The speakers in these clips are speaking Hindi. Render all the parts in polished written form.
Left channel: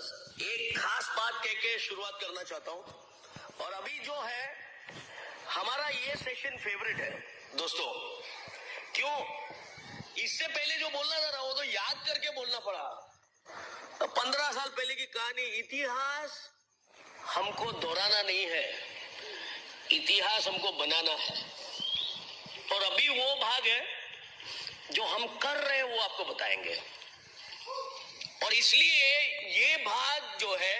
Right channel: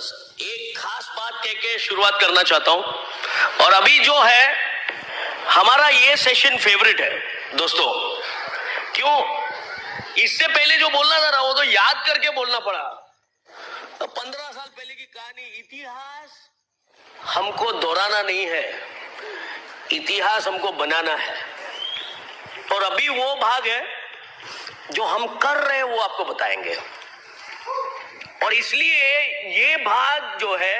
जबरदस्त एक खास बात कह के शुरुआत करना चाहता हूं। और अभी जो है हमारा ये सेशन फेवरेट है दोस्तों। क्यों? इससे पहले जो बोलना था वो तो याद करके बोलना पड़ा। तो 15 साल पहले की कहानी, इतिहास हमको दोहराना नहीं है, इतिहास हमको बनाना है। और अभी वो भाग है जो हम कर रहे हैं, वो आपको बताएंगे। और इसलिए ये भाग जो है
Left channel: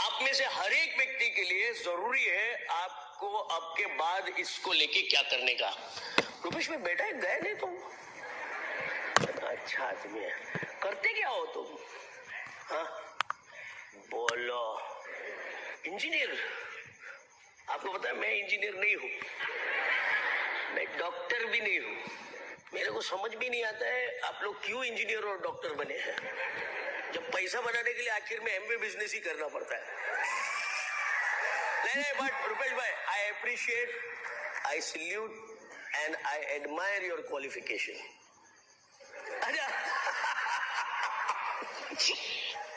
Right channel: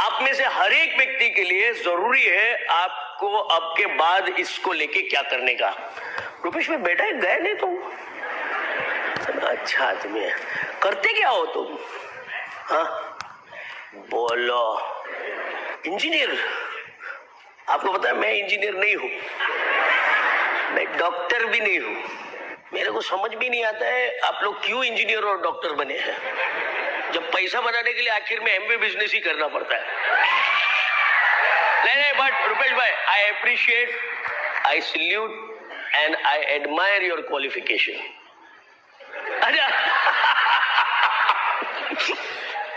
आप में से हर एक व्यक्ति के लिए जरूरी है, आपको अब के बाद इसको लेके क्या करने का। रुपेश में बेटा गए नहीं तुम? अच्छा आदमी है। करते क्या हो तुम? हाँ बोलो। इंजीनियर? आपको पता है मैं इंजीनियर नहीं हूं, मैं डॉक्टर भी नहीं हूं। मेरे को समझ भी नहीं आता है आप लोग क्यों इंजीनियर और डॉक्टर बने हैं, जब पैसा बनाने के लिए आखिर में एमबीए बिजनेस ही करना पड़ता है। नहीं, बट रुपेश भाई, I appreciate, I salute and I admire your qualification.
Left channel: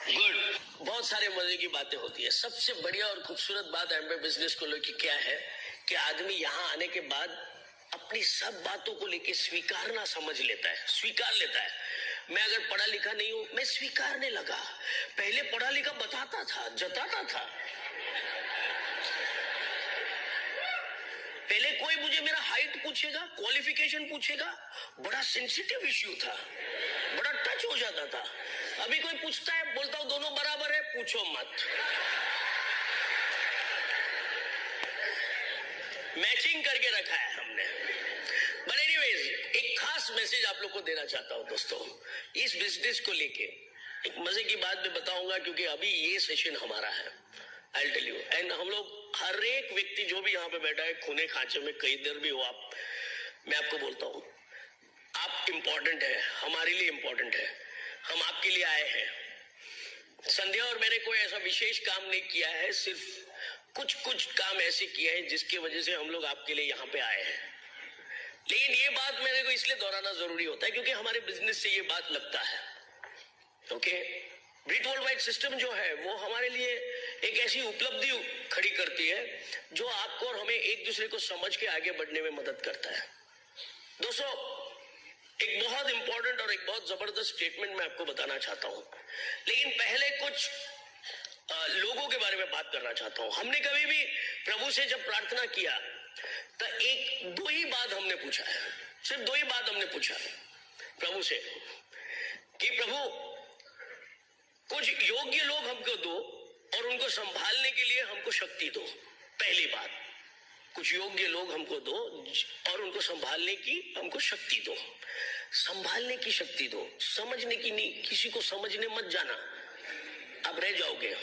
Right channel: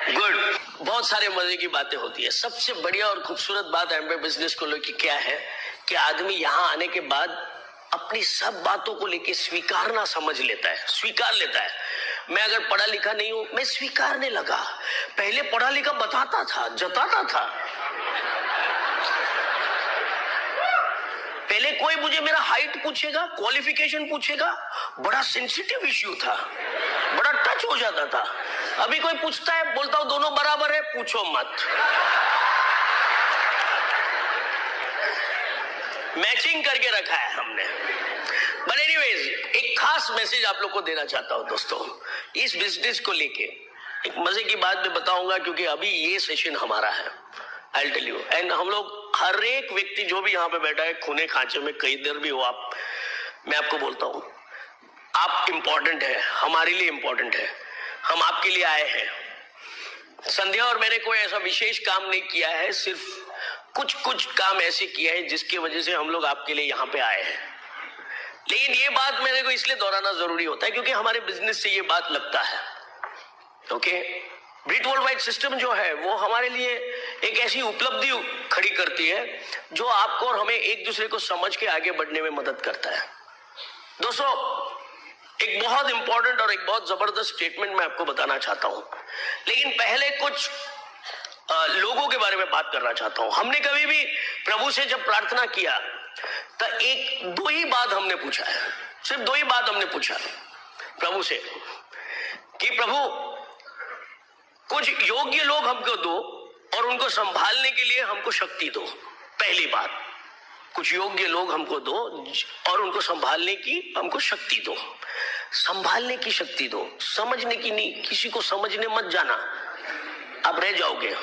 Good. बहुत सारे मजे की बातें होती है। सबसे बढ़िया और खूबसूरत बात एमबीए बिजनेस को लेकर क्या है कि आदमी यहां आने के बाद अपनी सब बातों को लेकर स्वीकारना समझ लेता है, स्वीकार लेता है। मैं अगर पढ़ा लिखा नहीं हूं, मैं स्वीकारने लगा। पहले पढ़ा लिखा बताता था, जताता था। पहले कोई मुझे मेरा हाइट पूछेगा, क्वालिफिकेशन पूछेगा, बड़ा सेंसिटिव इश्यू था, बड़ा टच हो जाता था। अभी कोई पूछता है, बोलता हूं दोनों बराबर है, पूछो मत। मैचिंग करके रखा है हमने। बट एनीवेज, एक खास मैसेज आप लोग को देना चाहता हूं दोस्तों, इस बिजनेस को लेके एक मजे की बात मैं बताऊंगा, क्योंकि अभी ये सेशन हमारा है। आई टेल यू, एंड हम लोग हर एक व्यक्ति जो भी यहाँ पे बैठा है, खूने खांचे में कई देर भी हो आप, मैं आपको बोलता हूं आप इंपॉर्टेंट है, हमारे लिए इंपॉर्टेंट है, हम आपके लिए आए हैं। संध्या और मैंने कोई ऐसा विशेष काम नहीं किया है, सिर्फ कुछ काम ऐसे किए हैं जिसकी वजह से हम लोग आपके लिए यहाँ पे आए हैं। लेकिन ये बात मेरे को इसलिए दोहराना जरूरी होता है क्योंकि हमारे बिजनेस से ये बात लगता है। ओके, ब्रिट वर्ल्ड वाइड सिस्टम जो है वो हमारे लिए एक ऐसी उपलब्धि खड़ी करती है जो आपको और हमें एक दूसरे को समझ के आगे बढ़ने में मदद करता है। दोस्तों, एक बहुत इंपॉर्टेंट और एक बहुत जबरदस्त स्टेटमेंट मैं आपको बताना चाहता हूं, लेकिन पहले कुछ लोगों के बारे में बात करना चाहता हूं। हमने कभी भी प्रभु से जब प्रार्थना किया तो दो ही बात हमने पूछा है, सिर्फ दो ही बात हमने पूछा प्रभु से कि प्रभु कुछ योग्य लोग हमको दो और उनको संभालने के लिए हमको शक्ति दो। पहली बात, कुछ योग्य लोग हमको दो और उनको संभालने की हमको शक्ति दो। संभालने की शक्ति दो, समझने की नहीं। किसी को समझने मत जाना, आप रह जाओगे।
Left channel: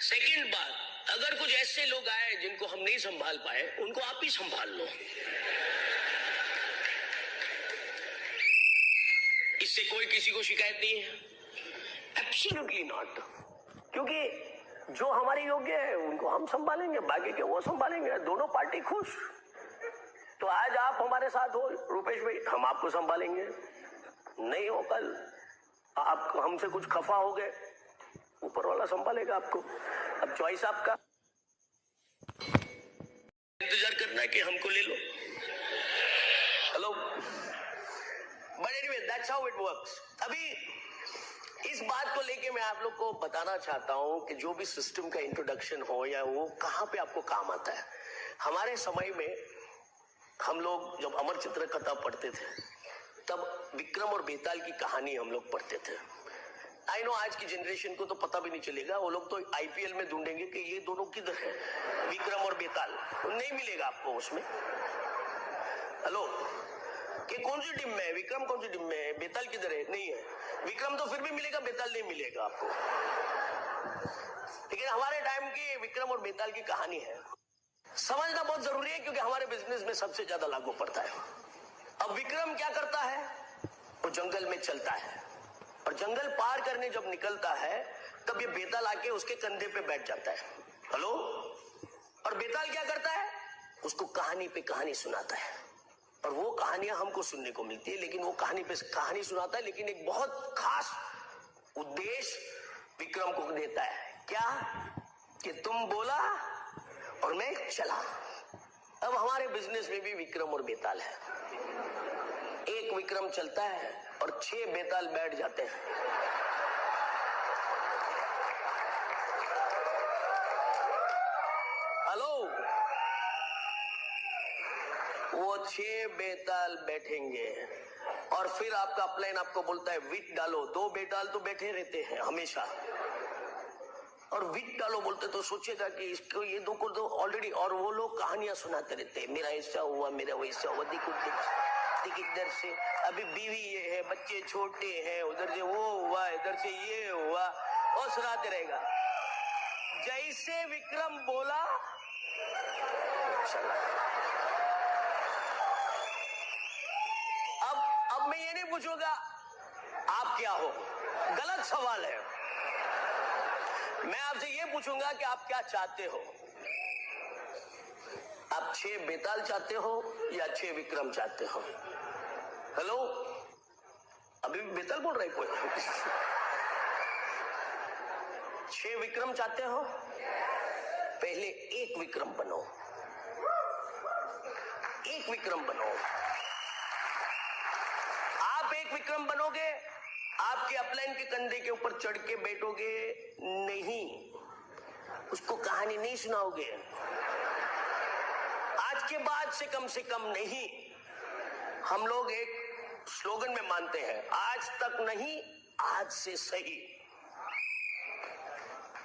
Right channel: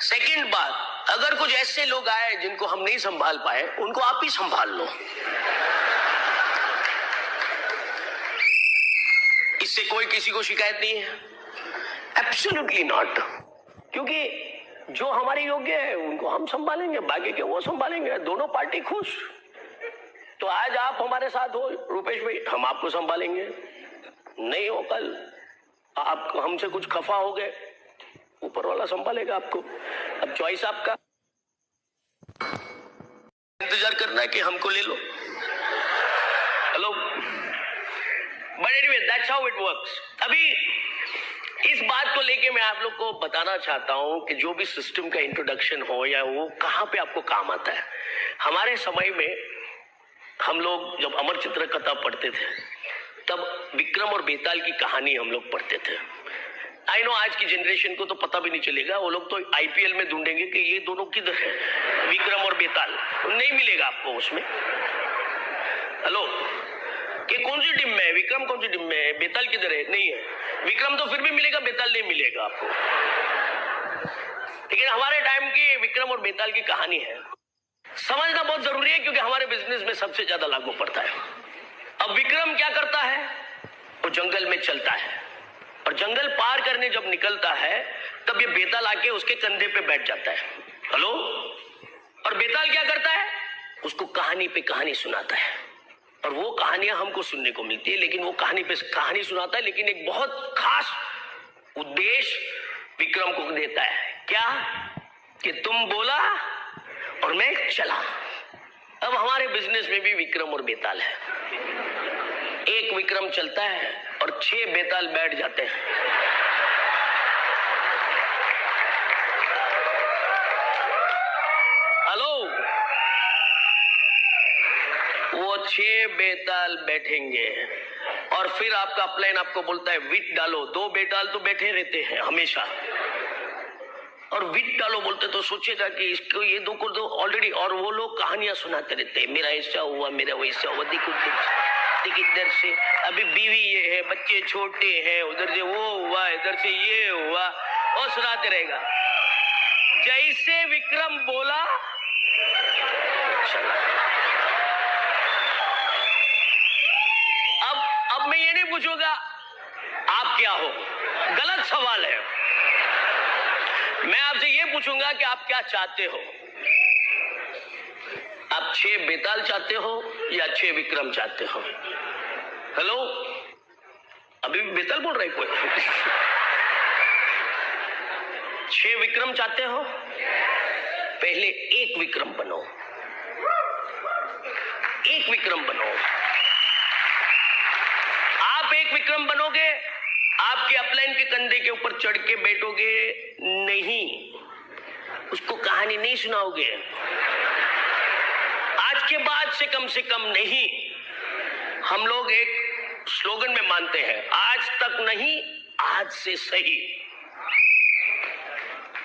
सेकंड बात, अगर कुछ ऐसे लोग आए जिनको हम नहीं संभाल पाए, उनको आप ही संभाल लो। इससे कोई किसी को शिकायत नहीं है, एब्सोल्युटली नॉट। क्योंकि जो हमारे योग्य है उनको हम संभालेंगे, बाकी के वो संभालेंगे, दोनों पार्टी खुश। तो आज आप हमारे साथ हो रुपेश भाई, हम आपको संभालेंगे। नहीं हो कल आप हमसे कुछ खफा हो गए, ऊपर वाला संभालेगा आपको। अब चॉइस आपका, इंतजार करना है कि हमको ले लो। Hello, but anyway that's how it works. अभी इस बात को लेके मैं आप लोग को बताना चाहता हूं कि जो भी सिस्टम का इंट्रोडक्शन हो या वो कहां पे आपको काम आता है। हमारे समय में हम लोग जब अमर चित्र कथा पढ़ते थे तब विक्रम और बेताल की कहानी हम लोग पढ़ते थे। आई नो आज की जनरेशन को तो पता भी नहीं चलेगा, वो लोग तो आईपीएल में ढूंढेंगे कि ये दोनों किधर है, विक्रम और बेताल। नहीं मिलेगा आपको उसमें। हेलो, कि कौन सी टीम में है, विक्रम कौन सी टीम में है, बेताल किधर है, नहीं है। विक्रम तो फिर भी मिलेगा, बेताल नहीं मिलेगा आपको। लेकिन हमारे टाइम की विक्रम और बेताल की कहानी है, समझना बहुत जरूरी है क्योंकि हमारे बिजनेस में सबसे ज्यादा लागू पड़ता है। अब विक्रम क्या करता है, वो जंगल में चलता है और जंगल पार करने जब निकलता है तब ये बेताल आके उसके कंधे पे बैठ जाता है। हेलो, और बेताल क्या करता है, उसको कहानी पे कहानी सुनाता है। और वो कहानियां हमको सुनने को मिलती है, लेकिन वो कहानी पे कहानी सुनाता है, लेकिन एक बहुत खास उद्देश्य विक्रम को देता है, क्या कि तुम बोला और मैं चला। अब हमारे बिजनेस में भी विक्रम और बेताल है। एक विक्रम चलता है और 6 बेताल बैठ जाते हैं। हेलो, वो 6 बेताल बैठेंगे और फिर आपका प्लान आपको बोलता है विट डालो। 2 बेताल तो बैठे रहते हैं हमेशा, और विट डालो बोलते तो सोचेगा कि इसको ये 2 को तो ऑलरेडी, और वो लोग कहानियां सुनाते रहते हैं, मेरा ऐसा हुआ, मेरा वैसा हुआ, देख इधर से अभी बीवी ये है, बच्चे छोटे हैं, उधर से वो हुआ, इधर से ये हुआ, और सुनाते रहेगा। जैसे विक्रम बोला चला। अब मैं ये नहीं पूछूंगा आप क्या हो, गलत सवाल है। मैं आपसे ये पूछूंगा कि आप क्या चाहते हो। आप 6 बेताल चाहते हो या 6 विक्रम चाहते हो? हेलो, अभी भी बेताल बोल रहे कोई? 6 विक्रम चाहते हो? पहले एक विक्रम बनो, एक विक्रम बनो। आप एक विक्रम बनोगे, आपके अपलाइन के कंधे के ऊपर चढ़ के बैठोगे नहीं, उसको कहानी नहीं सुनाओगे। आज के बाद से कम नहीं। हम लोग एक स्लोगन में मानते हैं, आज तक नहीं, आज से सही।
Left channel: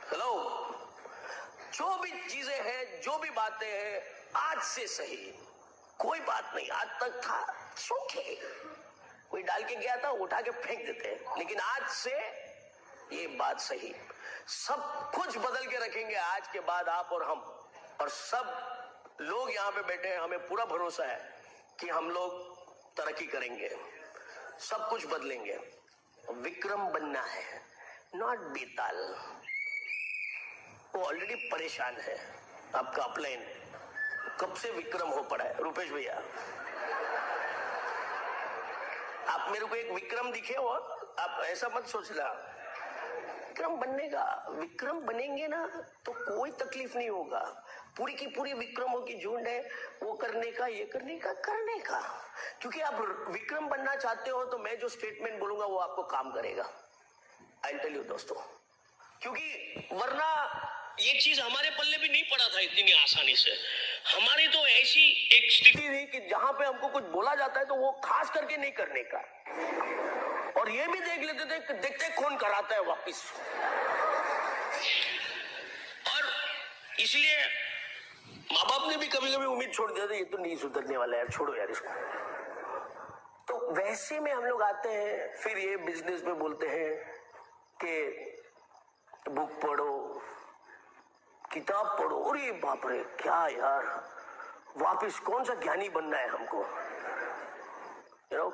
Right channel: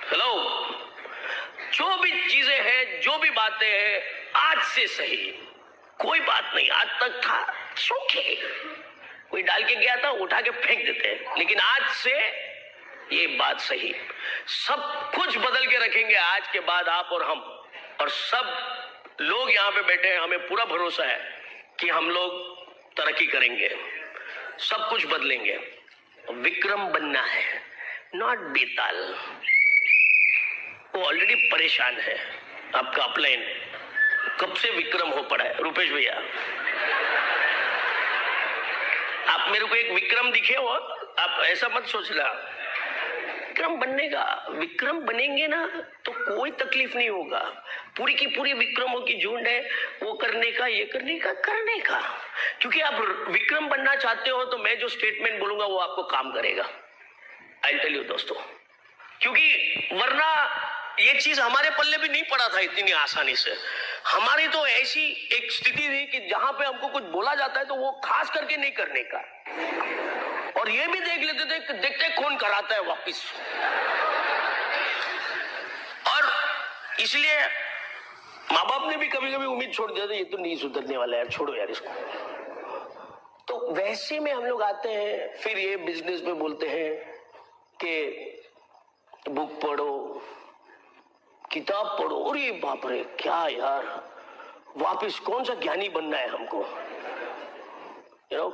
हेलो, जो भी चीजें हैं, जो भी बातें हैं, आज से सही। कोई बात नहीं, आज तक था सूखे, कोई डाल के गया था उठा के फेंक देते हैं, लेकिन आज से ये बात सही। सब कुछ बदल के रखेंगे आज के बाद, आप और हम और सब लोग यहाँ पे बैठे हैं। हमें पूरा भरोसा है कि हम लोग तरक्की करेंगे, सब कुछ बदलेंगे। विक्रम बनना है, नॉट बेताल। वो ऑलरेडी परेशान है, आपका अपलाइन कब से विक्रम हो पड़ा है। रुपेश भैया, आप मेरे को एक विक्रम दिखे हो, आप ऐसा मत सोचना। विक्रम बनने का, विक्रम बनेंगे ना तो कोई तकलीफ नहीं होगा। पूरी की पूरी विक्रमों की झुंड है, वो करने का, ये करने का। क्योंकि आप विक्रम बनना चाहते हो तो मैं जो स्टेटमेंट बोलूंगा वो आपको काम करेगा। आई टेल यू दोस्तों, क्योंकि वरना ये चीज हमारे पल्ले भी नहीं पड़ा था इतनी आसानी से। हमारी तो ऐसी एक स्थिति थी कि जहां पे हमको कुछ बोला जाता है तो वो खास करके नहीं करने का, और ये भी देख लेते थे, देखते कौन कराता है वापिस। और इसलिए माँ बाप ने भी कभी कभी उम्मीद छोड़ दिया था, ये तो नहीं सुधरने वाला यार, छोड़ो यार इसको। तो वैसे में हम लोग आते हैं, फिर ये बिजनेस में बोलते हैं कि बुक पढ़ो, किताब पढ़ो। अरे बाप रे, क्या यार, वापिस कौन सा ज्ञानी बनना है हमको, यू नो।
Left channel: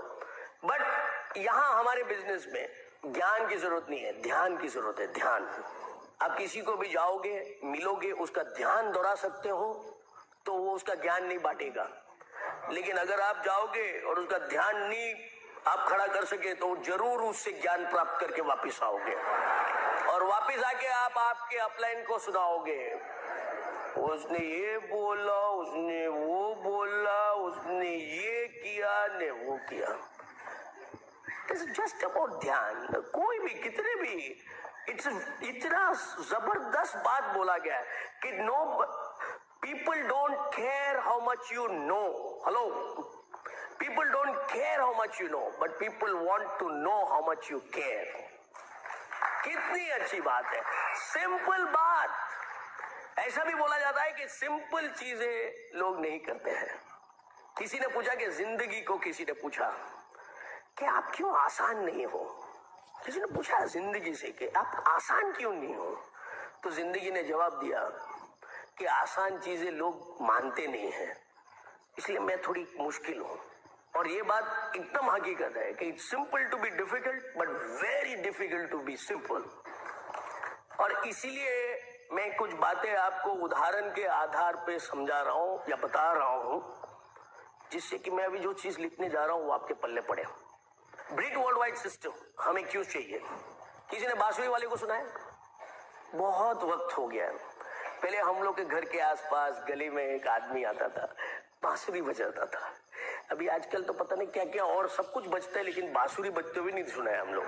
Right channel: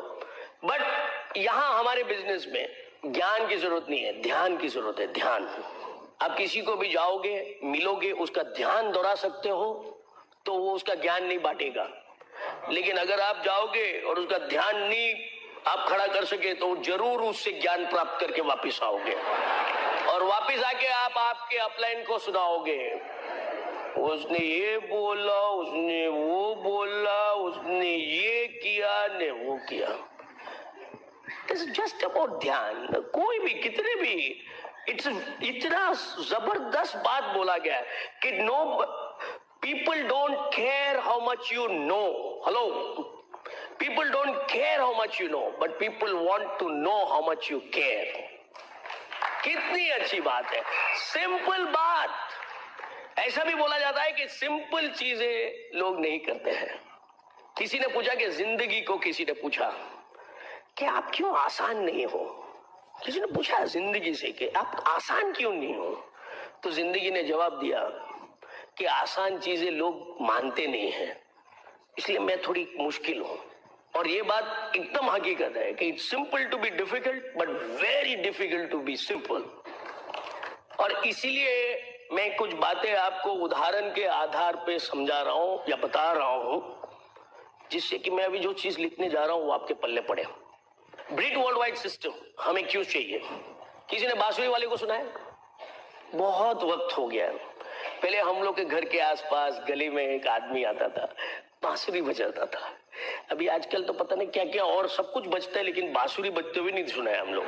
बट यहां हमारे बिजनेस में ज्ञान की जरूरत नहीं है, ध्यान की जरूरत है। ध्यान, आप किसी को भी जाओगे, मिलोगे, उसका ध्यान दोहरा सकते हो तो वो उसका ज्ञान नहीं बांटेगा। लेकिन अगर आप जाओगे और उसका ध्यान नहीं आप खड़ा कर सके तो जरूर उससे ज्ञान प्राप्त करके वापिस आओगे, और वापिस आके आप आपके अपलाइन को सुनाओगे, उसने ये बोला, उसने वो बोला, उसने ये किया ने वो किया। It's just about ध्यान। कोई भी, कितने भी, इतना जबरदस्त बात बोला गया है कि no, people don't care how much you know. Hello, people don't care how much you know, but people want to know how much you care. कितनी अच्छी बात है, सिंपल बात। ऐसा भी बोला जाता है कि सिंपल चीजें लोग नहीं करते हैं। किसी ने पूछा कि जिंदगी को, किसी ने पूछा कि आप क्यों आसान नहीं हो। किसी ने पूछा जिंदगी से कि आप आसान क्यों नहीं हो, तो जिंदगी ने जवाब दिया कि आसान चीजें लोग मानते नहीं हैं, इसलिए मैं थोड़ी मुश्किल हूं। और ये बात एकदम हकीकत है कि it's simple to be difficult but very difficult to be simple. और इसीलिए मैं कुछ बातें आपको उदाहरण के आधार पे समझा रहा हूं या बता रहा हूं, जिससे कि मैं अभी जो चीज लिखने जा रहा हूं वो आपके पल्ले पड़े। ब्रिट वर्ल्ड वाइड सिस्टम हमें क्यों चाहिए? किसी ने बांसुरी वाले को सुना है? बहुत वक्त हो गया। पहले हम लोग के घर के आसपास गली में एक आदमी आता था, बांसुरी बजाता था। अभी आजकल तो पता नहीं क्या क्या और सब कुछ बजता है, लेकिन बांसुरी बजते हुए नहीं सुना है हम लोग,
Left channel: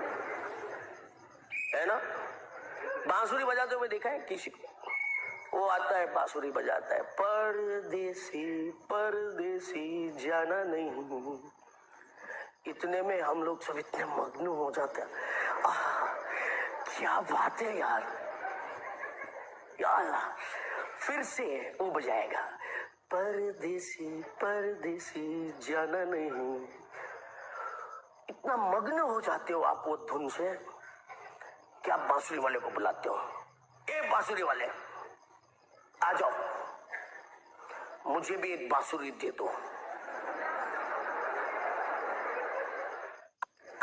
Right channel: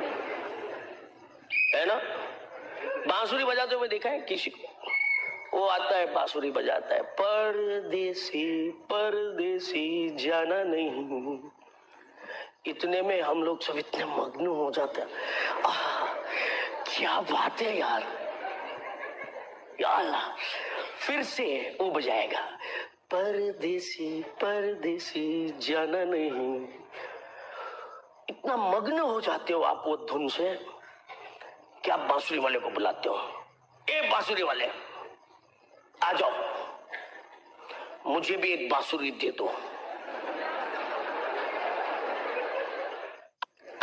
है ना? बांसुरी बजाते हुए देखा है किसी को? वो आता है बांसुरी बजाता है, परदेसी परदेसी जाना नहीं। इतने में हम लोग सब इतने मग्न हो जाते हैं, क्या बात है यार, यार फिर से वो बजाएगा, परदेसी परदेसी जाना नहीं। इतना मग्न हो जाते हो आप वो धुन से कि आप बांसुरी वाले को बुलाते हो, ए बांसुरी वाले आ जाओ, मुझे भी एक बांसुरी दे दो।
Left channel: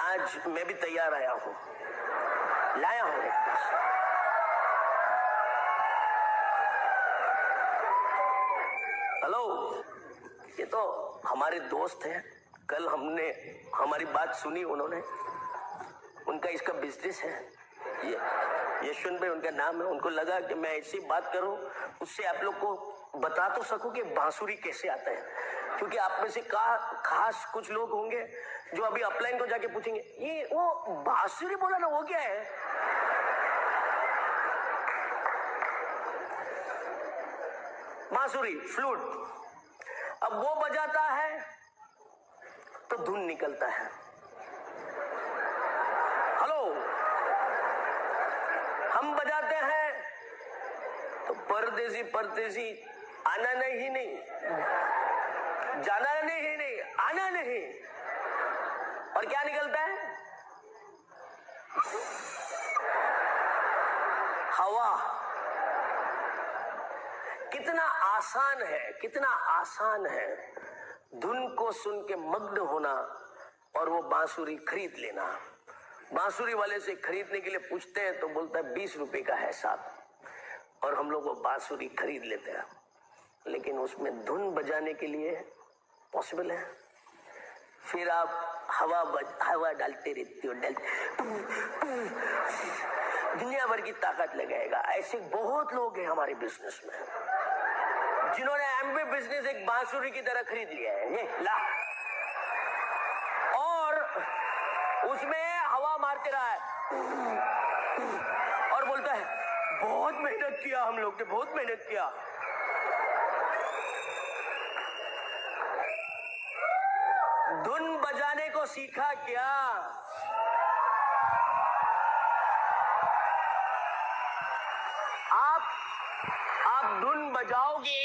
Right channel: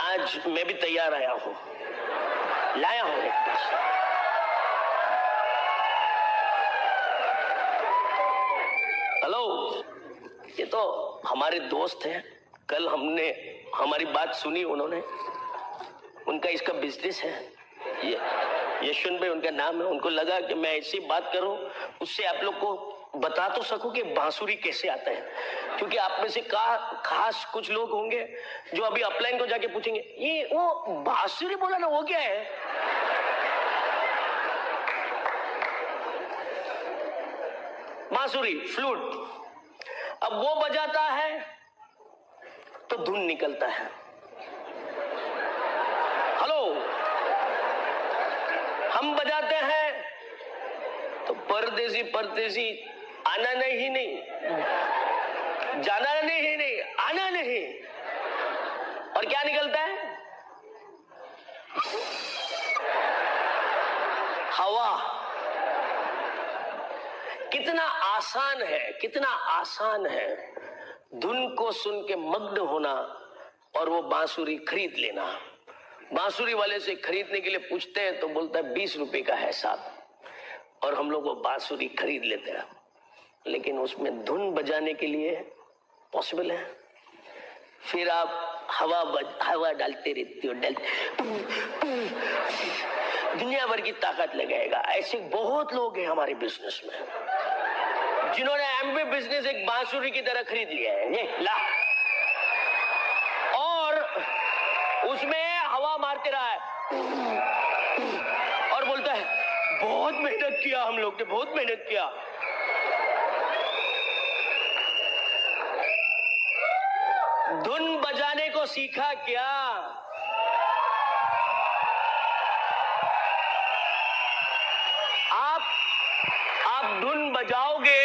आज मैं भी तैयार आया हूं, लाया हूं एक बांसुरी। हेलो, ये तो हमारे दोस्त हैं, कल हमने हमारी बात सुनी, उन्होंने, उनका इसका बिजनेस है, ये यशवंत भाई उनका नाम है। उनको लगा कि मैं ऐसी बात करूं, उससे आप लोग को बता तो सकूं कि बांसुरी कैसे आता है, क्योंकि आप में से खास कुछ लोग होंगे जो अभी अपलाइन को जाके पूछेंगे, ये वो बांसुरी बोला ना, वो क्या है? बांसुरी, फ्लूट। अब वो बजाता है तो धुन निकलता है। हेलो, हम बजाते हैं तो परदेसी परदेसी आना नहीं, जाना नहीं, आना नहीं, और क्या निकलता है? हवा। कितना आसान है, कितना आसान है धुन को सुन के मग्न होना और वो बांसुरी खरीद लेना। बांसुरी वाले से खरीदने के लिए पूछते हैं तो बोलता है 20 रुपए का है साहब, और हम लोग वो बांसुरी खरीद लेते हैं, लेकिन उसमें धुन बजाने के लिए पॉसिबल है। फिर आप हवा डालते रहते हो, दुनिया भर की ताकत लगाएगा। ऐसे बहुत लोग हैं हमारे बिजनेस में जिन्होंने एमबी बिजनेस एक बांसुरी की तरह खरीद लिया है, ये ला, और उसमें हवा मारते रहा है और बोलता है बहुत मेहनत किया, हम लोग ने बहुत मेहनत किया। धुन बजाने को सीखा क्या? आप धुन बजाओगे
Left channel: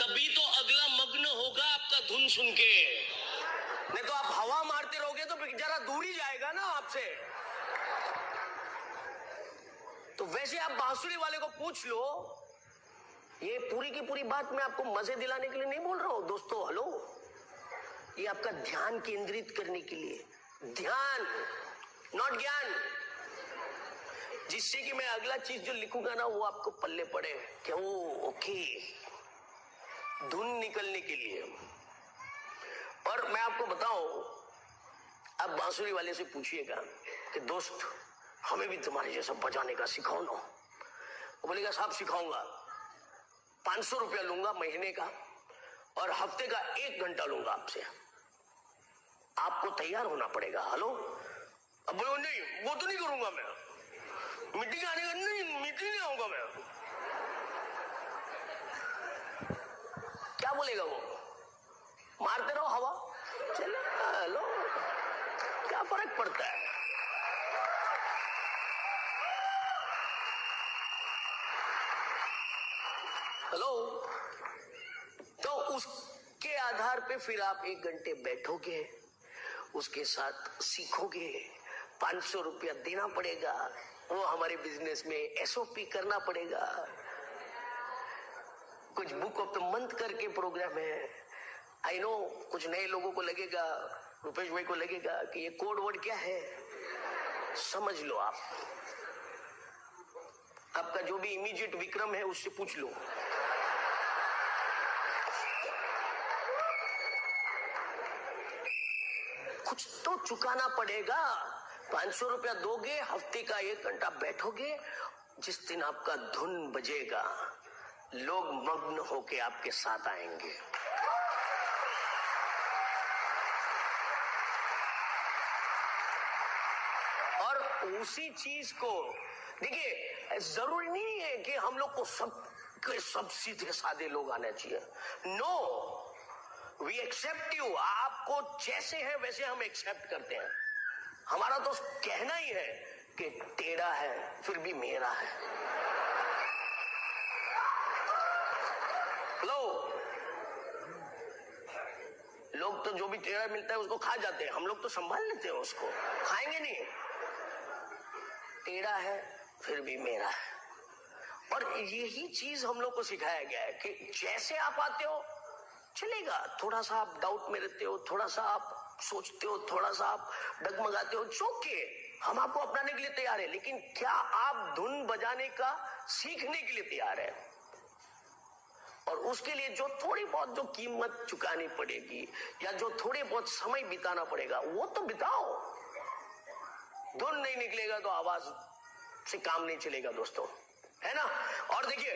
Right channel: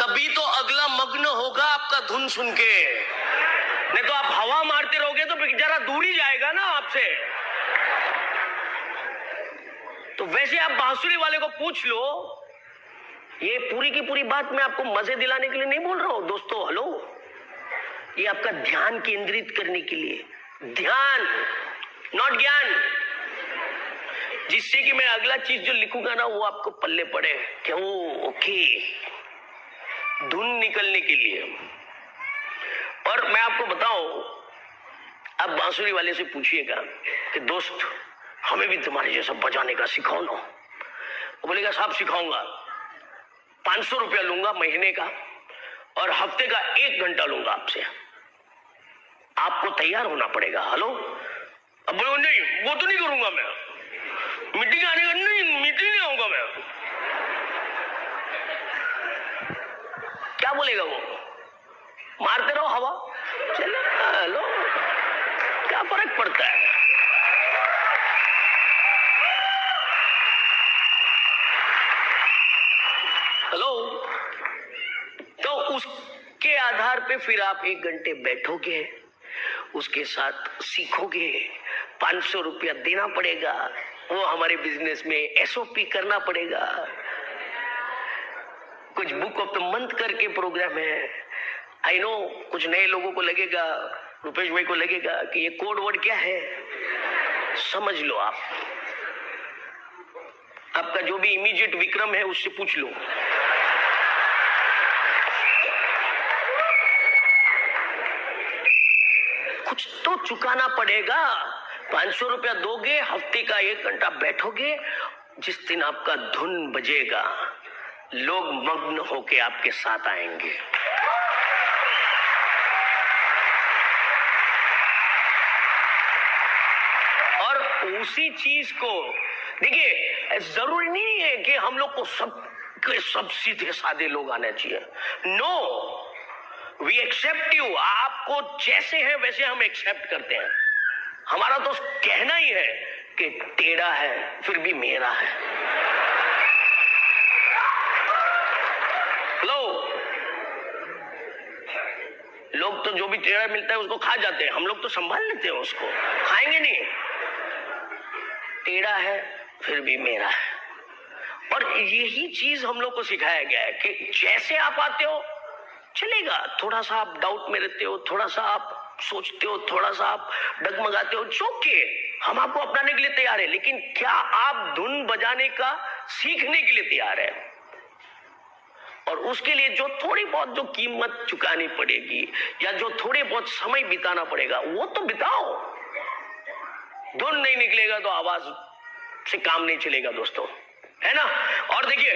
तभी तो अगला मग्न होगा आपका धुन सुन के, नहीं तो आप हवा मारते रहोगे तो बेचारा दूर ही जाएगा ना आपसे। तो वैसे आप बांसुरी वाले को पूछ लो, ये पूरी की पूरी बात मैं आपको मजे दिलाने के लिए नहीं बोल रहा हूं दोस्तों। हेलो, ये आपका ध्यान केंद्रित करने के लिए, ध्यान नॉट ज्ञान, जिससे कि मैं अगला चीज जो लिखूंगा ना वो आपको पल्ले पड़े, क्यों? ओके, धुन निकलने के लिए। और मैं आपको बताऊं, आप बांसुरी वाले से पूछिएगा कि दोस्त हमें भी तुम्हारे जैसा बजाने का सिखाओ ना। वो बोलेगा साहब सिखाऊंगा, 500 रुपया लूंगा महीने का और हफ्ते का 1 घंटा लूंगा आपसे। आपको तैयार होना पड़ेगा। हेलो, अब बोलो नहीं वो तो नहीं करूंगा मैं, मीटिंग आने का नहीं, मीटिंग नहीं आऊंगा मैं। क्या बोलेगा वो? मारते रहो हवा, चलो हेलो, क्या फर्क पड़ता है? हेलो, तो उसके आधार पे फिर आप 1 घंटे बैठोगे, उसके साथ सीखोगे, 500 रुपया देना पड़ेगा, वो हमारे बिजनेस में एसओपी करना पड़ेगा। कुछ बुक ऑफ द मंथ करके प्रोग्राम है। आई नो कुछ नए लोगों को लगेगा, रुपेश भाई को लगेगा कि ये कोड वर्ड क्या है, समझ लो। आपका जो भी इमीडिएट विक्रम है उससे पूछ लो। कुछ तो चुकाना पड़ेगा। 500 रुपया दोगे, हफ्ते का 1 घंटा बैठोगे, जिस दिन आपका धुन बजेगा, लोग मग्न होके आपके साथ आएंगे। और उसी चीज को देखिए, जरूरी नहीं है कि हम लोग को सब सीधे साधे लोग आने चाहिए। No, we accept you. आपको जैसे है वैसे हम एक्सेप्ट करते हैं। हमारा तो कहना ही है कि टेढ़ा है फिर भी मेरा है। हेलो, लोग तो जो भी टेढ़ा मिलता है उसको खा जाते हैं, हम लोग तो संभाल लेते हैं उसको, खाएंगे नहीं। टेढ़ा है फिर भी मेरा है। और यही चीज हम लोग को सिखाया गया है कि जैसे आप आते हो चलेगा, थोड़ा सा आप डाउट में रहते हो, थोड़ा सा आप सोचते हो, थोड़ा सा आप डगमगाते हो, चौके हम आपको अपनाने के लिए तैयार है। लेकिन क्या आप धुन बजाने का सीखने के लिए तैयार है? और उसके लिए जो थोड़ी बहुत जो कीमत चुकानी पड़ेगी या जो थोड़े बहुत समय बिताना पड़ेगा वो तो बिताओ। धुन नहीं निकलेगा तो आवाज से काम नहीं चलेगा दोस्तों, है ना। और देखिए,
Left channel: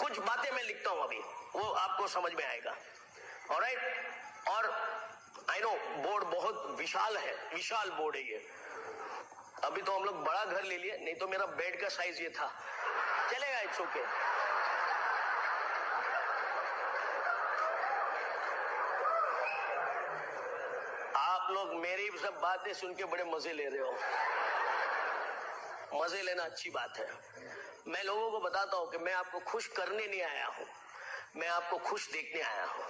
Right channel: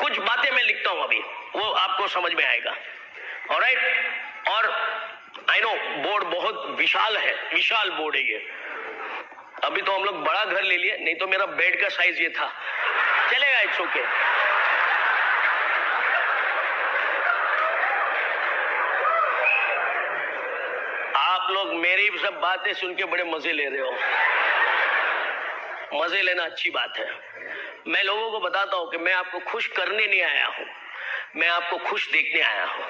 कुछ बातें मैं लिखता हूं अभी, वो आपको समझ में आएगा। ऑलराइट। और आई नो बोर्ड बहुत विशाल है, विशाल बोर्ड है ये। अभी तो हम लोग बड़ा घर ले लिए, नहीं तो मेरा बेड का साइज ये था। चलेगा, इट्स ओके। आप लोग मेरी सब बातें सुन के बड़े मजे ले रहे हो। मजे लेना अच्छी बात है। मैं लोगों को बताता हूं कि मैं आपको खुश करने नहीं आया हूं, मैं आपको खुश देखने आया हूं।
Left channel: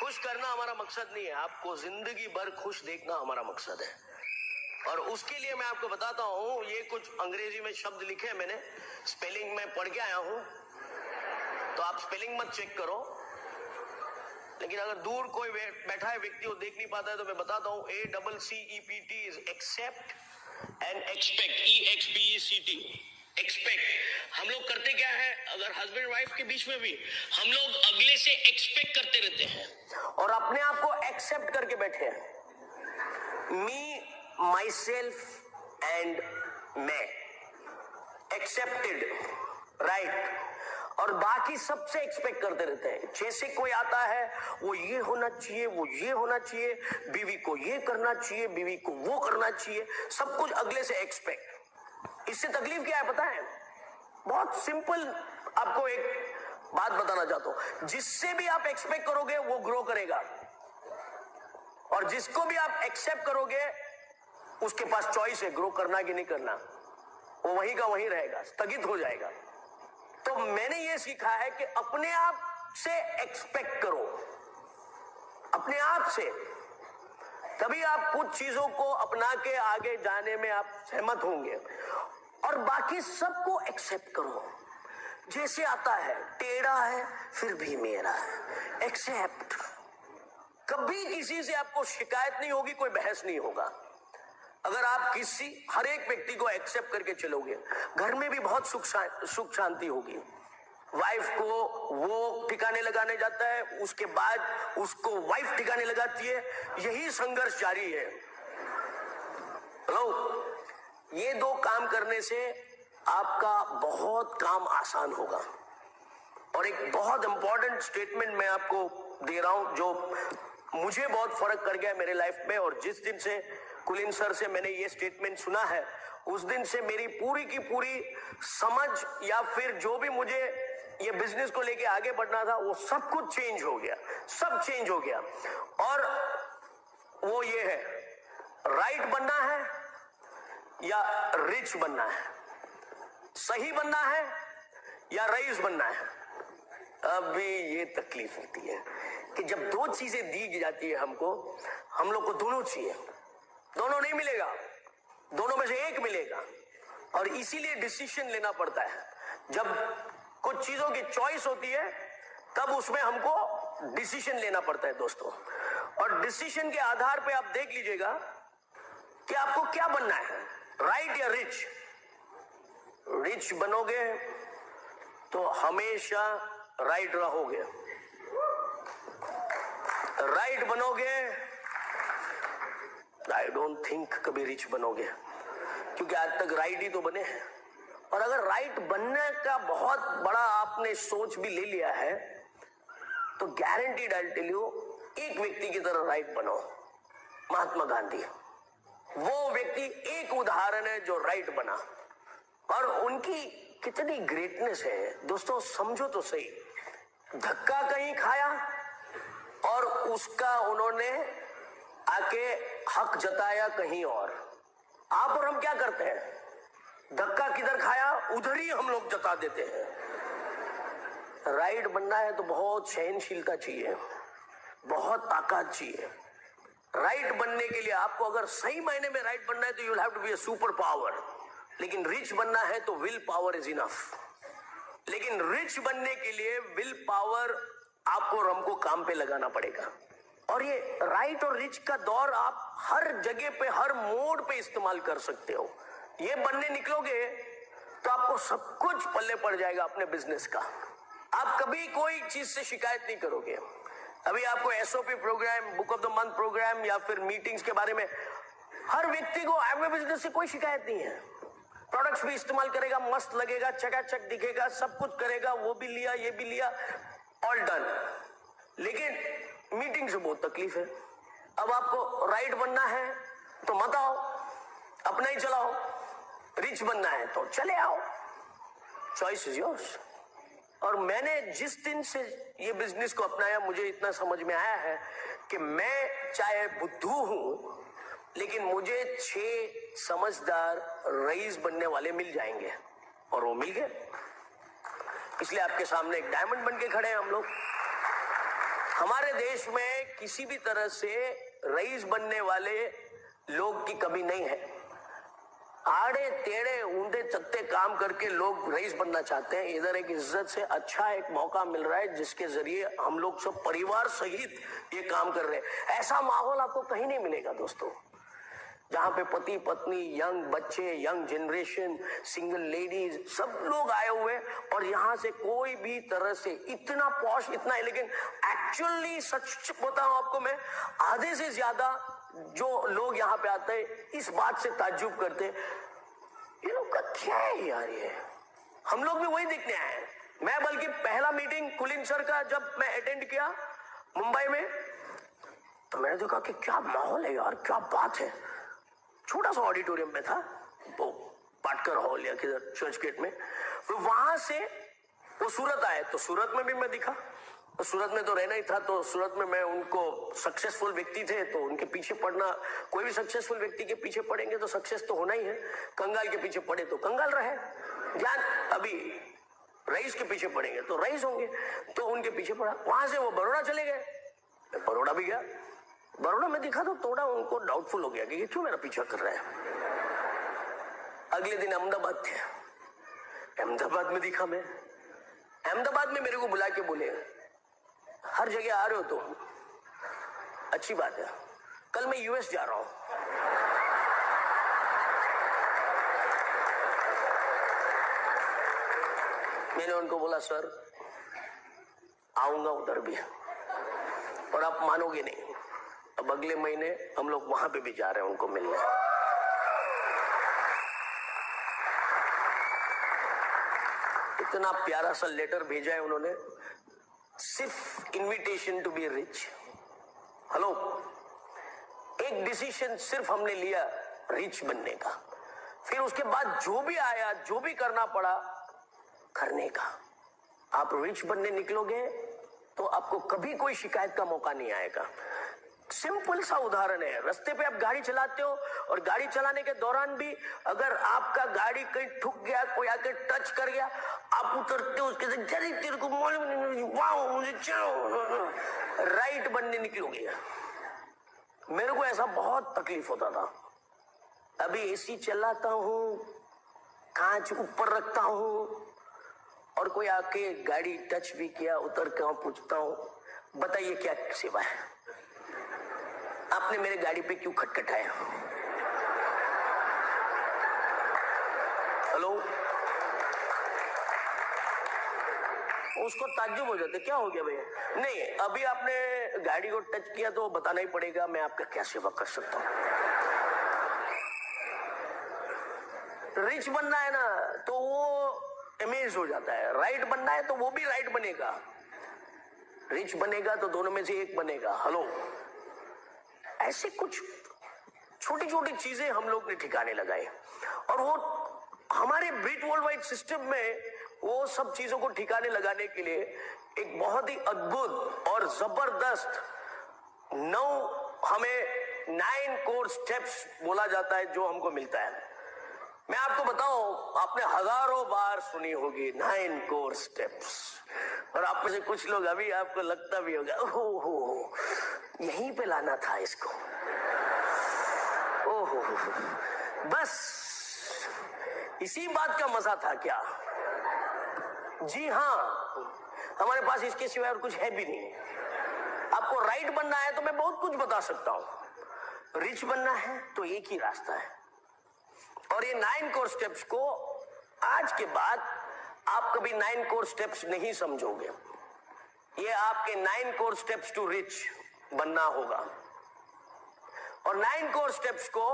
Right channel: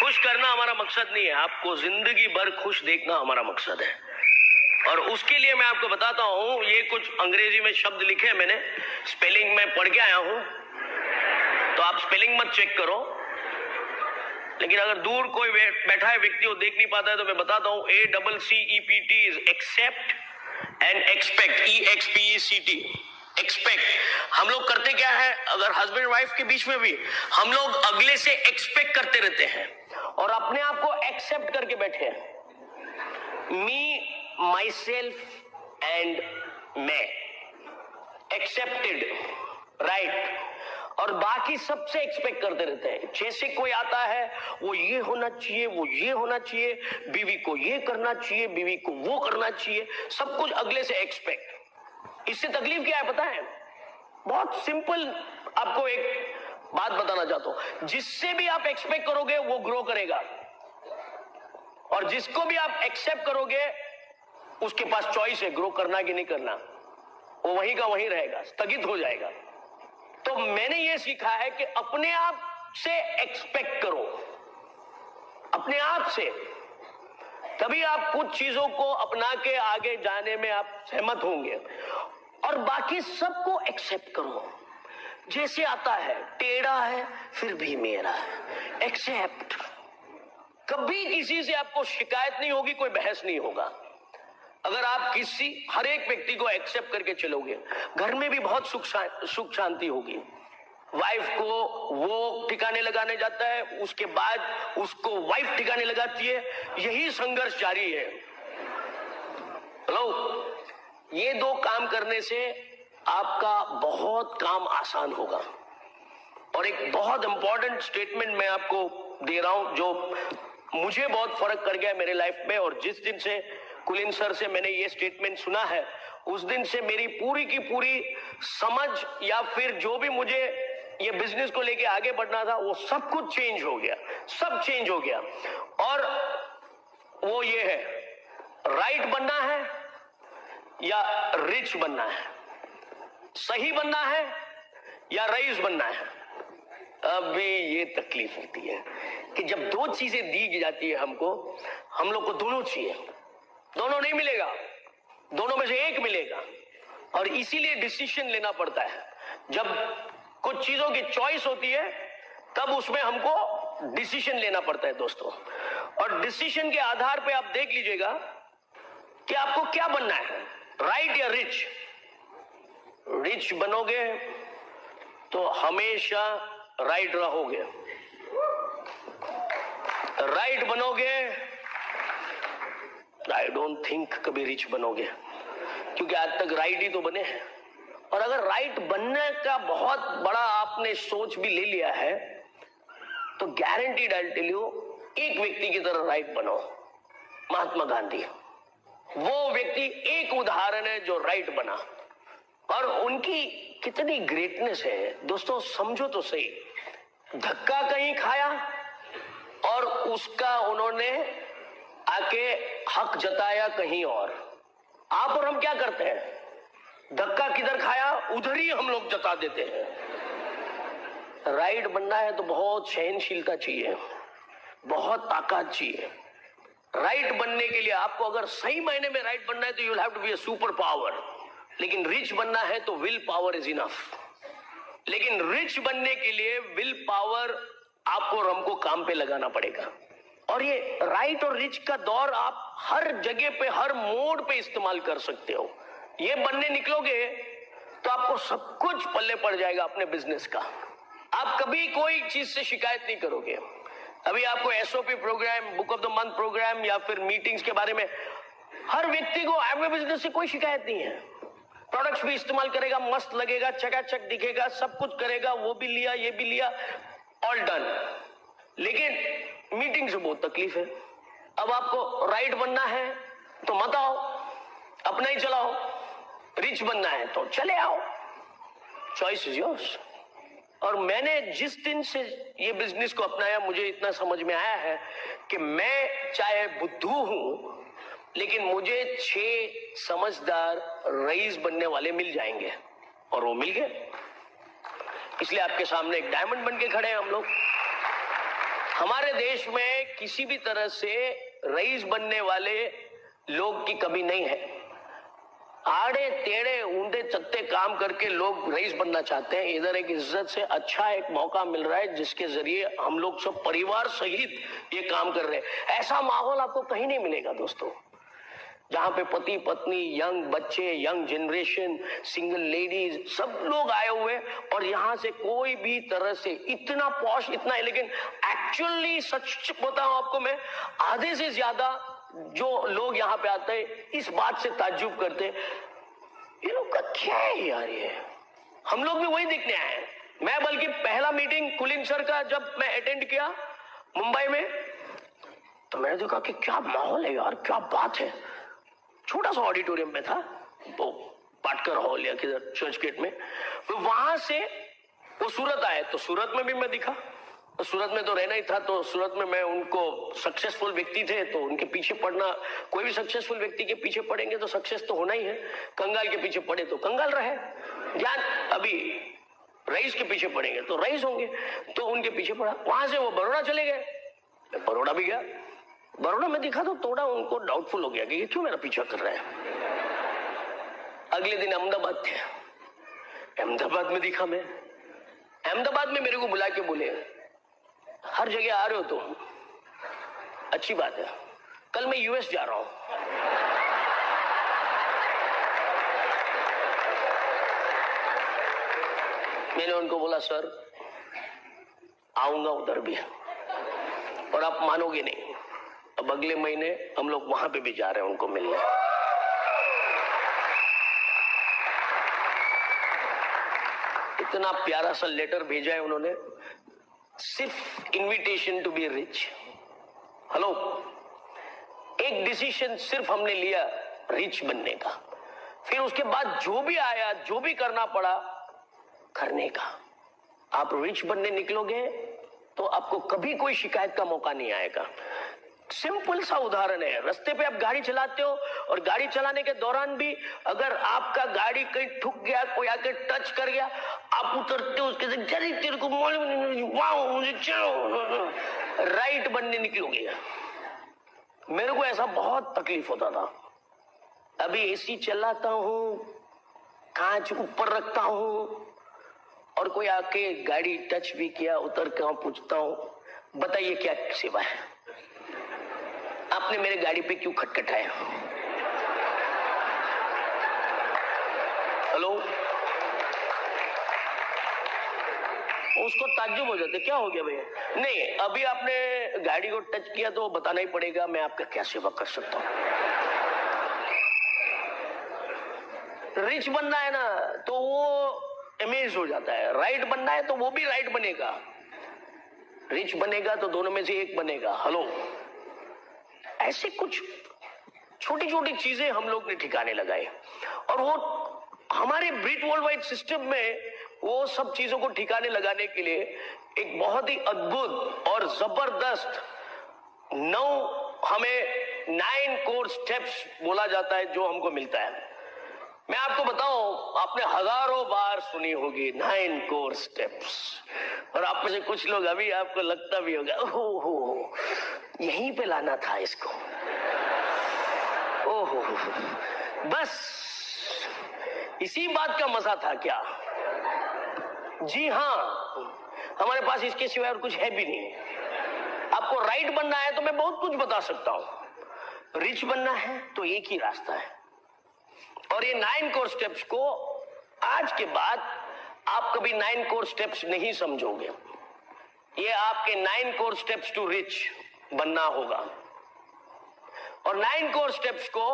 खुश करना हमारा मकसद नहीं है, आपको जिंदगी भर खुश देखना हमारा मकसद है। और उसके लिए मैं आपको बताता हूं, ये कुछ अंग्रेजी में शब्द लिखे हैं मैंने, स्पेलिंग में पढ़ के आया हूं, तो आप स्पेलिंग मत चेक करो। लेकिन अगर दूर कोई बैठा है व्यक्ति वो देख नहीं पाता है तो मैं बताता हूं, ACCEPT is accept and expect, EXPECT, expect. हम लोग करते क्या है, अगर हस्बैंड वाइफ के बीच में भी हम लोग अगले से एक्सपेक्ट करते रहते हैं और अपने आप को एक्सेप्ट करके बैठे हैं। मी, माई सेल्फ एंड मैं, एक्सेप्टेड, राइट। और बाकी सबसे एक्सपेक्ट करते रहते हैं। जैसे कोई आता है वो ये होना चाहिए, वो ये होना चाहिए, बीवी को ये करना चाहिए, बीवी को वो करना चाहिए, सब कुछ अगले से एक्सपेक्ट। इससे तकलीफ क्या है पता है? बहुत सिंपल आपको एक बात बताना चाहता हूं, जिससे भी आप एक्सपेक्ट करोगे वो ग्रो करेगा, और जिसको भी आप एक्सेप्ट करोगे उसके पास चॉइस है ग्रो करना कि नहीं करना, वो वहीं का वहीं रहेगा, स्थगित हो जाएगा। तो मैंने ये सीखा है कि अपने आप से एक्सपेक्ट करो, अपने आप से। तभी आप कुछ चीजों को अपना के आगे जाने में आप सहमत होंगे। और बाकी सबको एक्सेप्ट करो, जैसे आता है, टेढ़ा है फिर भी मेरा है, एक्सेप्ट। कभी किसी से आपको शिकायत नहीं होगी, कोई बहस नहीं होगा। अगर आप हर एक व्यक्ति को एक्सेप्ट करके चलोगे, घर में भी बहुत सुख शांति होगी। वाइफ को वो ठिकाने लगाने जाता है, उसके बाद उसको वाइफ ठिकाने लगाती है, यही संघर्ष जारी है। हेलो, ये दो काम करने से आपका बहुत काम आसान होगा। और एक बहुत इंपॉर्टेंट स्टेटमेंट मैं आपको दे रहा हूं जो मुझे बहुत फर्क कर गया मेरे लाइफ में। और जिस दिन से कुलीन सर से मैंने ये स्टेटमेंट सुना है, उस दिन से मेरी पूरी की पूरी समझ या फिर जो भी मुझे ये बिजनेस को लेके आगे बढ़ना था वो सब कुछ चेंज हो गया, सब चेंज हो गया। और वो ये है, राइट बनना है या रिच बनना है, सही बनना है या रईस बनना है। अभी ये तकलीफ होती है कि जब दो चीजें दी जाती है हमको, हम लोग को दोनों चाहिए, दोनों नहीं मिलेगा, दोनों में से एक मिलेगा। और इसीलिए डिसीजन लेना पड़ता है। जब कुछ चीजों की चॉइस होती है तब उसमें हमको डिसीजन लेना पड़ता है दोस्तों। और डिसीजन के आधार पे आप देख लीजिएगा कि आपको क्या बनना है, राइट या रिच। रिच बनोगे तो हमेशा राइट रहोगे, राइट बनोगे आई डोंट थिंक कभी रिच बनोगे। क्योंकि आज तक राइट ही तो बने हैं। और अगर राइट बनने का बहुत बड़ा आपने सोच भी ले लिया है तो गारंटीड आई टेल यू, एक व्यक्ति की तरह राइट बनो, महात्मा गांधी। वो व्यक्ति एक उदाहरण है जो राइट बना, और उनकी कितनी ग्रेटनेस है दोस्तों, समझो तो सही। धक्का कहीं खाया और उसका उन्होंने आके हक जताया कहीं और। आप और हम क्या करते हैं, धक्का किधर खाया उधर ही हम लोग जता देते हैं। राइट बनना है तो बहुत सहनशीलता चाहिए, बहुत ताकत चाहिए। राइट बनने के लिए आपको अगर सही मायने में राइट बनना है तो you will have to be a super power. लेकिन रिच बनना है तो विल पावर इज इनफ। लेकिन रिच बनने के लिए विल पावर आपको और हमको काम पे लगाना पड़ेगा। और ये राइट और रिच का दौर आप हर जगह पे, हर मोड पे इस्तेमाल कर सकते हो। ये बनने निकलोगे तो आपको सब कुछ पल्ले पड़ जाएगा अपने बिजनेस का। आप कभी कोई चीज से शिकायत नहीं करोगे। अभी आपको SOP programme, book of the month programme या फिर मीटिंग्स के बारे में, हर व्यक्ति को एग्रो बिजनेस से कोई शिकायत नहीं है। प्रोडक्ट्स भी इस्तेमाल करेगा, मस्त लगेगा, चकाचक दिखेगा, सब कुछ करेगा, वो भी लिया, ये भी लिया, ऑल डन। लेकिन मीटिंग से बहुत तकलीफ है। अब आपको राइट बनना है तो मत आओ, अपना ही चलाओ। रिच बनना है तो चले आओ, चॉइस इज योर्स। और मैंने जिस दिन से ये बिजनेस को अपनाया मुझे इतना समझ में आया है कि मैं चाहे बुद्धू हूं लेकिन मुझे 6 समझदार रईस बनने वाले मिल जाएंगे, और वो मिल गए। इसलिए आपके सामने एक डायमंड बन के खड़े हैं हम लोग। हमारे देश में किसी भी तरह से रईस बनने वाले लोग की कमी नहीं है। आड़े टेढ़े ऊंधे चत्ते काम करके लोग रईस बनना चाहते हैं। इधर एक इज्जत से अच्छा एक मौका मिल रहा है जिसके जरिए हम लोग सब परिवार सहित ये काम कर रहे हैं। ऐसा माहौल आपको कहीं नहीं मिलेगा दोस्तों, जहां पे पति पत्नी, यंग बच्चे, यंग जनरेशन, सिंगल लेडीज, सब लोग आए हुए, और यहां से कोई भी तरह से इतना पॉश, इतना एलिगेंट। एक्चुअली सच बताऊं आपको मैं, आधे से ज्यादा जो लोग यहाँ पे आते हैं इस बात से ताज्जुब करते हैं, ये लोग का क्या है यार, ये हम लोग भी वही देखने आए हैं। मैं बल्कि पहला मीटिंग कुलीन सर का जब मैं अटेंड किया मुंबई में, तो मैंने देखा कि क्या माहौल है यार, क्या बात है। छोटा सा ऑडिटोरियम में था, वो पाटकर हॉल या किधर चर्च गेट में। तो वहां से वो सूरत आए, तो सूरत में भी मैं दिखा, तो सूरत में तो रहना ही था, तो सूरत में मैं उनको सक्सेसफुल व्यक्ति थे तो उनके पीछे पड़ना, कोई भी सक्सेसफुल व्यक्ति के पीछे पड़ेंगे तो सक्सेस तो होना ही है। कंगाल के पीछे पड़े तो कंगाल रहे, ज्ञान अभी रईस के पीछे पड़ेंगे तो रईस होंगे, तो उनके पीछे पड़ा। वहां से वो बड़ौदा चले गए, बड़ौदा भी गया। बड़ौदा में दिखा तो थोड़ा उनको डाउटफुल हो गया कि ये क्यों मेरा पीछा कर रहा है। अगले दिन अहमदाबाद थे, अहमदाबाद में दिखा मैं। अहमदाबाद में मेरे को बुला के बोले, हर जगह आ रहे हो तुम, अच्छी बात है, कल मैं यूएस जा रहा हूं। मैंने उनको बोला सर आऊंगा उधर भी, और आप मानोगे नहीं, अब अगले महीने हम लोग वहां पे भी जा रहे हैं उनको मिलने। इतना प्यारा सा लेटर भेजा है उन्होंने, सिर्फ invitation to be rich. Hello, एक डिसीजन सिर्फ हमने लिया रिच बनने का, फिर उसके बाद जो भी आया, जो भी करना पड़ा करने का। आप रिच बनने निकलोगे तो आपको कभी कोई शिकायत का मौका नहीं आएगा। सिंपल सा उदाहरण है, रास्ते पे आप गाड़ी चलाते हो और गाड़ी चलाने के दौरान भी अगर आपका गाड़ी कहीं ठुक गया, कोई आके टच कर गया, आप उतरते हो उसके से, तेरे को मालूम नहीं, वाओ मुझे चलो राइट बनने निकलोगे। मेरे को ऐसा बहुत तकलीफ होता था। अभी एसी चलाता हूं, कांच ऊपर रखता हूं, और कोई आके गाड़ी टच भी किया, उतर के पूछता हूं बताइए क्या सेवा है, आपने मेरे गाड़ी पे क्यों खटखटाया। हेलो, उसको ताज्जुब हो जाते, क्या हो गया भैया, नहीं अभी आपने गाड़ी को टच किया तो बताना ही पड़ेगा, मैं आपका क्या सेवा कर सकता हूं। रिच बनना है ना तो वो अमेज हो जाता है, राइट बनना है तो वो भी राइट बनेगा, रिच बनेगा तो दोनों में से एक बनेगा। हेलो, ऐसे कुछ छोटी छोटी चीजें हम लोग ने ठिकाने लगाए और वो हमारे ब्रिट वर्ल्ड वाइड सिस्टम में वो सब चीजों को ठिकाने लगाने के लिए एक बहुत ही अद्भुत और जबरदस्त हमें 9 कोर स्टेप्स बोला जाता है जो हमको मिलता है। मैं आपको बताऊं, आपने हजारों बार सुनी होगी 9 कोर स्टेप्स, और आप में से कुछ लोग अभी आपको लगता भी होगा ओहो यहीं पे लाना था इसको, ओहो बस इसी बात का मजा था क्या? जी हाँ, हमारे पास इसके सिवाय और कुछ है भी नहीं। आपको राइट बनना है तो मैं बहुत कुछ बता सकता हूं, रिच बनना है तो एक ही रास्ता है। और ये 9 कोर स्टेप्स को आज के बाद आप कभी 9 कोर स्टेप्स नहीं समझोगे, ये आपके 9 कोर स्टेप्स टू रिच बनना होगा। और 9 कोर स्टेप्स को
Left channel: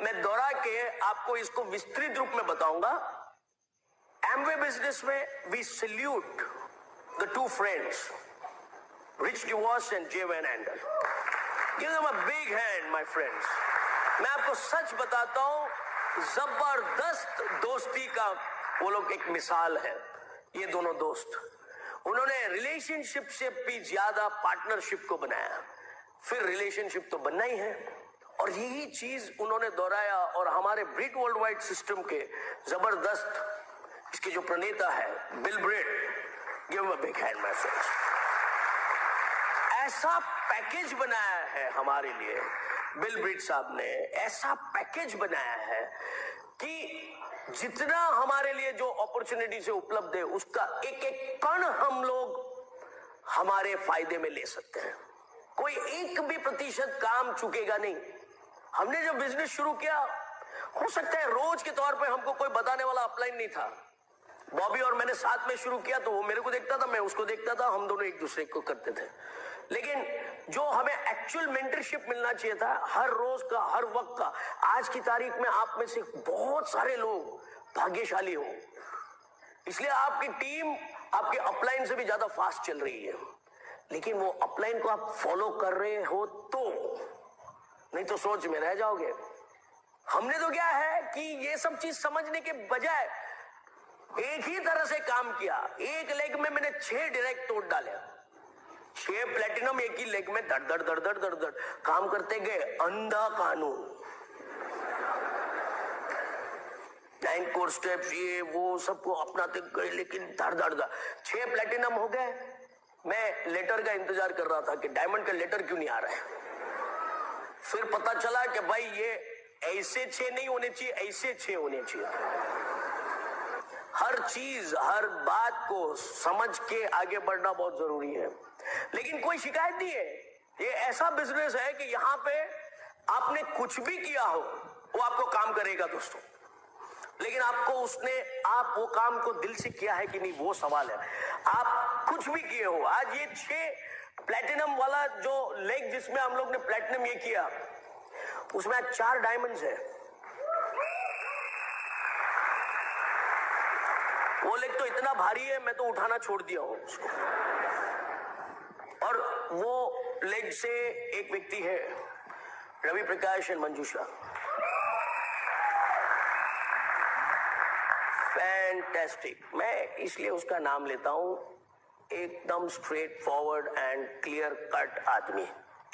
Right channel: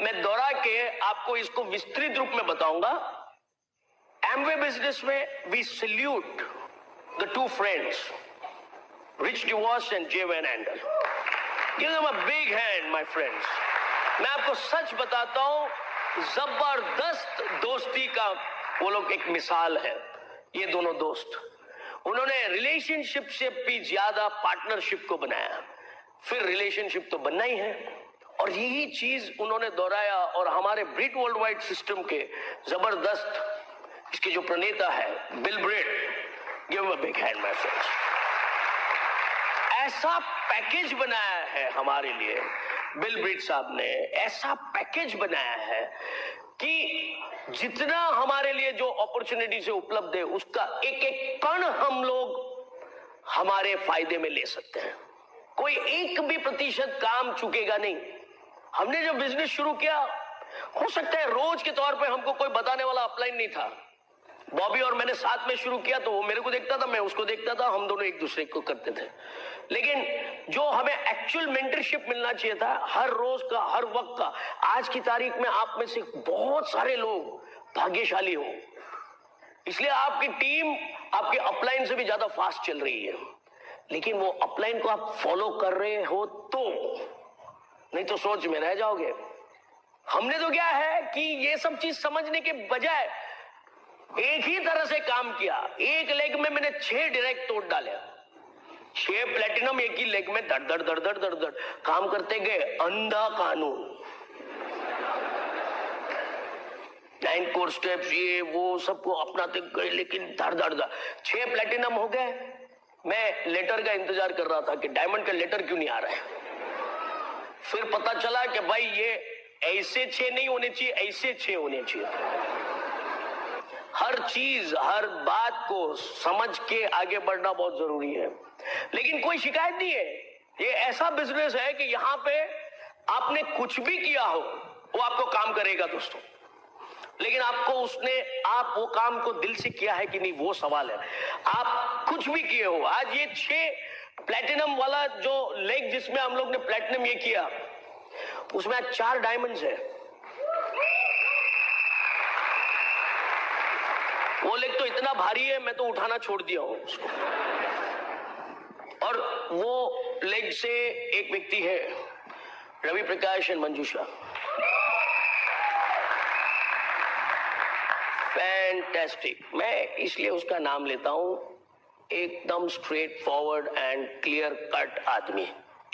मैं दोहरा के आपको इसको विस्तृत रूप में बताऊंगा। एमवे बिजनेस में we salute the 2 friends Rich DeVos and Jay Van Andel. Give them a big hand my friends. मैं आपको सच बताता हूं, जबरदस्त दोस्ती का वो लोग एक मिसाल है। ये दोनों दोस्त, उन्होंने रिलेशनशिप से भी ज्यादा पार्टनरशिप को बनाया। फिर रिलेशनशिप तो बनना ही है, और यही चीज उन्होंने दोहराया। और हमारे ब्रिट वर्ल्ड वाइड सिस्टम के जबरदस्त इसके जो प्रणेता है Bill Britt, give a big hand my friends. ऐसा पैकेज बनाया है हमारे लिए बिल ब्रिट साहब ने, ऐसा पैकेज बनाया है कि जितना हमारे लिए जो अपॉर्चुनिटी से उपलब्ध है उसका एक एक कण हम लोग हमारे फायदे में ले सकते हैं। कोई एक भी प्रतिशत काम चुकेगा नहीं। हमने जब बिजनेस शुरू किया, हो सकता है रोज के तौर पे हमको कोई बताने वाला अपलाइन नहीं था। बॉबी और मैंने साथ में शुरू किया तो वो मेरे को देखता था, मैं उसको देखता था, हम दोनों एक दूसरे को करते थे। लेकिन जो हमें एक्चुअल मेंटरशिप मिलना चाहिए था हर रोज का, हर वक्त का, आज की तारीख में आप में से बहुत सारे लोग भाग्यशाली हो, इसलिए आपकी टीम आपके अपलाइन से भी ज्यादा फास्ट चल रही है। लेकिन वो अपलाइन को आप फॉलो कर रहे हो तो, नहीं तो सोच में रह जाओगे। हमने तो क्या है कि ये सब चीज समझने के बजाय एक ही तरह से काम किया। एक लेग में मैंने 6 डायरेक्ट तोड़ डाले, 6 प्लेटिनम एक ही लेग में धड़ धड़ धड़ धड़ धड़ धड़ काम करते गए। अंधा कानून, 9 कोर स्टेप्स, ये वो सबको अपनाते गए, लेकिन धड़ धड़ धड़ 6 प्लेटिनम हो गए। मैं लेटर का इंतजार कर रहा था कि डायमंड का लेटर क्यों नहीं आ रहा है। फिर पता चला कि भाई ये ऐसे 6 नहीं होने चाहिए, ऐसे 6 होने चाहिए। हर चीज, हर बात को समझ के आगे बढ़ना बहुत जरूरी है। लेकिन कोई शिकायत नहीं है। ये ऐसा बिजनेस है कि यहाँ पे आपने कुछ भी किया हो वो आपको काम करेगा दोस्तों, लेकिन आप वो काम को दिल से किया है कि नहीं, वो सवाल है। आप कुछ भी किए हो, आज ये 6 प्लेटिनम वाला जो लेग जिसमें हम लोग ने प्लेटिनम ये किया, उसमें आज 4 डायमंड्स है। वो लेग तो इतना भारी है, मैं तो उठाना छोड़ दिया हूं उसको। और वो लेग से एक व्यक्ति है, Ravi Prakash and Manjusha, fantastic. मैं इसलिए उसका नाम लेता हूं, एकदम straight forward and clear cut आदमी।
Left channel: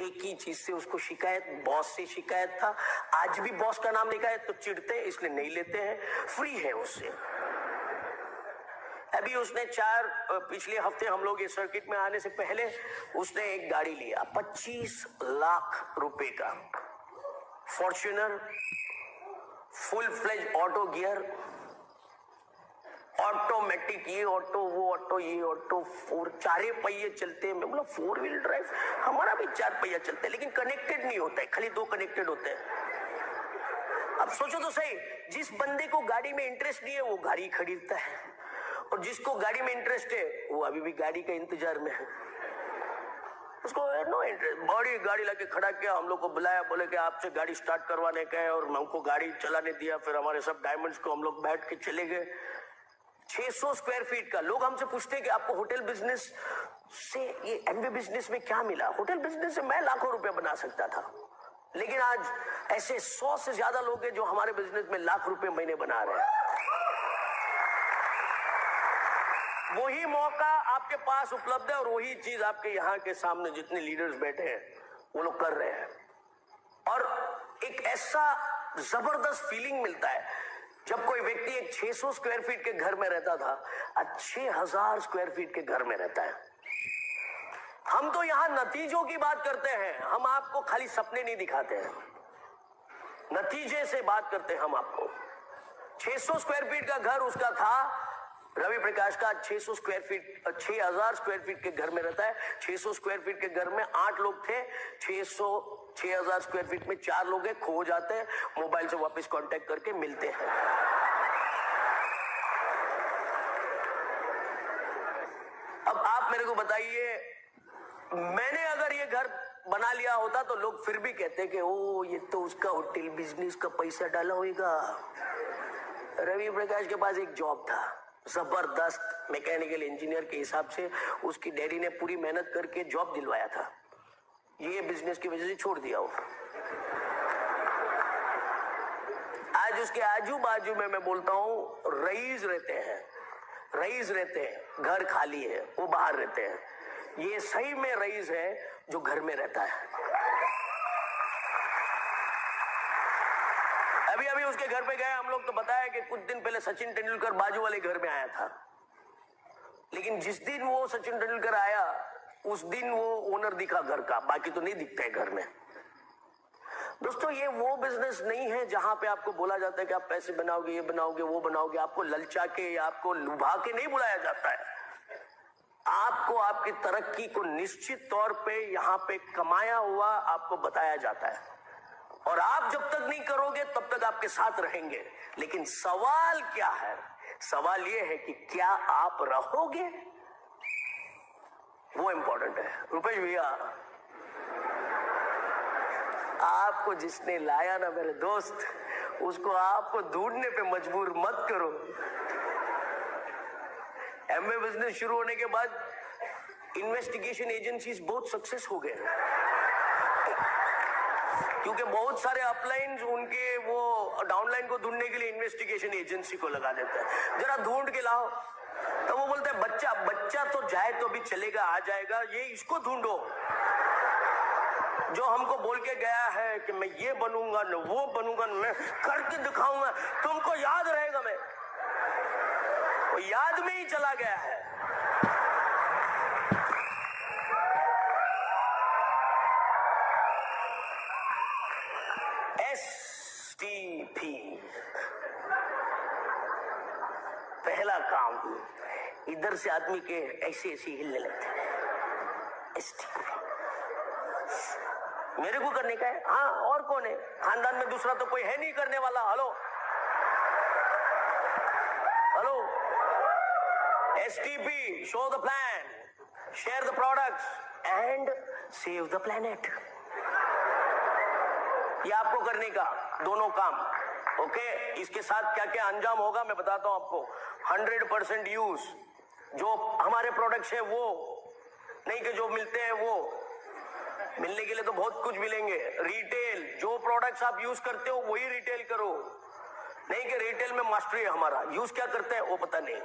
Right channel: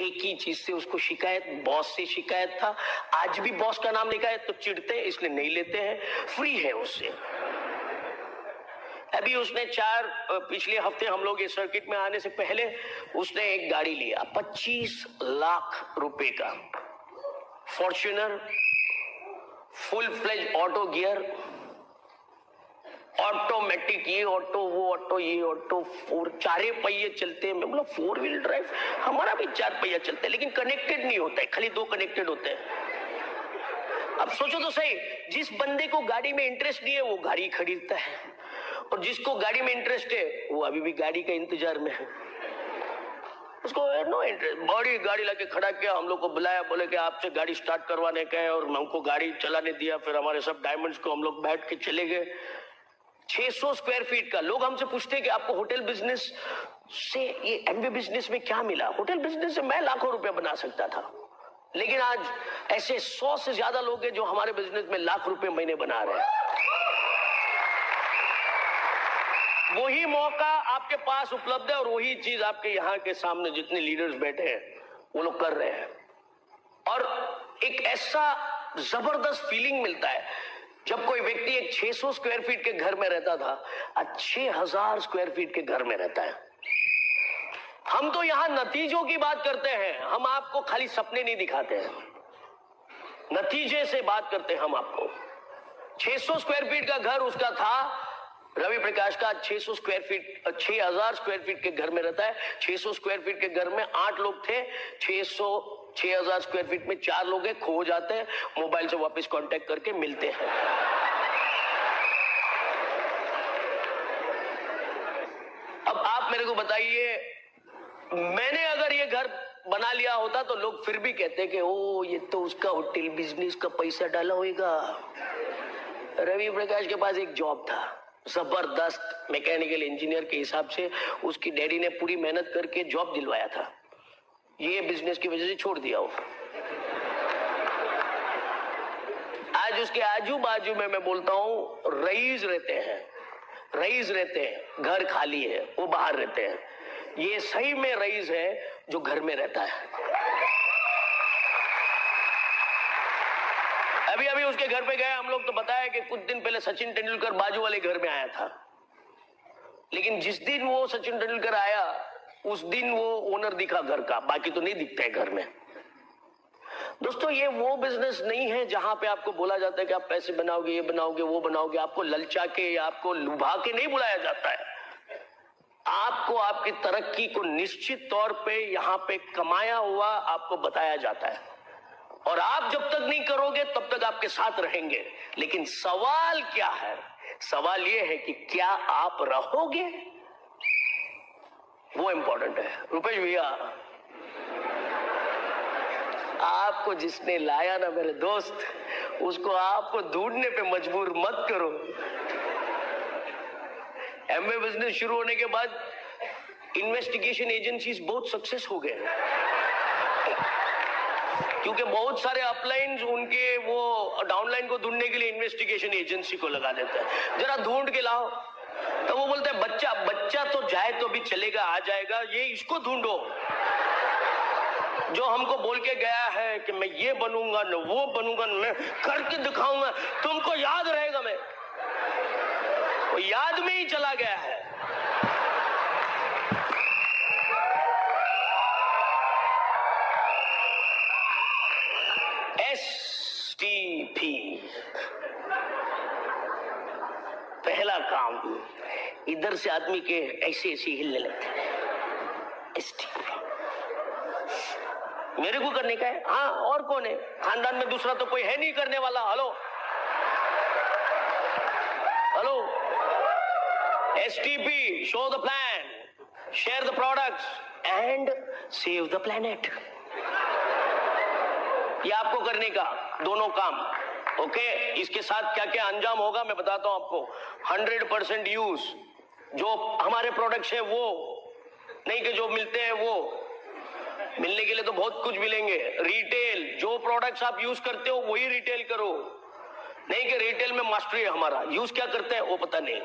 एक ही चीज से उसको शिकायत, बॉस से शिकायत था। आज भी बॉस का नाम लिखा है तो चिढ़ते हैं, इसलिए नहीं लेते हैं, फ्री है उससे। अभी उसने पिछले हफ्ते हम लोग इस सर्किट में आने से पहले उसने एक गाड़ी लिया 25 लाख रुपए का, Fortuner, full fledge auto gear, automatic, ये ऑटो वो ऑटो ये ऑटो, 4 पहिए चलते हैं। मैं बोला 4 व्हील ड्राइव, हमारा भी 4 पहिया चलता है, लेकिन कनेक्टेड नहीं होता है, खाली 2 कनेक्टेड होते हैं। अब सोचो तो सही, जिस बंदे को गाड़ी में इंटरेस्ट नहीं है वो गाड़ी खरीदता है, और जिसको गाड़ी में इंटरेस्ट है वो अभी भी गाड़ी का इंतजार में है। उसको नो इंटरेस्ट। बड़ी गाड़ी लाके खड़ा किया, हम लोग को बुलाया, बोले कि आपसे गाड़ी स्टार्ट करवाने का है, और हमको गाड़ी चलाने दिया। फिर हमारे सब डायमंड्स को हम लोग बैठ के चले गए। 600 स्क्वायर फीट का। लोग हमसे पूछते हैं कि आपको होटल बिजनेस से, ये एमवे बिजनेस में क्या मिला? होटल बिजनेस से मैं लाखों रुपए बना सकता था, लेकिन आज ऐसे 100 से ज्यादा लोग हैं जो हमारे बिजनेस में लाख रुपए महीने बना रहे हैं। वही मौका आपके पास उपलब्ध है, और वही चीज आपके यहाँ के सामने जितने लीडर्स बैठे हैं वो लोग कर रहे हैं। और एक ऐसा जबरदस्त फीलिंग मिलता है जब कोई व्यक्ति एक 600 स्क्वायर फीट के घर में रहता था, आज 6000 स्क्वायर फीट के घर में रहता है। हम तो यहां नतीजों की बात करते हैं, हम आपको खाली सपने नहीं दिखाते हैं, नतीजे से बात करते हैं हम आपको। 600 स्क्वायर फीट का घर उसका था, रवि प्रकाश का 600 स्क्वायर फीट 6000 स्क्वायर फीट के घर में रहता है। 600 स्क्वायर फीट के घर में 8 लोग थे, 6000 स्क्वायर फीट में 4 लोग हैं। खो जाते हैं, मोबाइल से वापस कांटेक्ट करके मिलते हैं। अब आप मेरे को बताइए, मैंने अगर ये घर बना लिया होता तो लोग फिर भी कहते कि ओ ये तो उसका होटल बिजनेस का पैसा डाला होगा। रवि प्रकाश के पास एक जॉब था, जबरदस्त मैकेनिकल इंजीनियर के हिसाब से। उसकी डैडी ने पूरी मेहनत करके जॉब दिलवाया था, ये बिजनेस की वजह से छोड़ दिया वो। आज उसके आजू बाजू में मैं बोलता हूं रईस रहते हैं, रईस रहते हैं, घर खाली है, वो बाहर रहते हैं। ये सही में रईस है जो घर में रहता है। अभी अभी उसके घर पे गए हम लोग, तो बताया कि कुछ दिन पहले सचिन तेंदुलकर बाजू वाले घर में आया था, लेकिन जिस दिन वो सचिन तेंदुलकर आया उस दिन वो ओनर दिखा घर का, बाकी तो नहीं दिखता है घर में। दोस्तों, ये वो बिजनेस नहीं है जहां पे आपको बोला जाता है कि आप पैसे बनाओगे, ये बनाओगे, वो बनाओगे। आपको ललचा के या आपको लुभा के नहीं बुलाया जाता है। आपको आपकी तरक्की को निश्चित तौर पे यहाँ पे कमाया हुआ आपको बताया जाता है, और आप जब तक नहीं करोगे तब तक आपके साथ रहेंगे। लेकिन सवाल क्या है? सवाल यह है कि क्या आप रहोगे, वो इंपॉर्टेंट है। रुपेश भैया, आपको जिसने लाया ना मेरे दोस्त, उसको आपको ढूंढने पे मजबूर मत करो। एमवे बिजनेस शुरू होने के बाद इन्वेस्टिगेशन एजेंसीज बहुत सक्सेस हो गए, क्योंकि बहुत सारे अपलाइन उनके वो डाउनलाइन को ढूंढने के लिए इन्वेस्टिगेशन एजेंसी को लगा देते हैं, जरा ढूंढ के लाओ। तो वो बोलते हैं बच्चा तो जाए तो भी चलेगा, आ जाएगा, ये इसको ढूंढो जो हमको बोल के गया है कि मैं ये बनूंगा न वो बनूंगा, मैं करके दिखाऊंगा, तुमको याद रहेगा। मैं वो याद में ही चला गया है। STP पहला काम, इधर से आदमी के ऐसे ऐसे हिलने लगते हैं। STP मेरे को करने का है। हाँ, और कौन है खानदान में? दूसरा तो कोई है नहीं करने वाला। Hello hello, STP, show the plan, share the products and save the planet। ये आपको करने का दोनों काम। ओके, इसके साथ क्या क्या अंजाम होगा मैं बताता हूं आपको। 100% यूज, जो हमारे प्रोडक्ट्स हैं वो नहीं कि जो मिलते हैं वो, मिलने के लिए तो बहुत कुछ मिलेंगे। रिटेल, जो प्रोडक्ट्स आप यूज करते हो वही रिटेल करो, नहीं कि रिटेल में मास्टरी है हमारा, यूज क्या करते हैं वो पता नहीं।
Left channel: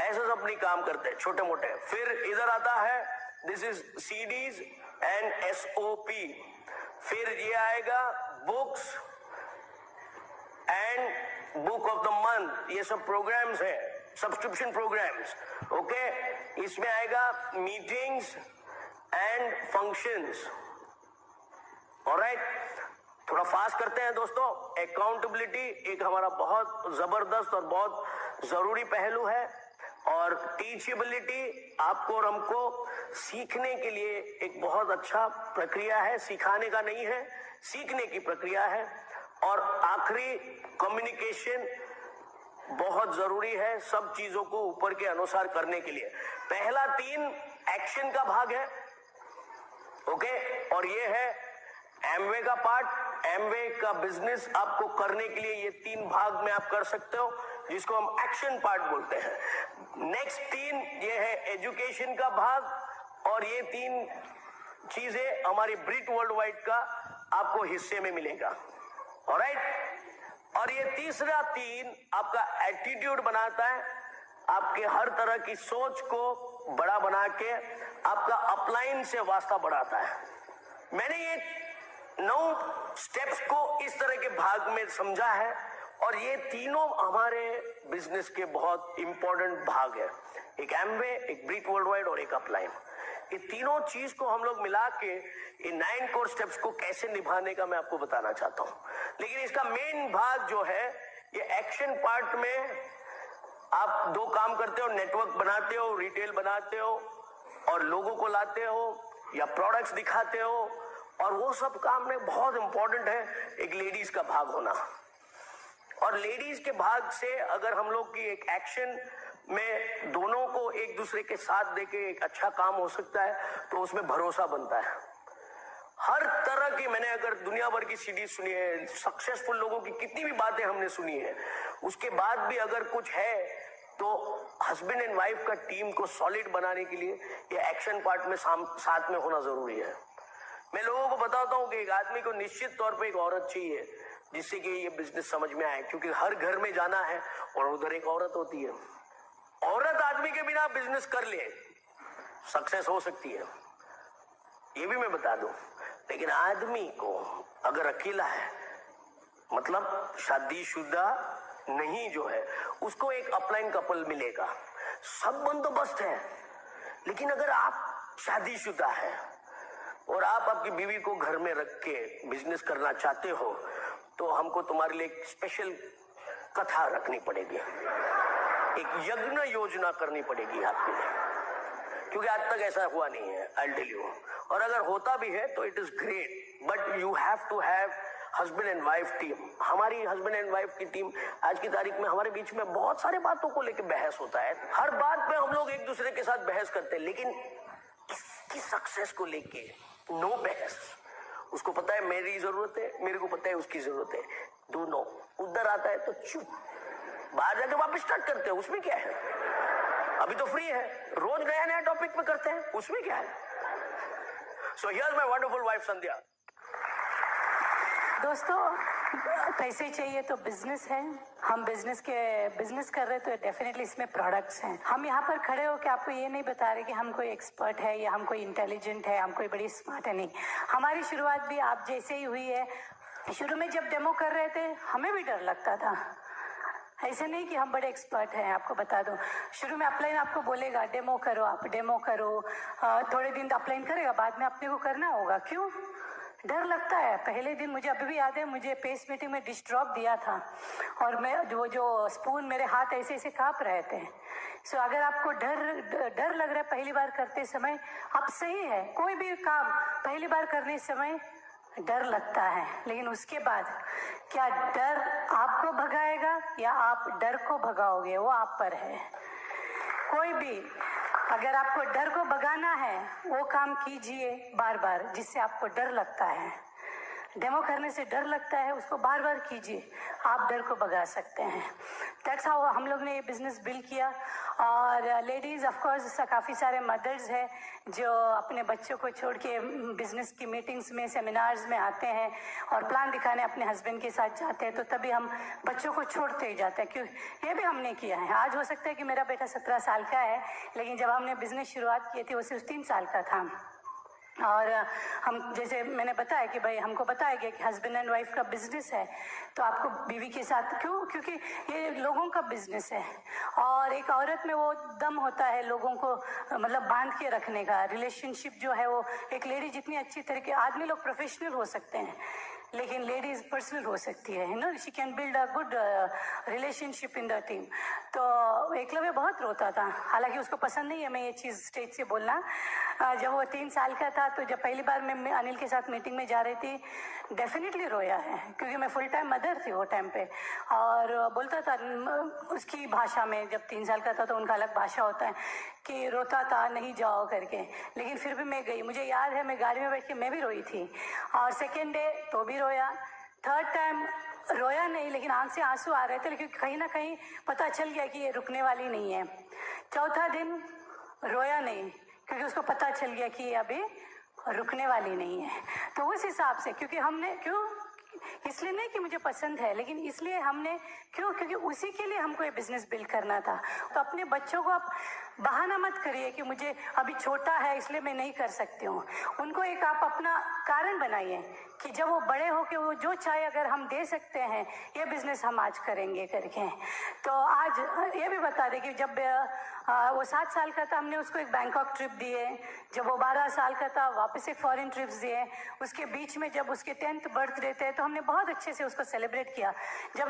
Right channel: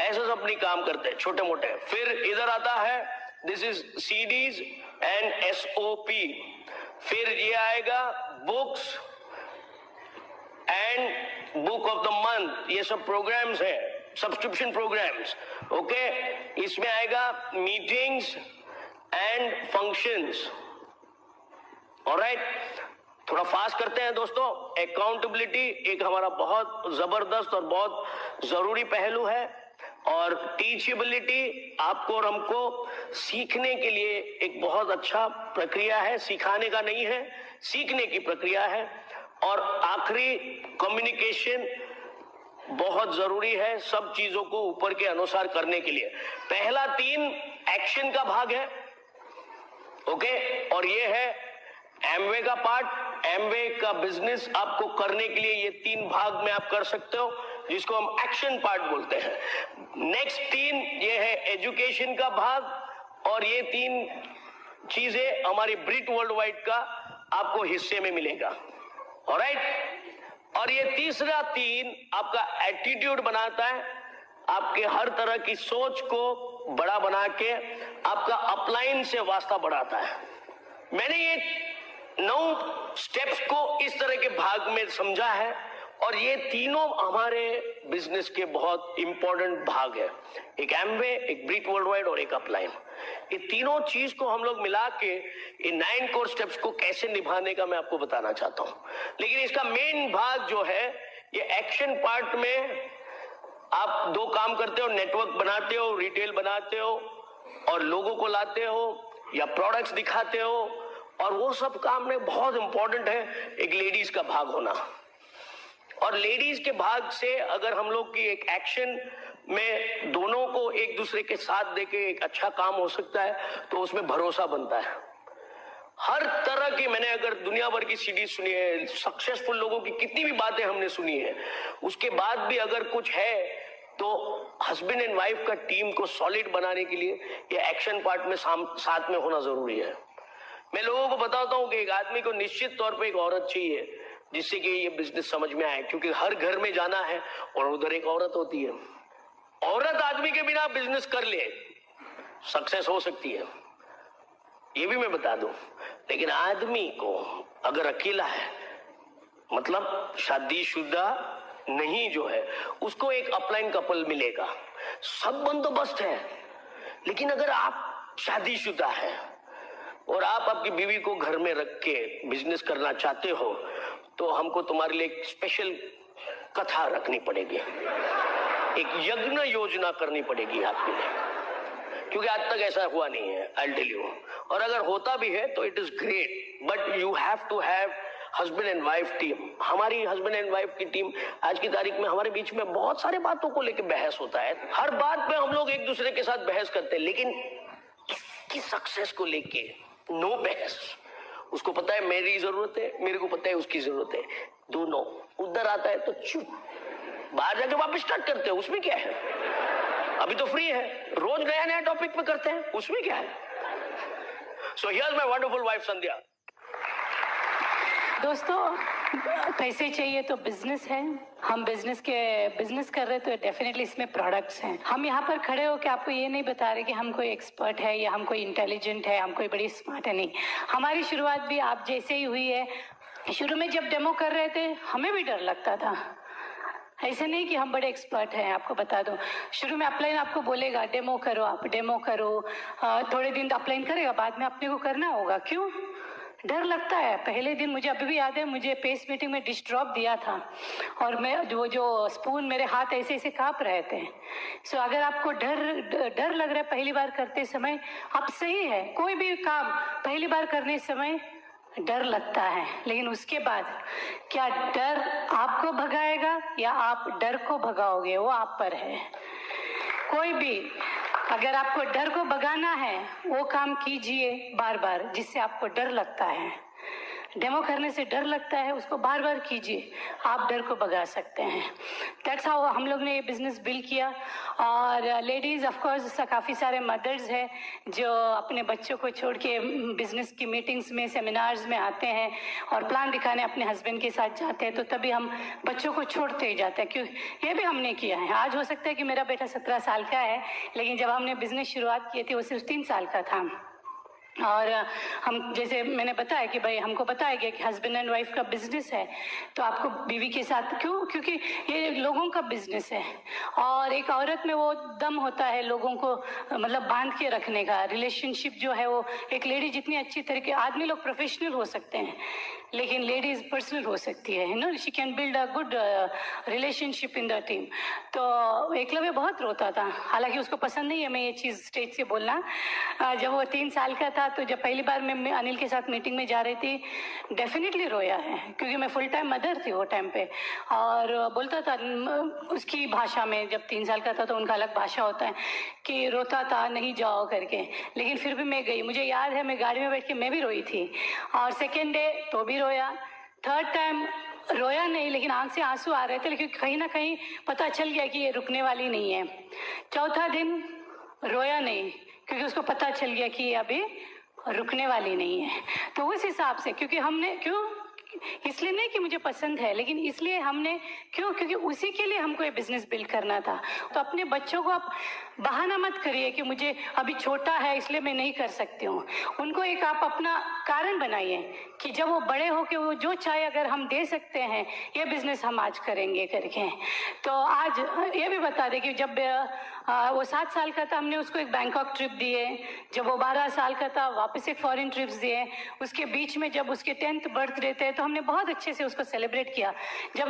ऐसे सब नहीं काम करते छोटे मोटे। फिर इधर आता है, this is CDs and SOP। फिर ये आएगा books and book of the month, ये सब प्रोग्राम्स है, सब्सक्रिप्शन प्रोग्राम्स। ओके, इसमें आएगा मीटिंग्स एंड फंक्शंस। ऑलराइट, थोड़ा फास्ट करते हैं दोस्तों। अकाउंटेबिलिटी एक हमारा बहुत जबरदस्त और बहुत जरूरी पहलू है, और टीचेबिलिटी आपको और हमको सीखने के लिए एक बहुत अच्छा प्रक्रिया है, सिखाने का नहीं है, सीखने की प्रक्रिया है। और आखिरी, कम्युनिकेशन बहुत जरूरी है सब चीजों को ऊपर के अनुसार करने के लिए। पहला 3 एक्शन का भाग है, ओके, और ये है एमवे का पार्ट। एमवे का बिजनेस आपको करने के लिए ये 3 भाग में आप कर सकते हो, जिसको हम एक्शन पार्ट बोलते हैं। नेक्स्ट 3 ये है एजुकेशन का भाग, और ये 3 चीजें हमारी ब्रिट वर्ल्ड वाइड का आपको हिस्से में मिलेगा। ऑलराइट, और ये तीसरा 3 आपका एटीट्यूड बनाता है, आपके हर तरह की सोच को बड़ा बना के आपका अपलाइन से वास्ता बढ़ाता है। मैंने ये 9 स्टेप्स को इस तरह के भाग में समझा है, और ये तीनों हमारे बिजनेस के बहुत इंपॉर्टेंट भाग है। एक एमवे, एक ब्रिट वर्ल्ड वाइड और एक अपलाइन। ये तीनों चीज को हम लोग मिला के इन 9 कोर स्टेप्स को कैसे निभाने का मैं आपको बताना चाहता हूं। लेकिन इसका मेन भाग जो है, ये एक्शन पार्ट में आप 2 काम करते हो, नेटवर्क बनाते हो, रिटेल बनाते हो, और लोगों को लाते हो या प्रोडक्ट्स दिखाते हो, और वो सब काम में बहुत इंपॉर्टेंट है एक लेडीज का भाग होना। और लेडीज के भाग से अगर हम लोग की एक एक्शन में दोनों को एक दूसरे के साथ देके एक अच्छा काम हो सकता है, तो उसमें भरोसा बनता है। हर तरह की, मैंने अगर दुनिया भर की सीरीज सुनी है, सक्सेसफुल लोगों की कितनी भी बातें हमने सुनी है, उसके बाद भी अगर कुछ है तो हस्बैंड एंड वाइफ का टीम को सॉलिड बनाने के लिए ये एक्शन पार्ट में साथ में होना जरूरी है। मैं लोगों को बताता हूं कि एक आदमी को निश्चित तौर पे एक औरत चाहिए जिससे कि ये बिजनेस समझ में आए, क्योंकि हर घर में जाना है और उधर एक औरत होती है। औरत आदमी के बिना बिजनेस कर ले, सक्सेस हो सकती है, ये भी मैं बता दूं। लेकिन आदमी को अगर अकेला है, मतलब शादीशुदा नहीं जो है, उसको एक अपलाइन कपल मिलेगा, सब बंदोबस्त है। लेकिन अगर आप शादीशुदा है और आप आपकी बीवी को घर में रख के बिजनेस करना चाहते हो, तो हमको तुम्हारे लिए एक स्पेशल कथा रखनी पड़ेगी, एक यज्ञ योजना करनी पड़ेगी आपके लिए, क्योंकि आज तक ऐसा हुआ नहीं है, आई टेल यू। और अगर होता भी है तो it is great, but you have to have husband and wife team. हमारी हस्बैंड एंड वाइफ की टीम आज की तारीख में हमारे बीच में बहुत सारे बातों को लेकर बहस होता है, हर बात पे हम लोग एक दूसरे के साथ बहस करते हैं, लेकिन इसकी सक्सेस को लेके नो बहस। उसको पता है मेरी जरूरत है, मेरे को पता है उसकी जरूरत है, दोनों। उधर आता है तो चुप, बाहर जाके वापस स्टार्ट करते हैं, उसमें क्या है। अभी तो फ्री है, रोज नया नया टॉपिक पे करते हैं, उसमें क्या है। So here's my wonderful wife Sandhya. दोस्तों, पैसे चाहिए तो बिजनेस है, हम बिजनेस कर रहे तो डेफिनेटली इसमें प्रोडक्ट्स हैं। हम यहाँ पर खड़े हो के आपको ये नहीं बता रहे कि हम कोई एक्सपर्ट है या हम कोई इंटेलिजेंट है, हम कोई बड़ी स्मार्ट है, नहीं। हमारी शुरुआत भी आप जैसे ही हुई है। शुरू में जब डेमो कर रहे थे हमें भी डर लगता था, ऐसे नहीं कि हम बड़े एक्सपर्ट हैं। आपको बता दो, शुरू में अपलाइन आपको बोलेगा डेमो करो, आप डेमो करो, थोड़े दिन अपलाइन करेगा, बाद में अपने को करना होगा। क्यों डर लगता है? पहले दिन मुझे अभी भी याद है, मुझे पेस मीटिंग में डिश ड्रॉप दिया था और मैं जो स्पून, मेरे हाथ ऐसे ऐसे कांप रहे थे। सो अगर आपको डर लग रहा है पहली बार करते समय, अब सही है, कोई भी काम पहली बार करने समय डर लगता है, लेकिन उसके बाद क्या डर आपको भगाएगा या आप डर को भगाओगे, वो आप पर है। कोई भी, अगर आपको डर को भगाना है वो काम कीजिए बार बार जिससे आपको डर लगता है। डेमो करने से डर लगता है, उसको बार बार कीजिए, आप डर को भगा सकते हैं। दैट्स हाउ हम लोग ने ये बिजनेस बिल्ड किया। और लेडीज़ ऑफ कोर्स काफ़ी सारे मदर्स हैं जो अपने बच्चों को छोड़ के बिजनेस की मीटिंग्स में, सेमिनार्स में आते हैं और प्लान दिखाने अपने हस्बैंड के साथ जाते हैं, तो तभी हम बच्चों को छोड़ते ही जाते हैं। क्यों, ये भी हमने किया है। आज हो सकता है कि मेरा बेटा 17 साल का है, लेकिन जब हमने बिजनेस शुरुआत की थी वो सिर्फ 3 साल का था। और हम, जैसे मैंने बताया कि भाई हमको बताया गया कि हस्बैंड एंड वाइफ का बिजनेस है, तो आपको बीवी के साथ, क्यों, क्योंकि ये लोगों का बिजनेस है और एक औरत में वो दम होता है लोगों को मतलब बांध के रखने का। रिलेशनशिप जो है वो, एक लेडी जितनी अच्छी तरीके, आदमी लोग प्रोफेशनल हो सकते हैं लेकिन लेडीज पर्सनल हो सकती है, no, she can build a good relationship in the team. तो एकलव्य बहुत रोता था, हालांकि उसको पसंद नहीं है मैं ये चीज़ स्टेज से बोलना। जब वो 3 साल का था साथ, तो जब पहली बार मैं अनिल के साथ मीटिंग में जा रही थी, डेफिनेटली रोया है, क्योंकि मैं फुल टाइम मदर थी वो टाइम पे। और बोलता था उसकी भाषा में, जब 3 साल का था तो उनका अलग भाषा होता है, कि रोता था नहीं जाओ करके, लेकिन फिर भी मैं गई। मुझे याद है मैं गाड़ी में बैठ के मैं भी रोई थी, और सेकेंड डे तो भी रोया, थर्ड टाइम रोया नहीं, लेकिन आंख से आंसू आ रहे थे, लेकिन कहीं ना कहीं पता चल गया कि ये रुकने वाली नहीं है। चौथा दिन रोया नहीं, क्योंकि उसको पता चल गया कि ये अभी रुकने वाली नहीं है। तो उस हिसाब से, क्योंकि हमने क्यों, इसलिए नहीं कि मुझे पसंद है, लेकिन इसलिए हमने क्यों, क्योंकि उसी के लिए हमको ये बिजनेस बिल्ड करना था। तो अपने बच्चों को आप बहाना मत करिए कि मुझे अभी छोटा है इसलिए मैं नहीं कर सकती हूँ। उनको एक आप अपना कारण बनाइए कि जब वो बड़े हो के वो जो चाहे अगर हम दे सकते हैं, ये बिजनेस हम आज करेंगे करके। तो आज ये भी बता दें कि जब वो 7 साल का था, हमने उसको एक बैंकॉक ट्रिप दिए। जब वो 12 साल का था, वापस एक फॉरेन ट्रिप्स दिए। उसके बीच में जब उसके 10th बर्थडे थे, तो हमने बहुत अच्छे से उसको सेलिब्रेट किया। जब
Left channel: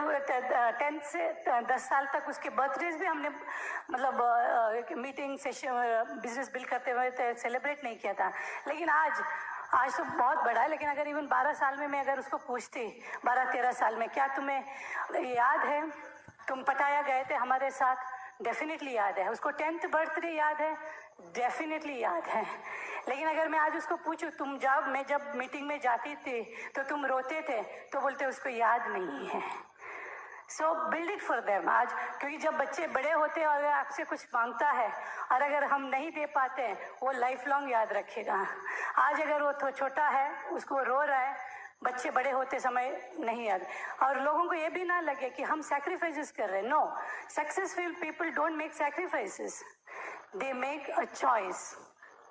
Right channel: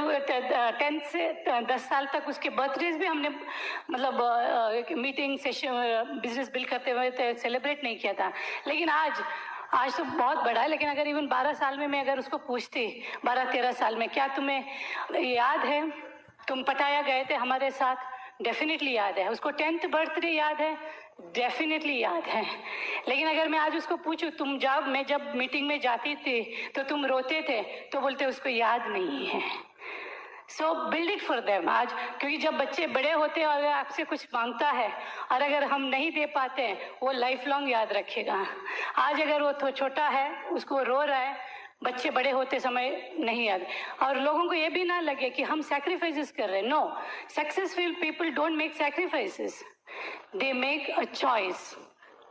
10 से 10 साल तक उसके बर्थडेज भी हमने मतलब मीटिंग सेशन बिजनेस बिल्ड करते हुए सेलिब्रेट नहीं किया था। लेकिन आज तो बहुत बड़ा है, लेकिन अगर इवन 12 साल में मैं अगर उसको पूछती, 12-13 साल में, क्या तुम्हें याद है तुम पटाया गए थे हमारे साथ? डेफिनेटली याद है। उसको 10th बर्थडे याद है? डेफिनेटली याद है। लेकिन अगर मैं आज उसको पूछूं, मैं जब मीटिंग में जाती थी तो तुम रोते थे, तो बोलते उसको याद नहीं है। सो बिल्ड इट फॉर देम आज, क्योंकि जब बच्चे बड़े होते हैं और आपसे कुछ मांगता है और अगर हम नहीं दे पाते हैं, वो लाइफ लॉन्ग याद रखेगा। आज अगर वो तो छोटा है, उसको रो रहा है, बच्चे बड़े होते समय नहीं याद। और लोगों को ये भी ना लगे कि हम सैक्रिफाइसेस कर रहे हैं। No, successful people don't make sacrifices, they make a choice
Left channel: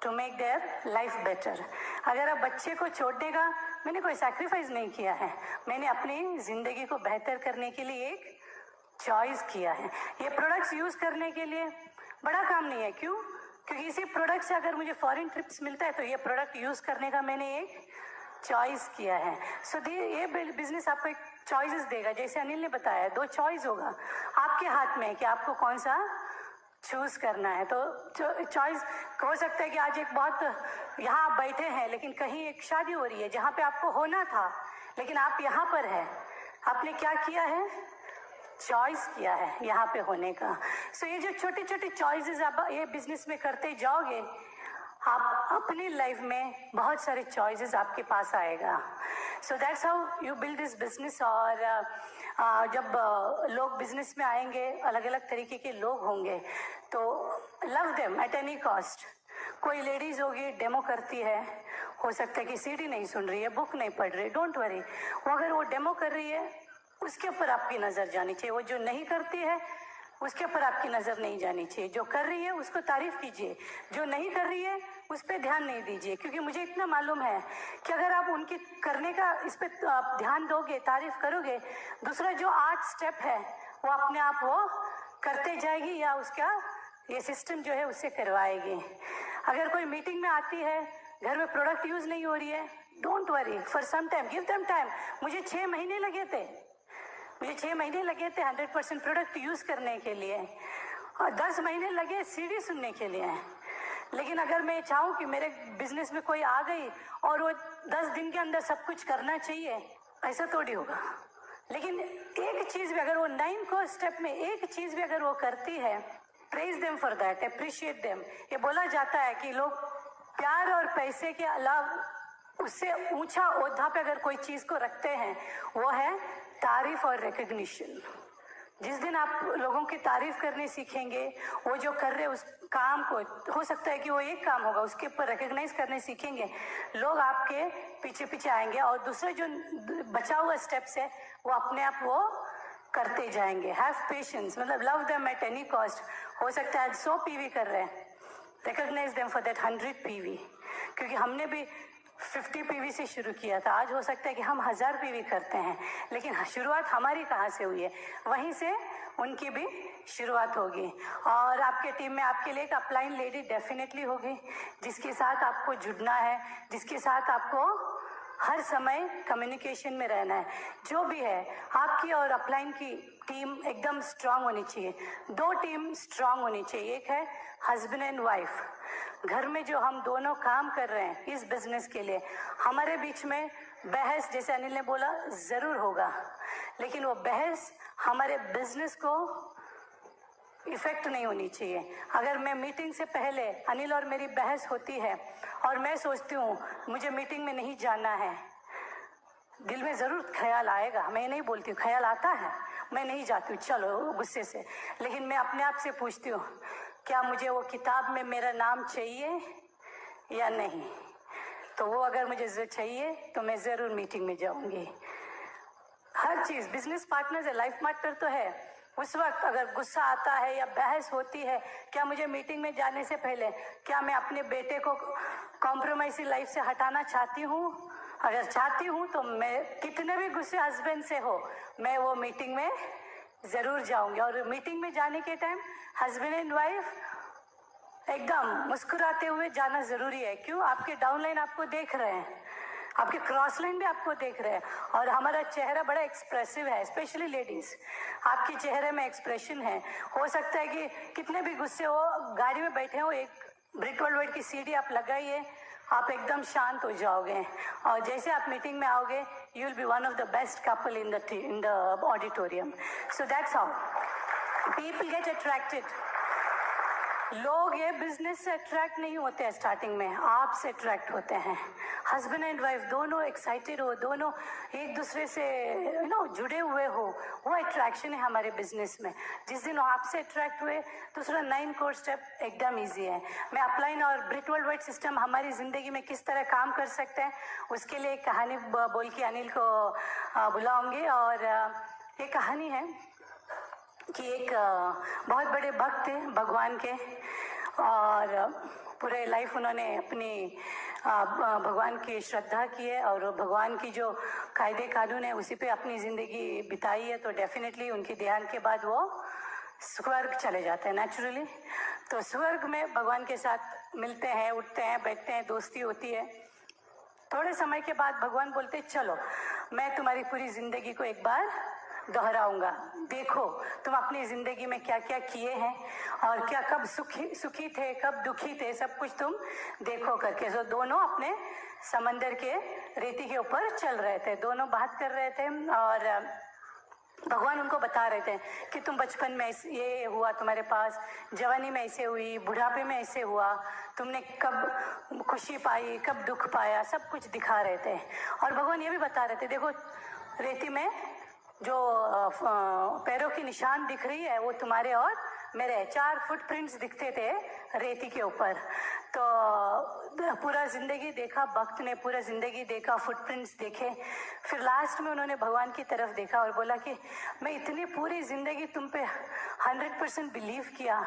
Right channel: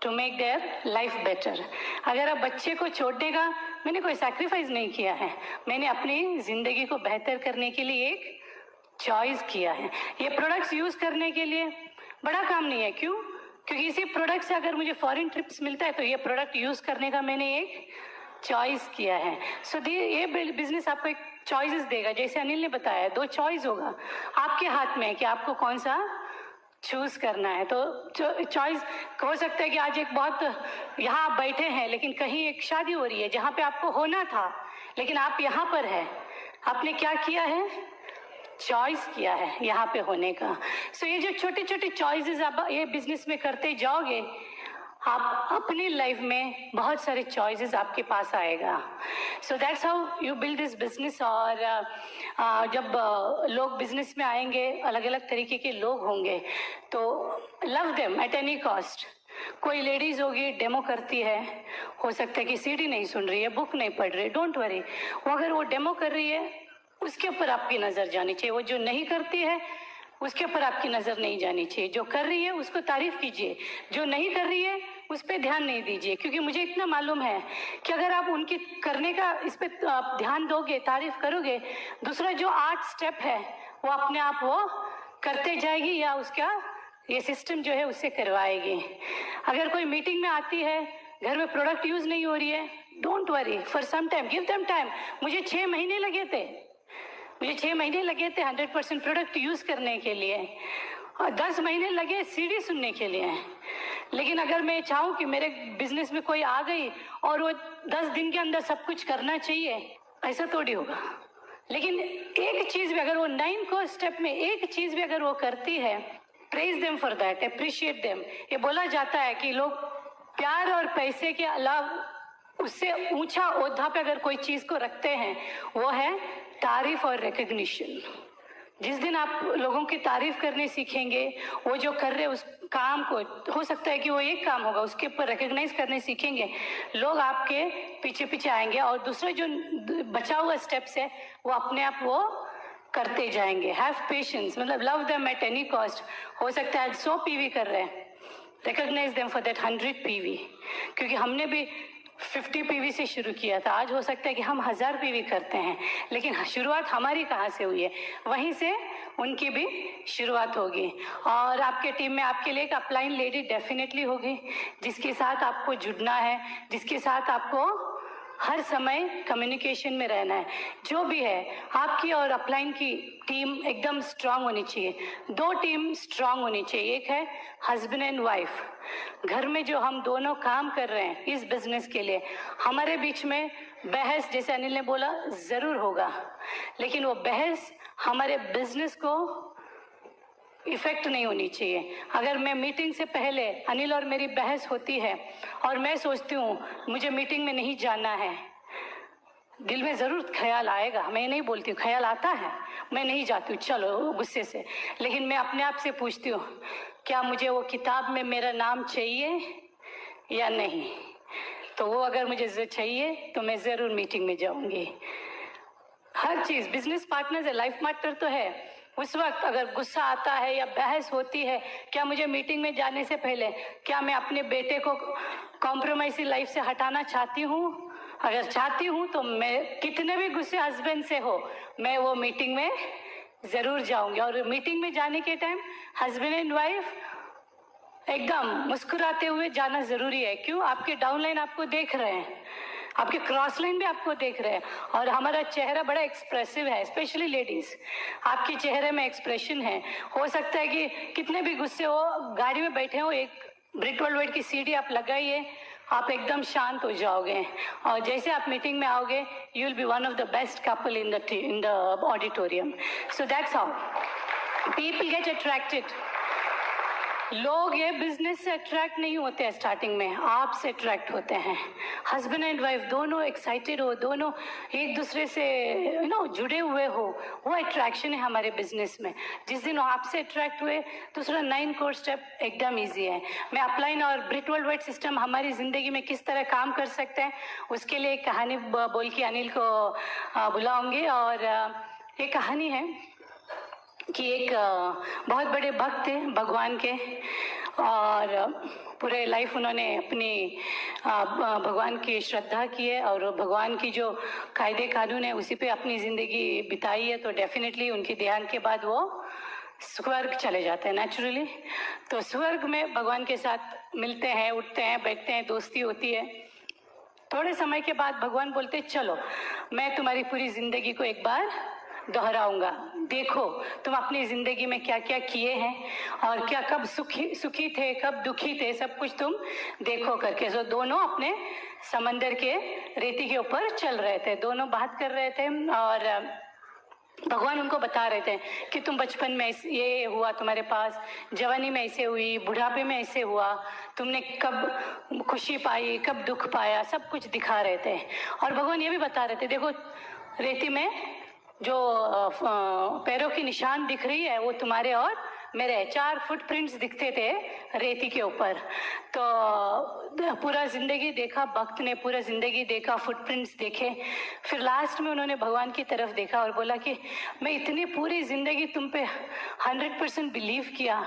to make their life better. अगर आप बच्चे को छोड़ने का, मैंने कोई सैक्रिफाइस नहीं किया है, मैंने अपनी जिंदगी को बेहतर करने के लिए एक चॉइस किया है। ये प्रोडक्ट्स यूज करने के लिए बड़ा काम नहीं है। क्यों? क्योंकि इसी प्रोडक्ट से अगर मुझे फॉरेन ट्रिप्स मिलता है, तो ये प्रोडक्ट यूज करने का मैंने एक चॉइस किया है। सो ये बिजनेस आपको एक चॉइसेस देगा। जैसे अनिल ने बताया, 2 चॉइस होगा आपके हाथ में कि आपको कौन सा चूज करना है। तो चॉइस हो सकता है कि आज एक बहुत, यहाँ आप बैठे हैं, लेकिन कहीं एक शादी हो रही है जहाँ पे आपको होना था, लेकिन आप यहाँ पर है। आपने क्या किया है? चॉइस किया है यहाँ पे होने का। सो ये जो छोटे छोटे चॉइसेस आप ये बिजनेस में करते जाओगे, आप अपनी लाइफ में बहुत सारे चॉइसेस आपके पास आएगा। So that's how you build this business. और जब लोग बिजनेस में आएंगे, अलग अलग तरीके के लोग होंगे, तो love them at any cost. कोई लेडीज होगी डेमो करती है, हो सकता है कि सीडी नहीं सुन रही है, बुक नहीं पढ़ रही, डोंट वरी। वो अगर वो डेमो कर रही है, उसके ऊपर आपकी नजर जानी चाहिए। वो जो नहीं करती है, उसके ऊपर आपकी नजर नहीं जानी चाहिए। जो कर रही है उसको तारीफ कीजिए, जो नहीं कर रही है उस पर ध्यान नहीं दीजिए। क्योंकि मुझे इतना मालूम है कि अगर आप उनकी करने का इस पे आप ध्यान दोगे, तारीफ करोगे, दूसरा जो 8 स्टेप है वो अपने आप वो करते जाएगी, या उसका ये सिस्टम जो है उससे करवाएगी। अगर कोई मीटिंग में आती है, घर में प्रोडक्ट यूज नहीं हो रही है, don't worry, for some time give them time. मुझे 6 महीने लगे थे 100% प्रोडक्ट यूज करने के लिए, और 10 महीने लगे सीडी सुनने के लिए। लेकिन अगर मैं चाहूँ कि मेरे बिजनेस में कोई आ गई और वो 10 दिन के अंदर सब कुछ करना चाहिए, ऐसा थोड़ी होगा। लेकिन एक चीज भी अगर वो 9 को स्टेप में एक चीज भी अगर वो करती है, praise them for that, appreciate them. ये बोला जाता है कि लोग प्यार और पैसे के अलावा उससे ऊंचा ओहदा पे अगर कोई चीज को रखते हैं, वो है तारीफ और रिकग्निशन। जिस दिन आप लोगों की तारीफ करने सीखेंगे, वो जो कर रहे उस काम को, हो सकता है कि वो एक काम होगा, उसके ऊपर रिकग्नाइज करने सीखेंगे, लोग आपके पीछे पीछे आएंगे। और दूसरा जो बचा हुआ स्टेप्स है, वो अपने आप वो करते जाएंगे। हैव पेशेंस, मतलब love them at any cost. हो सकता है आज 100 पीवी कर रहे हैं, recognise them for that 100 PV. क्योंकि हमने भी 50 पीवी से शुरू किया था, आज हो सकता है कि हम 1000 पीवी करते हैं, लेकिन शुरुआत हमारी कहाँ से हुई है, वहीं से उनकी भी शुरुआत होगी। और आपके टीम में आपके लिए एक अपलाइन लेडी डेफिनेटली होगी, जिसके साथ आपको जुड़ना है, जिसके साथ आपको हर समय कम्युनिकेशन में रहना है। जो भी है आपकी और अपलाइन की टीम एकदम स्ट्रांग होनी चाहिए। दो टीम स्ट्रांग होनी चाहिए, एक है हस्बैंड एंड वाइफ। घर में जो हम दोनों काम कर रहे हैं इस बिजनेस के लिए, हमारे बीच में बहस, जैसे अनिल ने बोला, ज़रूर होगा, लेकिन वो बहस हमारे बिजनेस को इफेक्ट नहीं होनी चाहिए। अगर मैं मीटिंग से पहले अनिल और मेरी बहस होती है और मैं सोचती हूँ मुझे मीटिंग में नहीं जाना है, दिल में ज़रूर ख्याल आएगा, मैं नहीं बोलती हूँ, ख्याल आता है, मैं नहीं जाती हूँ चलो गुस्से से, लेकिन मैं अपने आप से पूछती हूँ क्या मुझे वो किताब में मेरा नाम चाहिए या नहीं। तो वो अगर मुझे चाहिए तो मैं ज़रूर मीटिंग में जाऊँगी। हर चीज़ बिजनेस पार्टनर है, लाइफ पार्टनर तो है। उस वक्त अगर गुस्सा आता है या बहस होती है, क्या मुझे मीटिंग में जाने से पहले क्या मैं अपने बेटे को कॉम्प्रोमाइज़ लाइफ से हटाना चाहती हूँ? अगर चाहती हूँ तो मैं कितने भी गुस्से हस्बैंड से हो, मैं वो मीटिंग में ज़रूर जाऊंगी। और मीटिंग में जाने के टाइम हस्बैंड एंड वाइफ एकदम मुस्कुराते हुए जाना ज़रूरी है। क्यों? आपके डाउनलाइन आपको देख रहे हैं, आपके क्रॉस लाइन भी आपको देख रहे हैं, और हमारा चेहरा बड़ा एक्सप्रेसिव है, स्पेशली लेडीज। आपके चेहरे में एक्सप्रेशन है। हो सकता है कि कितने भी गुस्से हो, गाड़ी में बैठे हो, एक ब्रिक वर्ल्ड की सीढ़ी आप लगाइए, आप एकदम शांत हो जाओगे, और जैसे आप मीटिंग में आओगे you will be one of the best couple in the auditorium. So that's how people get attracted. लोग ये बिजनेस से अट्रैक्ट नहीं होते हैं स्टार्टिंग में, आपसे अट्रैक्ट होते हैं। हस्बैंड एंड वाइफ दोनों एक्साइटेड हो, दोनों एक दूसरे से जुड़े हुए हो, वो अट्रैक्शन है हमारे बिजनेस में। जिस दिन आपसे अट्रैक्ट हुए, दूसरा 9 कोर स्टेप एकदम इजी है। मैं अपलाइन और ब्रिक वर्ल्ड वाइड सिस्टम हमारी ज़िंदगी में किस तरह काम कर सकते हैं उसके लिए एक कहानी बोल के अनिल को बुलाऊंगी। और ये कहानी है कि एक बहुत बड़े भक्त थे भगवान के, और पूरे लाइफ उन्होंने अपनी भगवान की श्रद्धा की है, और भगवान की जो कायदे कानून है उसी पे अपनी ज़िंदगी बिताई है। तो डेफिनेटली उनके ध्यान के बाद वो स्वर्ग चले जाते हैं नेचुरली। तो स्वर्ग में भगवान के साथ मिलते हैं, उठते हैं, बैठते हैं, दोस्ती होती है। थोड़े समय के बाद भगवान बोलते चलो मैं तुम्हारी पूरी ज़िंदगी को एक बार दोहराऊंगा, देखो तुम अपनी ज़िंदगी में क्या क्या किए हैं और क्या कब सुखी थे, कब दुखी थे, सब कुछ तुम देखो करके। सो दोनों अपने समंदर के रेती के ऊपर चल रहे थे, दोनों बात कर रहे थे, और भगवान उनको बता रहे थे कि तुम बचपन में ये हुआ तुम्हारे पास, जवानी में ऐसे हुई, बुढ़ापे में ऐसे हुआ, तुमने कब खुशी पाई, कब दुख पाया, सब कुछ दिखा रहे थे। और भगवान ये भी बता रहे थे देखो रेती में जो पैरों की निशान दिख रही है वो तुम्हारे और मेरे 4 फुटप्रिंट्स दिखते थे रेती के ऊपर। तो पूरा ज़िंदगी देखा भक्त ने, पूरा ज़िंदगी देखा, फुटप्रिंट्स देखे। फिर लास्ट में उन्होंने भगवान की तरफ देखा और बोला कि मैं इतनी पूरी ज़िंदगी तुम पे 100% बिलीव किया,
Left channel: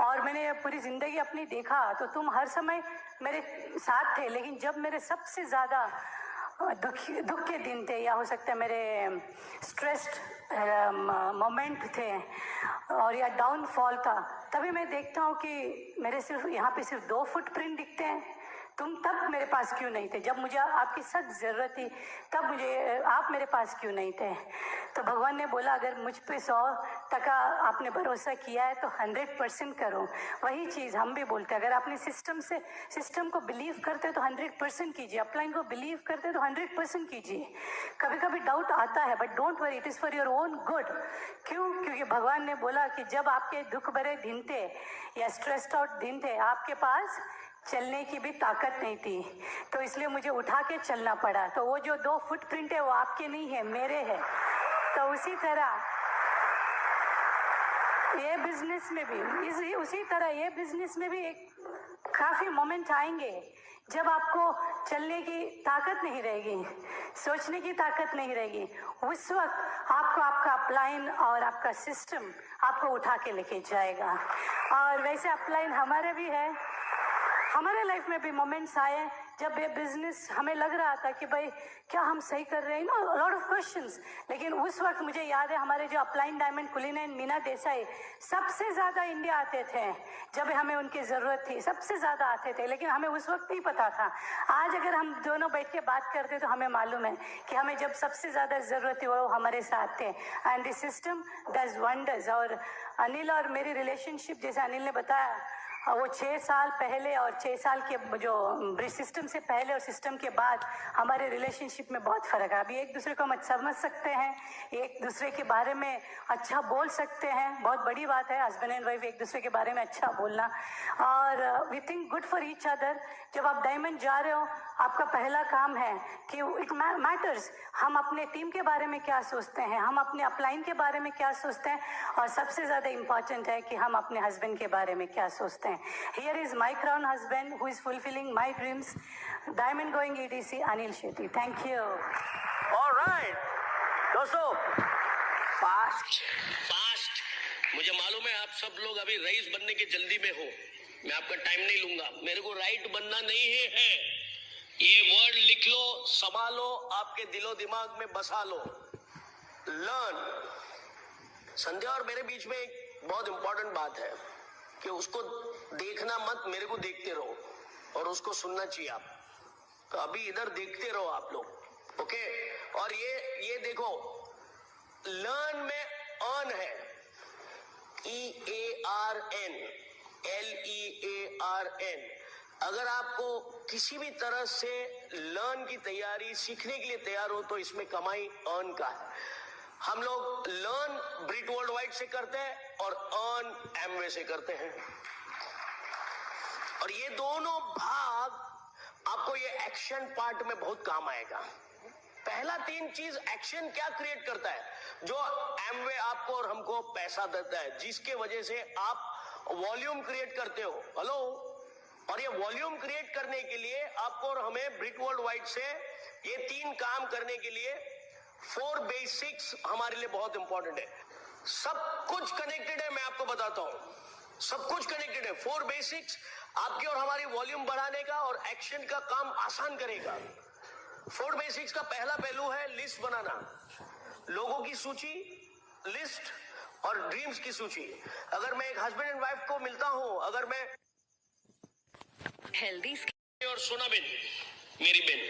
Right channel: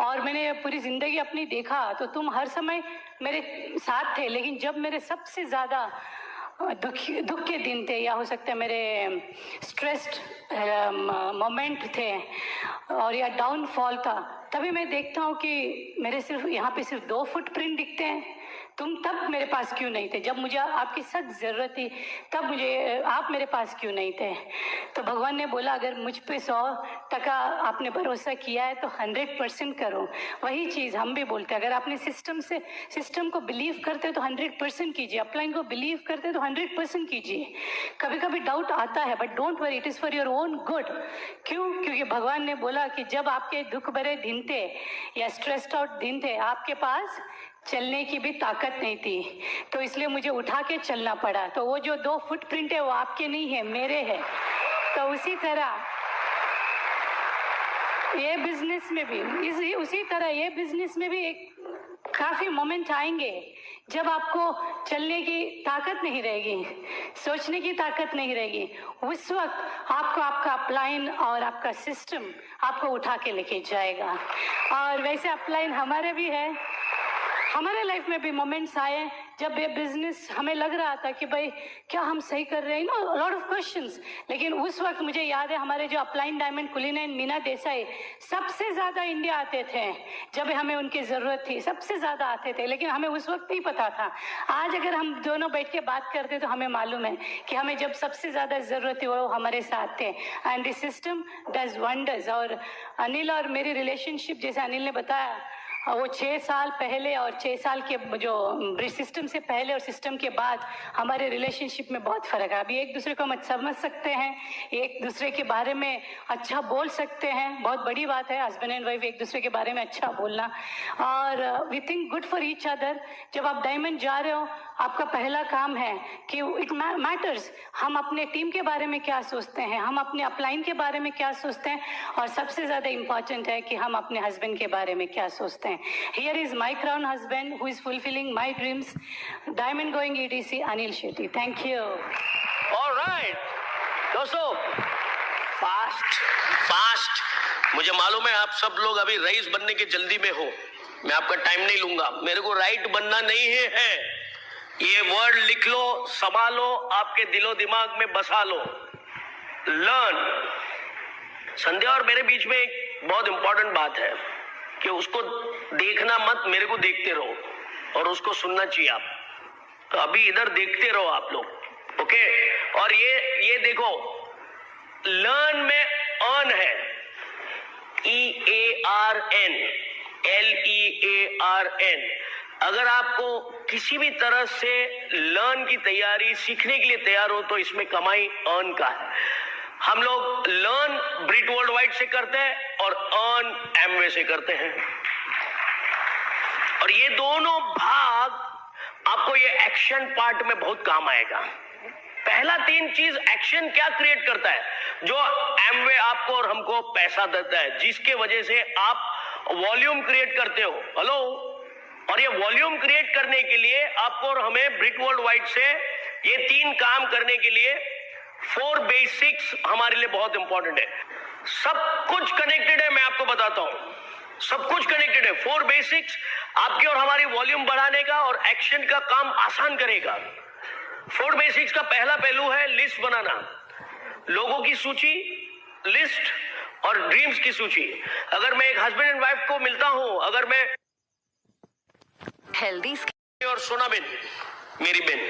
और मैंने पूरी ज़िंदगी अपनी देखा तो तुम हर समय मेरे साथ थे, लेकिन जब मेरे सबसे ज़्यादा दुख के दिन थे, या हो सकता है मेरे स्ट्रेस्ड मोमेंट थे और या डाउनफॉल था, तभी मैं देखता हूँ कि मेरे सिर्फ यहाँ पे सिर्फ 2 फुटप्रिंट दिखते हैं। तुम तब मेरे पास क्यों नहीं थे? जब मुझे आपकी सख्त ज़रूरत थी तब मुझे आप मेरे पास क्यों नहीं थे? तो भगवान ने बोला अगर मुझ पे 100% आपने भरोसा किया है तो 100% करो। वही चीज़ हम भी बोलते हैं, अगर आपने सिस्टम को बिलीव करते तो 100% कीजिए, अपलाइन को बिलीव करते तो 100% कीजिए। कभी कभी डाउट आता है but don't worry, it is for your own good. क्यों? क्योंकि भगवान ने बोला कि जब आपके दुख भरे दिन थे या स्ट्रेस्ड आउट दिन थे, आपके पास चलने की भी ताकत नहीं थी, तो इसलिए मुझे उठा के चलना पड़ा। तो वो जो 2 फुटप्रिंट है वो आपके नहीं है, मेरे है। तो उसी तरह ये बिजनेस में भी उसी तरह ये बिजनेस में भी एक काफ़ी मोमेंट आएंगे जब आपको चलने की ताकत नहीं रहेगी, सोचने की ताकत नहीं रहेगी। उस वक्त आपको आपका अपलाइन और आपका सिस्टम आपको उठा के लेके जाएगा। और वैसे अपलाइन हमारे भी है, हमारे लाइफ में भी मोमेंट्स आए जब ये बिजनेस हमें लग रहा था कि भाई क्या हम सही कर रहे हैं, नो लॉट ऑफ क्वेश्चंस, लेकिन उस वक्त मुझे याद है हमारे जो अपलाइन डायमंड कुलीन मीना देसाई सबसे ज़्यादा इंडिया आते थे जब हमें उनकी ज़रूरत थी, सबसे ज़्यादा आते थे, लेकिन हमें उस वक्त नहीं पता था। आज अगर हम दोनों बैठ के बात करते तो हमें मालूम है कि हमें जब सबसे ज़्यादा ज़रूरत थी वो हमारे साथ थे। And this system does wonders. और अनिल और मेरी रिलेशनशिप, जैसे अनिल ने बताया, वो 6 साल पहले और 6 साल के जो सिस्टम से पहले और सिस्टम के बाद हमारे रिलेशनशिप में बहुत फ़र्क है। अभी एक दूसरे को हम समझ सकते हैं, एक दूसरे के बारे में अच्छा बोल सकते हैं, बहुत बड़ी बात है हस्बैंड एंड वाइफ एक दूसरे के बारे में अच्छा बोलना। और we think good for each other. जब आप डायमंड जा रहे हो, आपका पहला काम है कि इट मैटर्स हम अपने टीम के बारे में क्या सोचते हैं, हम अपने अपलाइन के बारे में क्या सोचते हैं, और सबसे ज़्यादा इम्पॉर्टेंट है कि हम अपने हस्बैंड के बारे में क्या सोचते हैं। Here is my crown husband who is fulfilling my dreams, Diamond Going EDC Anil Shetty. Thank you. All right, दोस्तों, फास्ट मुझे मालूम है आप सब लोग अभी रईस बनने की जल्दी में हो, मैं आपका टाइम नहीं लूंगा। मेरे को राइट बनना नहीं है, ये वर्ड लिख लो, संभालो, आपके दिलो दिमाग में बसा लो। लर्न। संध्या और मेरे बीच में एक बहुत इंपॉर्टेंट बात है कि उसको देखना मत, मेरे को देखते रहो, और उसको सुनना चाहिए आप। तो अभी इधर देखते रहो आप लोग, ओके? और ये देखो, लर्न में अर्न है, EARN, LEARN। अगर आपको किसी भी तरह से लर्न की तैयारी, सीखने के लिए तैयार हो, तो इसमें कमाई अर्न का है। हम लोग लर्न ब्रिट वर्ल्ड वाइड से करते हैं और अर्न एमवे से करते हैं, और ये दोनों भाग आपको ये एक्शन पार्ट में बहुत काम आएगा। पहला 3 चीज एक्शन क्या क्रिएट करता है, जो एमवे आपको और हमको पैसा देता है, जिसके वजह से आप वॉल्यूम क्रिएट करते हो। हेलो? और ये वॉल्यूम क्रिएट करने के लिए आपको और हमें ब्रिट वर्ल्ड वाइड से ये 3 काम करने के लिए 4 बेसिक्स हमारे लिए बहुत इंपॉर्टेंट है। सब कुछ कनेक्टेड है, मैं आपको बताता हूं, सब कुछ कनेक्टेड है। 4 बेसिक्स आपकी और हमारी वॉल्यूम बढ़ाने का और एक्शन का काम आसान करेगा। 4 बेसिक्स का पहला पहलू है लिस्ट बनाना, लोगों की सूची, लिस्ट और ड्रीम्स की सूची। अगर मैं एक हस्बैंड एंड वाइफ को मिलता हूं, अगर मैं हेल्दी और सोना बेन, मेरी बेन,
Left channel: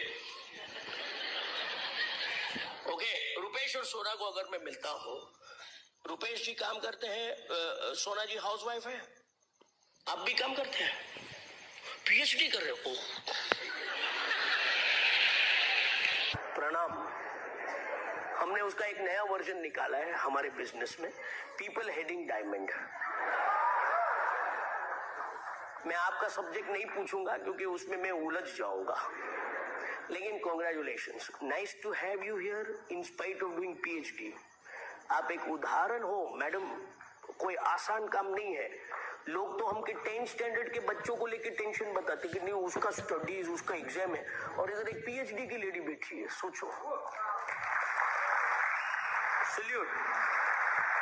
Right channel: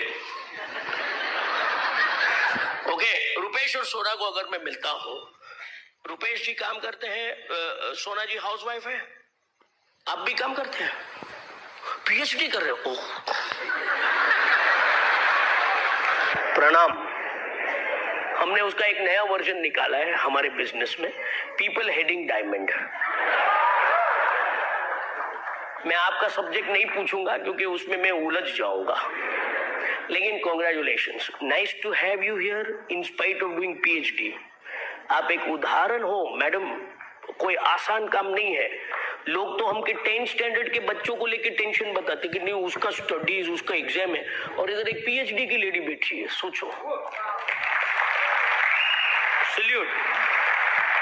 ओके, रुपेश और सोना को अगर मैं मिलता हूं, रुपेश जी काम करते हैं, सोना जी हाउसवाइफ है, आप भी काम करते हैं, पीएचडी कर रहे हो, प्रणाम। हमने उसका एक नया वर्जन निकाला है हमारे बिजनेस में, पीपल हेडिंग डायमंड। मैं आपका सब्जेक्ट नहीं पूछूंगा क्योंकि उसमें मैं उलझ जाऊंगा, लेकिन congratulations, nice to have you here in spite of doing PhD. आप एक उदाहरण हो मैडम, कोई आसान काम नहीं है। लोग तो हमके 10th स्टैंडर्ड के बच्चों को लेके टेंशन बताते कि नहीं उसका स्टडीज, उसका एग्जाम है, और इधर एक पीएचडी की लेडी बैठी है, सोचो। Salute,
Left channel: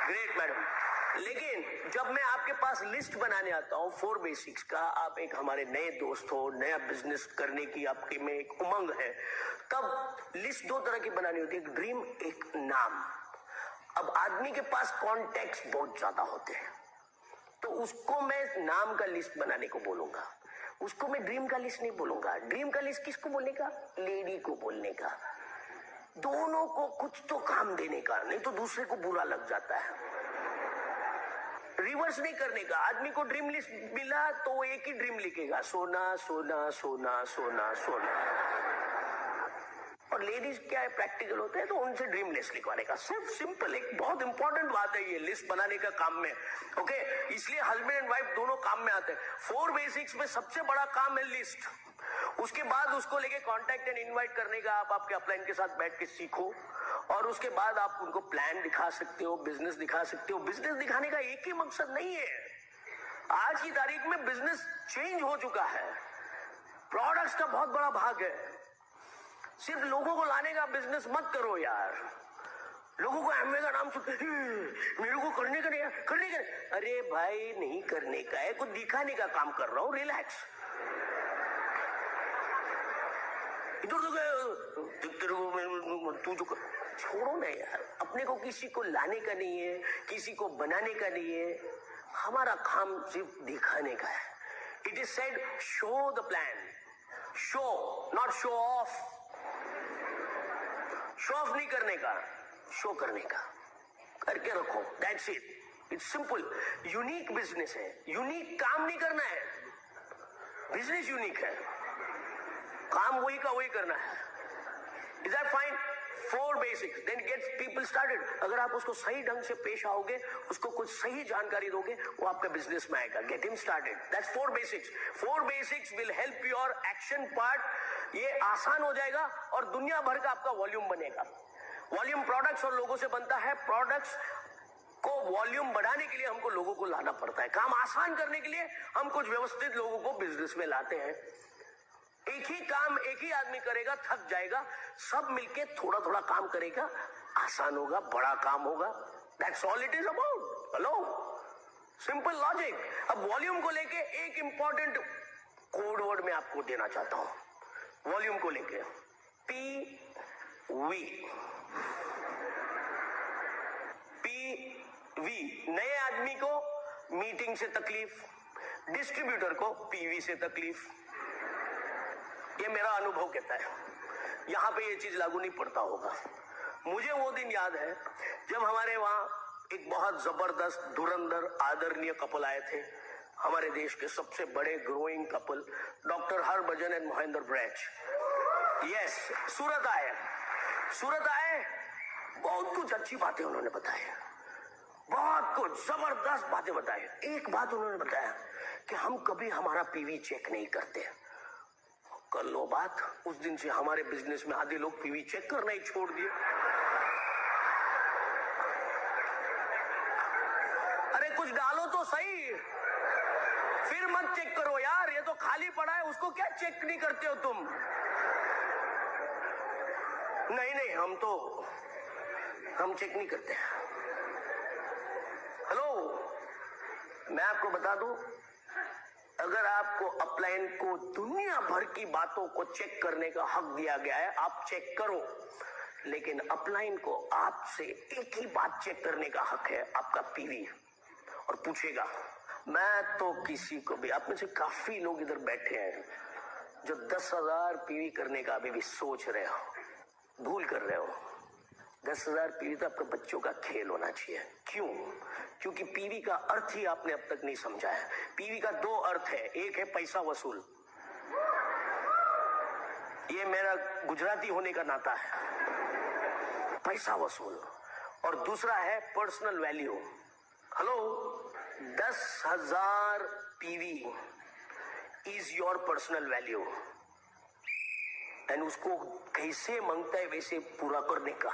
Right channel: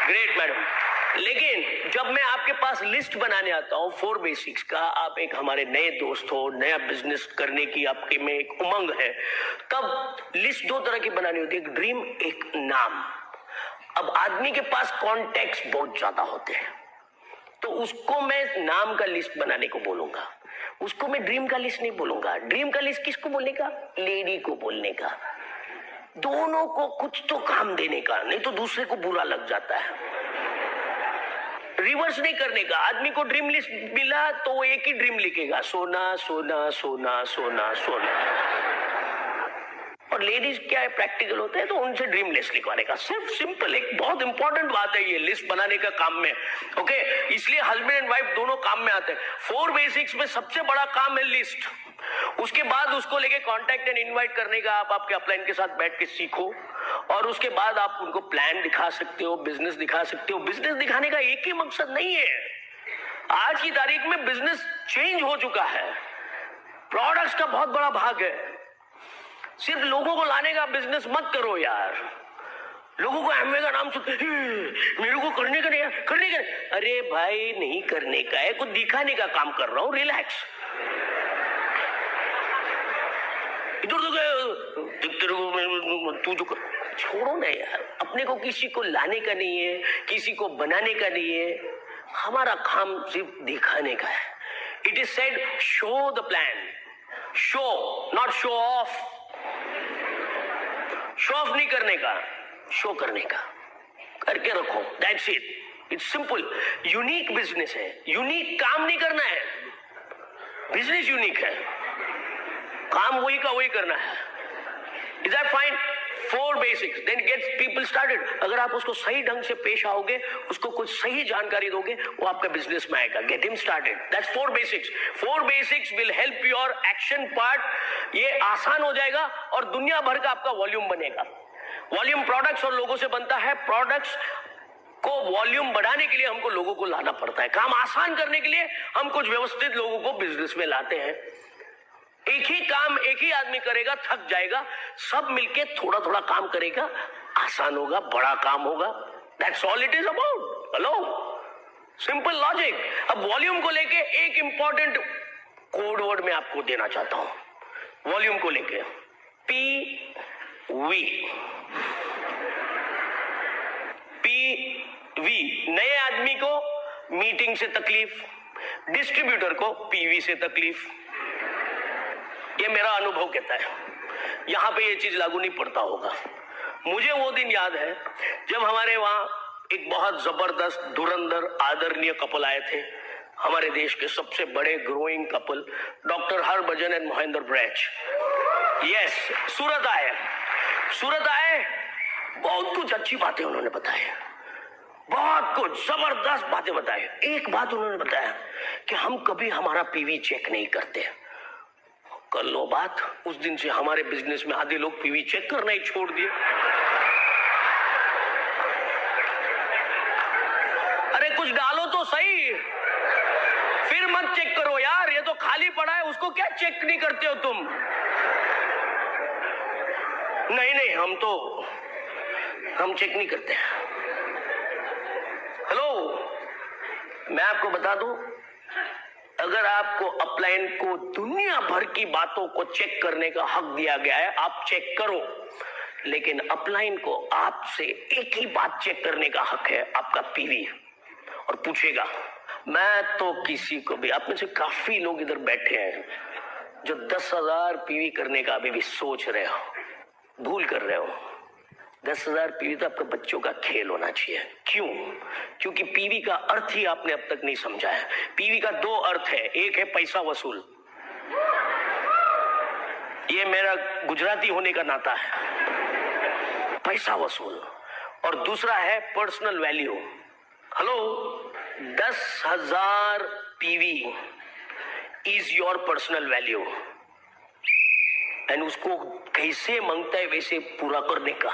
great madam. लेकिन जब मैं आपके पास लिस्ट बनाने आता हूं 4 बेसिक्स का, आप एक हमारे नए दोस्त हो, नया बिजनेस करने की आपके में एक उमंग है, तब लिस्ट 2 तरह की बनानी होती है, एक ड्रीम, एक नाम। अब आदमी के पास कॉन्टेक्स्ट बहुत ज्यादा होते हैं, तो उसको मैं नाम का लिस्ट बनाने को बोलूंगा, उसको मैं ड्रीम का लिस्ट नहीं बोलूंगा। ड्रीम का लिस्ट किसको बोलने का? लेडी को बोलने का। दोनों को कुछ तो काम देने का, नहीं तो दूसरे को बुरा लग जाता है। रिवर्स नहीं करने का। आदमी को ड्रीम लिस्ट मिला तो वो एक ही ड्रीम लिखेगा, सोना सोना सोना सोना सोना। और लेडीज क्या है, प्रैक्टिकल होते हैं, तो उनसे ड्रीम लिस्ट लिखवाने का। सिर्फ सिंपल, एक बहुत इंपॉर्टेंट बात है ये लिस्ट बनाने का काम में, ओके? इसलिए हस्बैंड एंड वाइफ दोनों काम में आते हैं। 4 बेसिक्स में सबसे बड़ा काम है लिस्ट। उसके बाद उसको लेके कांटेक्ट एंड इनवाइट करने का आप आपके अपलाइन के साथ बैठ के सीखो, और उसके बाद आप उनको प्लान दिखा सकते हो, बिजनेस दिखा सकते हो। बिजनेस दिखाने का एक ही मकसद नहीं है। आज की तारीख में बिजनेस चेंज हो चुका है, प्रोडक्ट्स का बहुत बड़ा भाग है। सिर्फ लोगों को लाने का बिजनेस मत करो यार। लोगों को एमवे का नाम सुन, मेरे को करने का नहीं, करने का नहीं। अरे भाई, नहीं करने का है, कुछ दिखाने का काम कर रहा हूं, रिलैक्स। इधर तो गए, तू जो छोड़ो ना यार, अपने को किसी को लाने का नहीं है, किसी को बनाने का नहीं है, हमारा काम सिर्फ दिखाने का है. It is said show the plan, show not show off. Show off नहीं करने का, शो करने का. करके रखो, that's it. It's simple. Unique business है, यूनिक काम नहीं करना है. बिजनेस यूनिक है, काम वही का वही करना है. Is that fine? 4 basics, then gets people started. अगर आप उसको सही ढंग से पेश आओगे, उसको कुछ सही जानकारी दोगे, वो आपका बिजनेस में आएगा. Get him started. That's 4 basics. 4 basics will help your action part. ये आसान हो जाएगा और दुनिया भर का आपका वॉल्यूम बनेगा. वॉल्यूम प्रोडक्ट्स और लोगों से बनता है. प्रोडक्ट्स को वॉल्यूम बढ़ाने के लिए हमको लोगों को लाना पड़ता है. काम आसान करने के लिए हम कुछ व्यवस्थित लोगों को बिजनेस में लाते हैं. एक ही काम एक ही आदमी करेगा, थक जाएगा. सब मिलके थोड़ा थोड़ा काम करेगा, आसान होगा, बड़ा काम होगा. That's all it is about. Hello, simple logic. अब वॉल्यूम को लेके एक इंपॉर्टेंट कोड वर्ड मैं आपको देना चाहता हूं. वॉल्यूम को लेके PV. PV. नए आदमी को मीटिंग से तकलीफ, डिस्ट्रीब्यूटर को PV से तकलीफ. ये मेरा अनुभव कहता है. यहां पे ये चीज लागू नहीं पड़ता होगा. मुझे वो दिन याद है जब हमारे वहां एक बहुत जबरदस्त धुरंधर आदरणीय कपल आए थे. हमारे देश के सबसे बड़े growing couple, doctor Harbhajan and Mahendra Brach. Yes, Surat आए. सूरत आए, बहुत कुछ अच्छी बातें उन्होंने बताई, बहुत कुछ जबरदस्त बातें बताई. एक बात उन्होंने बताया कि हम कभी हमारा PV चेक नहीं करते. कर लो बात. उस दिन से हमारे बिजनेस में आधे लोग PV चेक करना ही छोड़ दिए. अरे कुछ डालो तो सही, फिर मत चेक करो यार. ये तो खाली पड़ा है, उसको क्या चेक नहीं करते हो तुम? नहीं, हम चेक नहीं करते. हेलो, मैं आपको बता दूं, अगर आपको अपलाइन को दुनिया भर की बातों को चेक करने का हक दिया गया है, आप चेक करो. लेकिन अपलाइन को आपसे एक ही बात चेक करने का हक है, आपका PV. और पूछेगा, मैं तो किसी को भी, आप में से काफी लोग इधर बैठे हैं जो 10,000 PV करने का अभी भी सोच रहे हो, भूल कर रहे हो. 10,000 PV तो आपके बच्चों का खेल होना चाहिए. क्यों? क्योंकि PV का अर्थ ही आपने अब तक नहीं समझा है. PV का 2 अर्थ है. एक है पैसा वसूल, ये मेरा गुजराती होने का नाता है, पैसा वसूल. और दूसरा है personal value. Hello, 10,000 PV is your personal value. And उसको कैसे मांगता है वैसे पूरा करने का,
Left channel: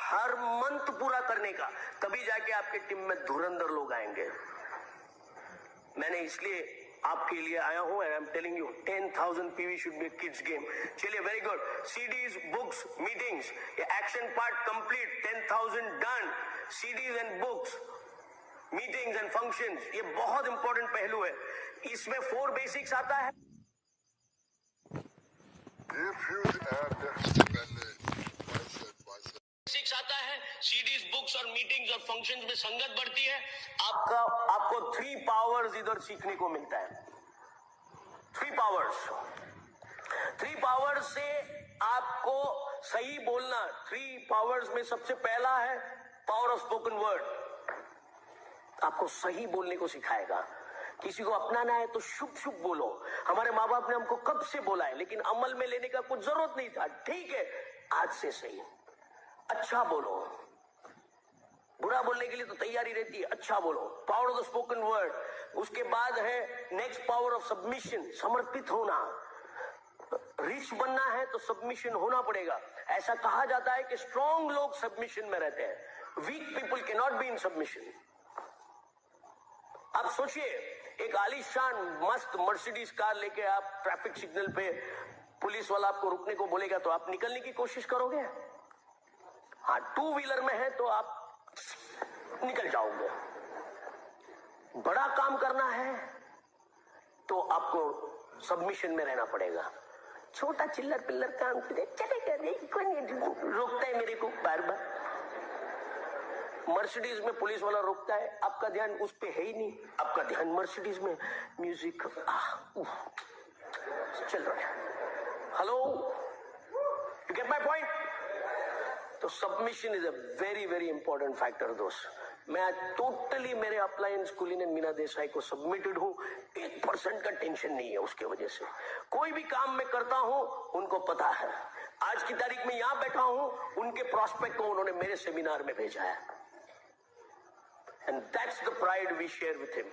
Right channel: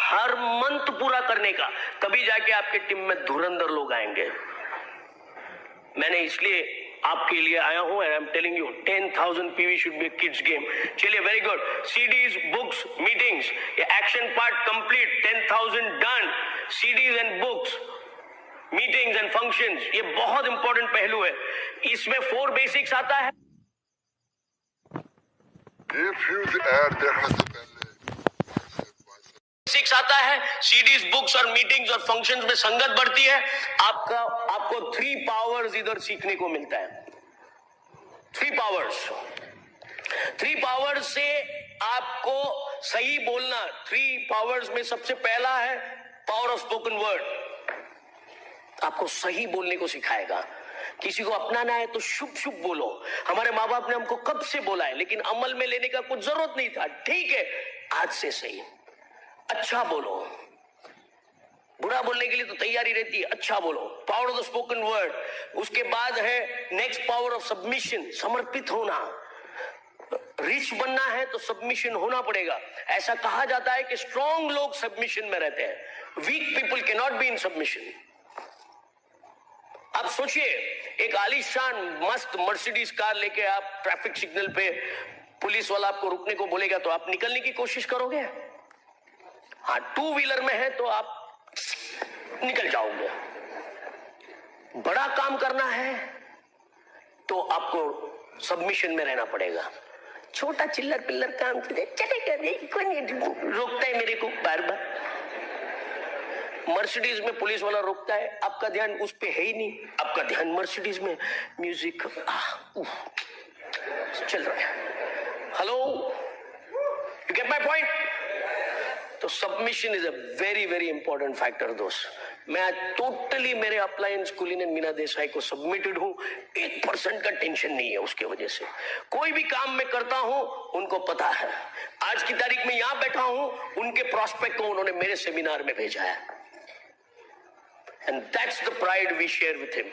हर मंथ पूरा करने का. तभी जाके आपके टीम में धुरंधर लोग आएंगे. मैंने इसलिए आपके लिए आया हूं. I am telling you, 10,000 PV should be kids game. चलिए, very good. CDs, books, meetings, ये action part complete. 10,000 done. CDs and books, meetings and functions, ये बहुत इंपॉर्टेंट पहलू है. इसमें 4 बेसिक्स आता है. बेसिक्स आता है. CDs, बुक्स और मीटिंग्स और फंक्शंस में संगत बढ़ती है. आपको 3 पावर्स इधर सीखने को मिलता है. 3 पावर्स. 3 पावर्स से आपको सही बोलना. 3 पावर्स में सबसे पहला है पावर ऑफ स्पोकन वर्ड. आपको सही बोलने को सिखाएगा. किसी को अपनाना है तो शुभ शुभ बोलो. हमारे माँ बाप ने हमको कब से बोला है, लेकिन अमल में लेने का कुछ जरूरत नहीं था. ठीक है, आज से सही. अच्छा बोलो. बुरा बोलने के लिए तो तैयारी रहती है. अच्छा बोलो. Power of the spoken word. उसके बाद है नेक्स्ट पावर ऑफ सबमिशन, समर्पित होना. रिच बनना है तो सबमिशन होना पड़ेगा. ऐसा कहा जाता है कि स्ट्रॉन्ग लोग सबमिशन में रहते हैं, weak people can not be in submission. आप सोचिए, एक आलीशान मस्त मर्सिडीज कार लेके आप ट्रैफिक सिग्नल पे पुलिस वाला आपको रुकने को बोलेगा तो आप निकलने की कोशिश करोगे. हाँ, 2 व्हीलर में है तो आप निकल जाओगे. बड़ा काम करना है तो आपको सबमिशन में रहना पड़ेगा. छोटा चिल्लर पिल्लर काम चलेगा नहीं, कोई नहीं रोकता है मेरे को बार बार। मर्सिडीज में पुलिस वाला रोकता है, आपका ध्यान उस पे है ही नहीं, आपका ध्यान मर्सिडीज में म्यूजिक चल रहा है। Hello, you get my point? तो submission is a very very important factor दोस्त। मैं टोटली मेरे अप्लायंस कुलीन एंड मीना देसाई को सबमिटेड हूं, 1% का टेंशन नहीं है उसके वजह से। कोई भी काम मैं करता हूं उनको पता है। आज की तारीख में यहां बैठा हूं, उनके प्रोस्पेक्ट को उन्होंने मेरे सेमिनार में भेजा है, and that's the pride we share with him.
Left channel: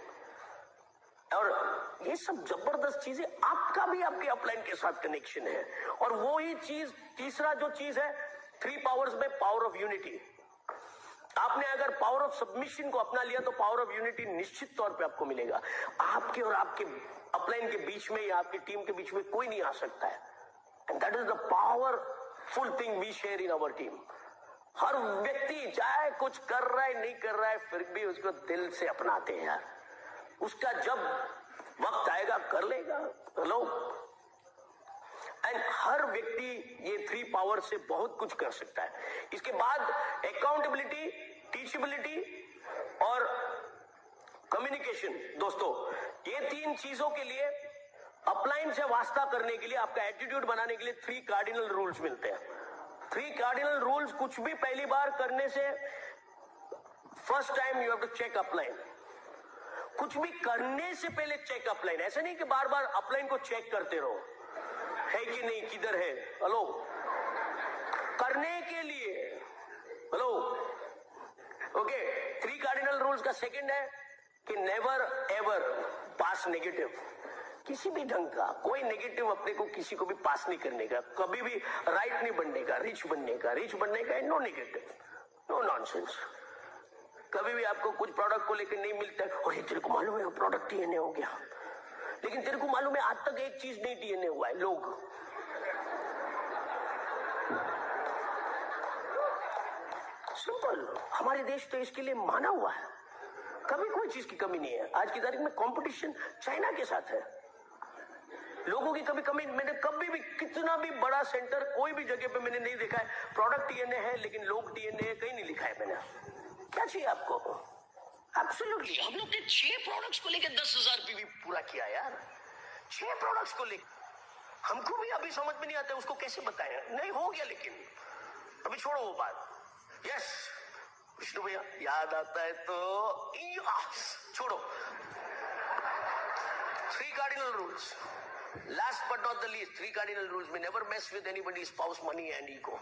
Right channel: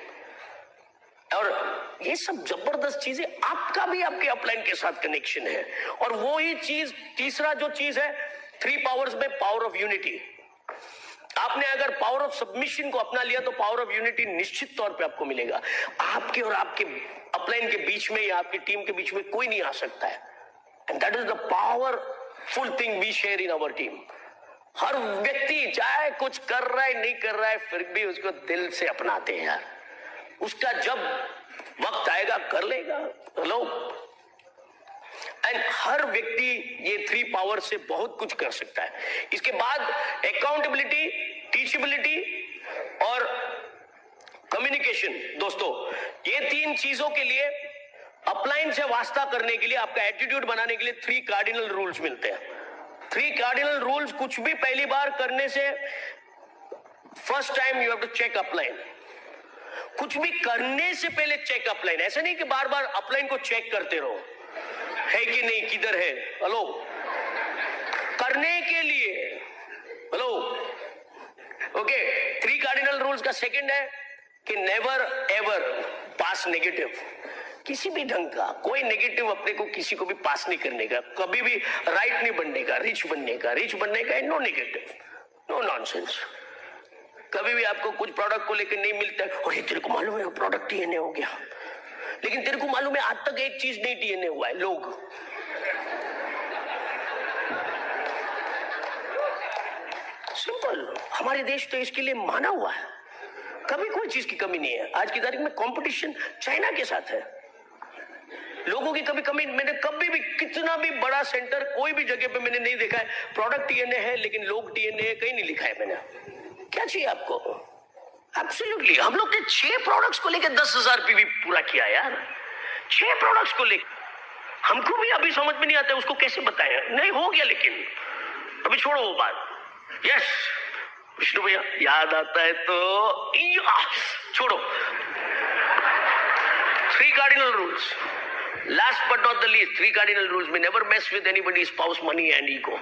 और ये सब जबरदस्त चीजें, आपका भी आपके अपलाइन के साथ कनेक्शन है। और वो ही चीज, तीसरा जो चीज है 3 पावर्स में, पावर ऑफ यूनिटी। आपने अगर पावर ऑफ सबमिशन को अपना लिया तो पावर ऑफ यूनिटी निश्चित तौर पे आपको मिलेगा। आपके और आपके अपलाइन के बीच में या आपकी टीम के बीच में कोई नहीं आ सकता है, and that is the powerful thing we share in our team. हर व्यक्ति चाहे कुछ कर रहा है नहीं कर रहा है, फिर भी उसको दिल से अपनाते हैं यार। उसका जब वक्त आएगा कर लेगा। हेलो, एंड हर व्यक्ति ये 3 पावर से बहुत कुछ कर सकता है। इसके बाद अकाउंटेबिलिटी, टीचेबिलिटी और कम्युनिकेशन। दोस्तों, ये 3 चीजों के लिए, अपलाइन से वास्ता करने के लिए, आपका एटीट्यूड बनाने के लिए 3 कार्डिनल रूल्स मिलते हैं। 3 कार्डिनल रूल्स, कुछ भी पहली बार करने से first time you have to check upline. कुछ भी करने से पहले चेक अपलाइन। ऐसा नहीं कि बार बार अपलाइन को चेक करते रहो, है कि नहीं, किधर है। हेलो, करने के लिए। Hello, okay. 3 कार्डिनल रूल्स का सेकंड है कि नेवर एवर पास नेगेटिव। किसी भी ढंग का कोई नेगेटिव अपने को किसी को भी पास नहीं करने का, कभी भी राइट नहीं बनने का, रिच बनने का, नो नेगेटिव, नो नॉनसेंस। कभी भी आपको कुछ प्रोडक्ट को लेकर नहीं मिलता है, और ये तेरे को मालूम है प्रोडक्ट TNA हो गया, लेकिन तेरे को मालूम है आज तक एक चीज नहीं TNA हुआ है। लोग सिंपल, हमारे देश तो इसके लिए माना हुआ है, कभी कोई चीज की कमी नहीं है। आज की तारीख में कंपटीशन चाइना के साथ है, लोगों की कभी कमी। मैंने कभी भी कितना भी बड़ा सेंटर कोई भी जगह पे मैंने नहीं देखा है प्रोडक्ट TNA है लेकिन लोग TNA है, कहीं नहीं लिखा है मैंने। क्या चाहिए आपको? एब्सोल्युटली। हम लोग ने 6 प्रोडक्ट्स को लेकर 10,000 PV पूरा किया यार। 6 प्रोडक्ट्स को लेकर हमको भी अभी समझ में नहीं आता उसको कैसे बताएं। नहीं हो गया, लेकिन अभी छोड़ो वो बात। यस विष्णु भैया, याद आता है तो छोड़ो। 3 cardinal rules, last but not the least, 3 cardinal rules में never mess with anybody's spouse, money and ego.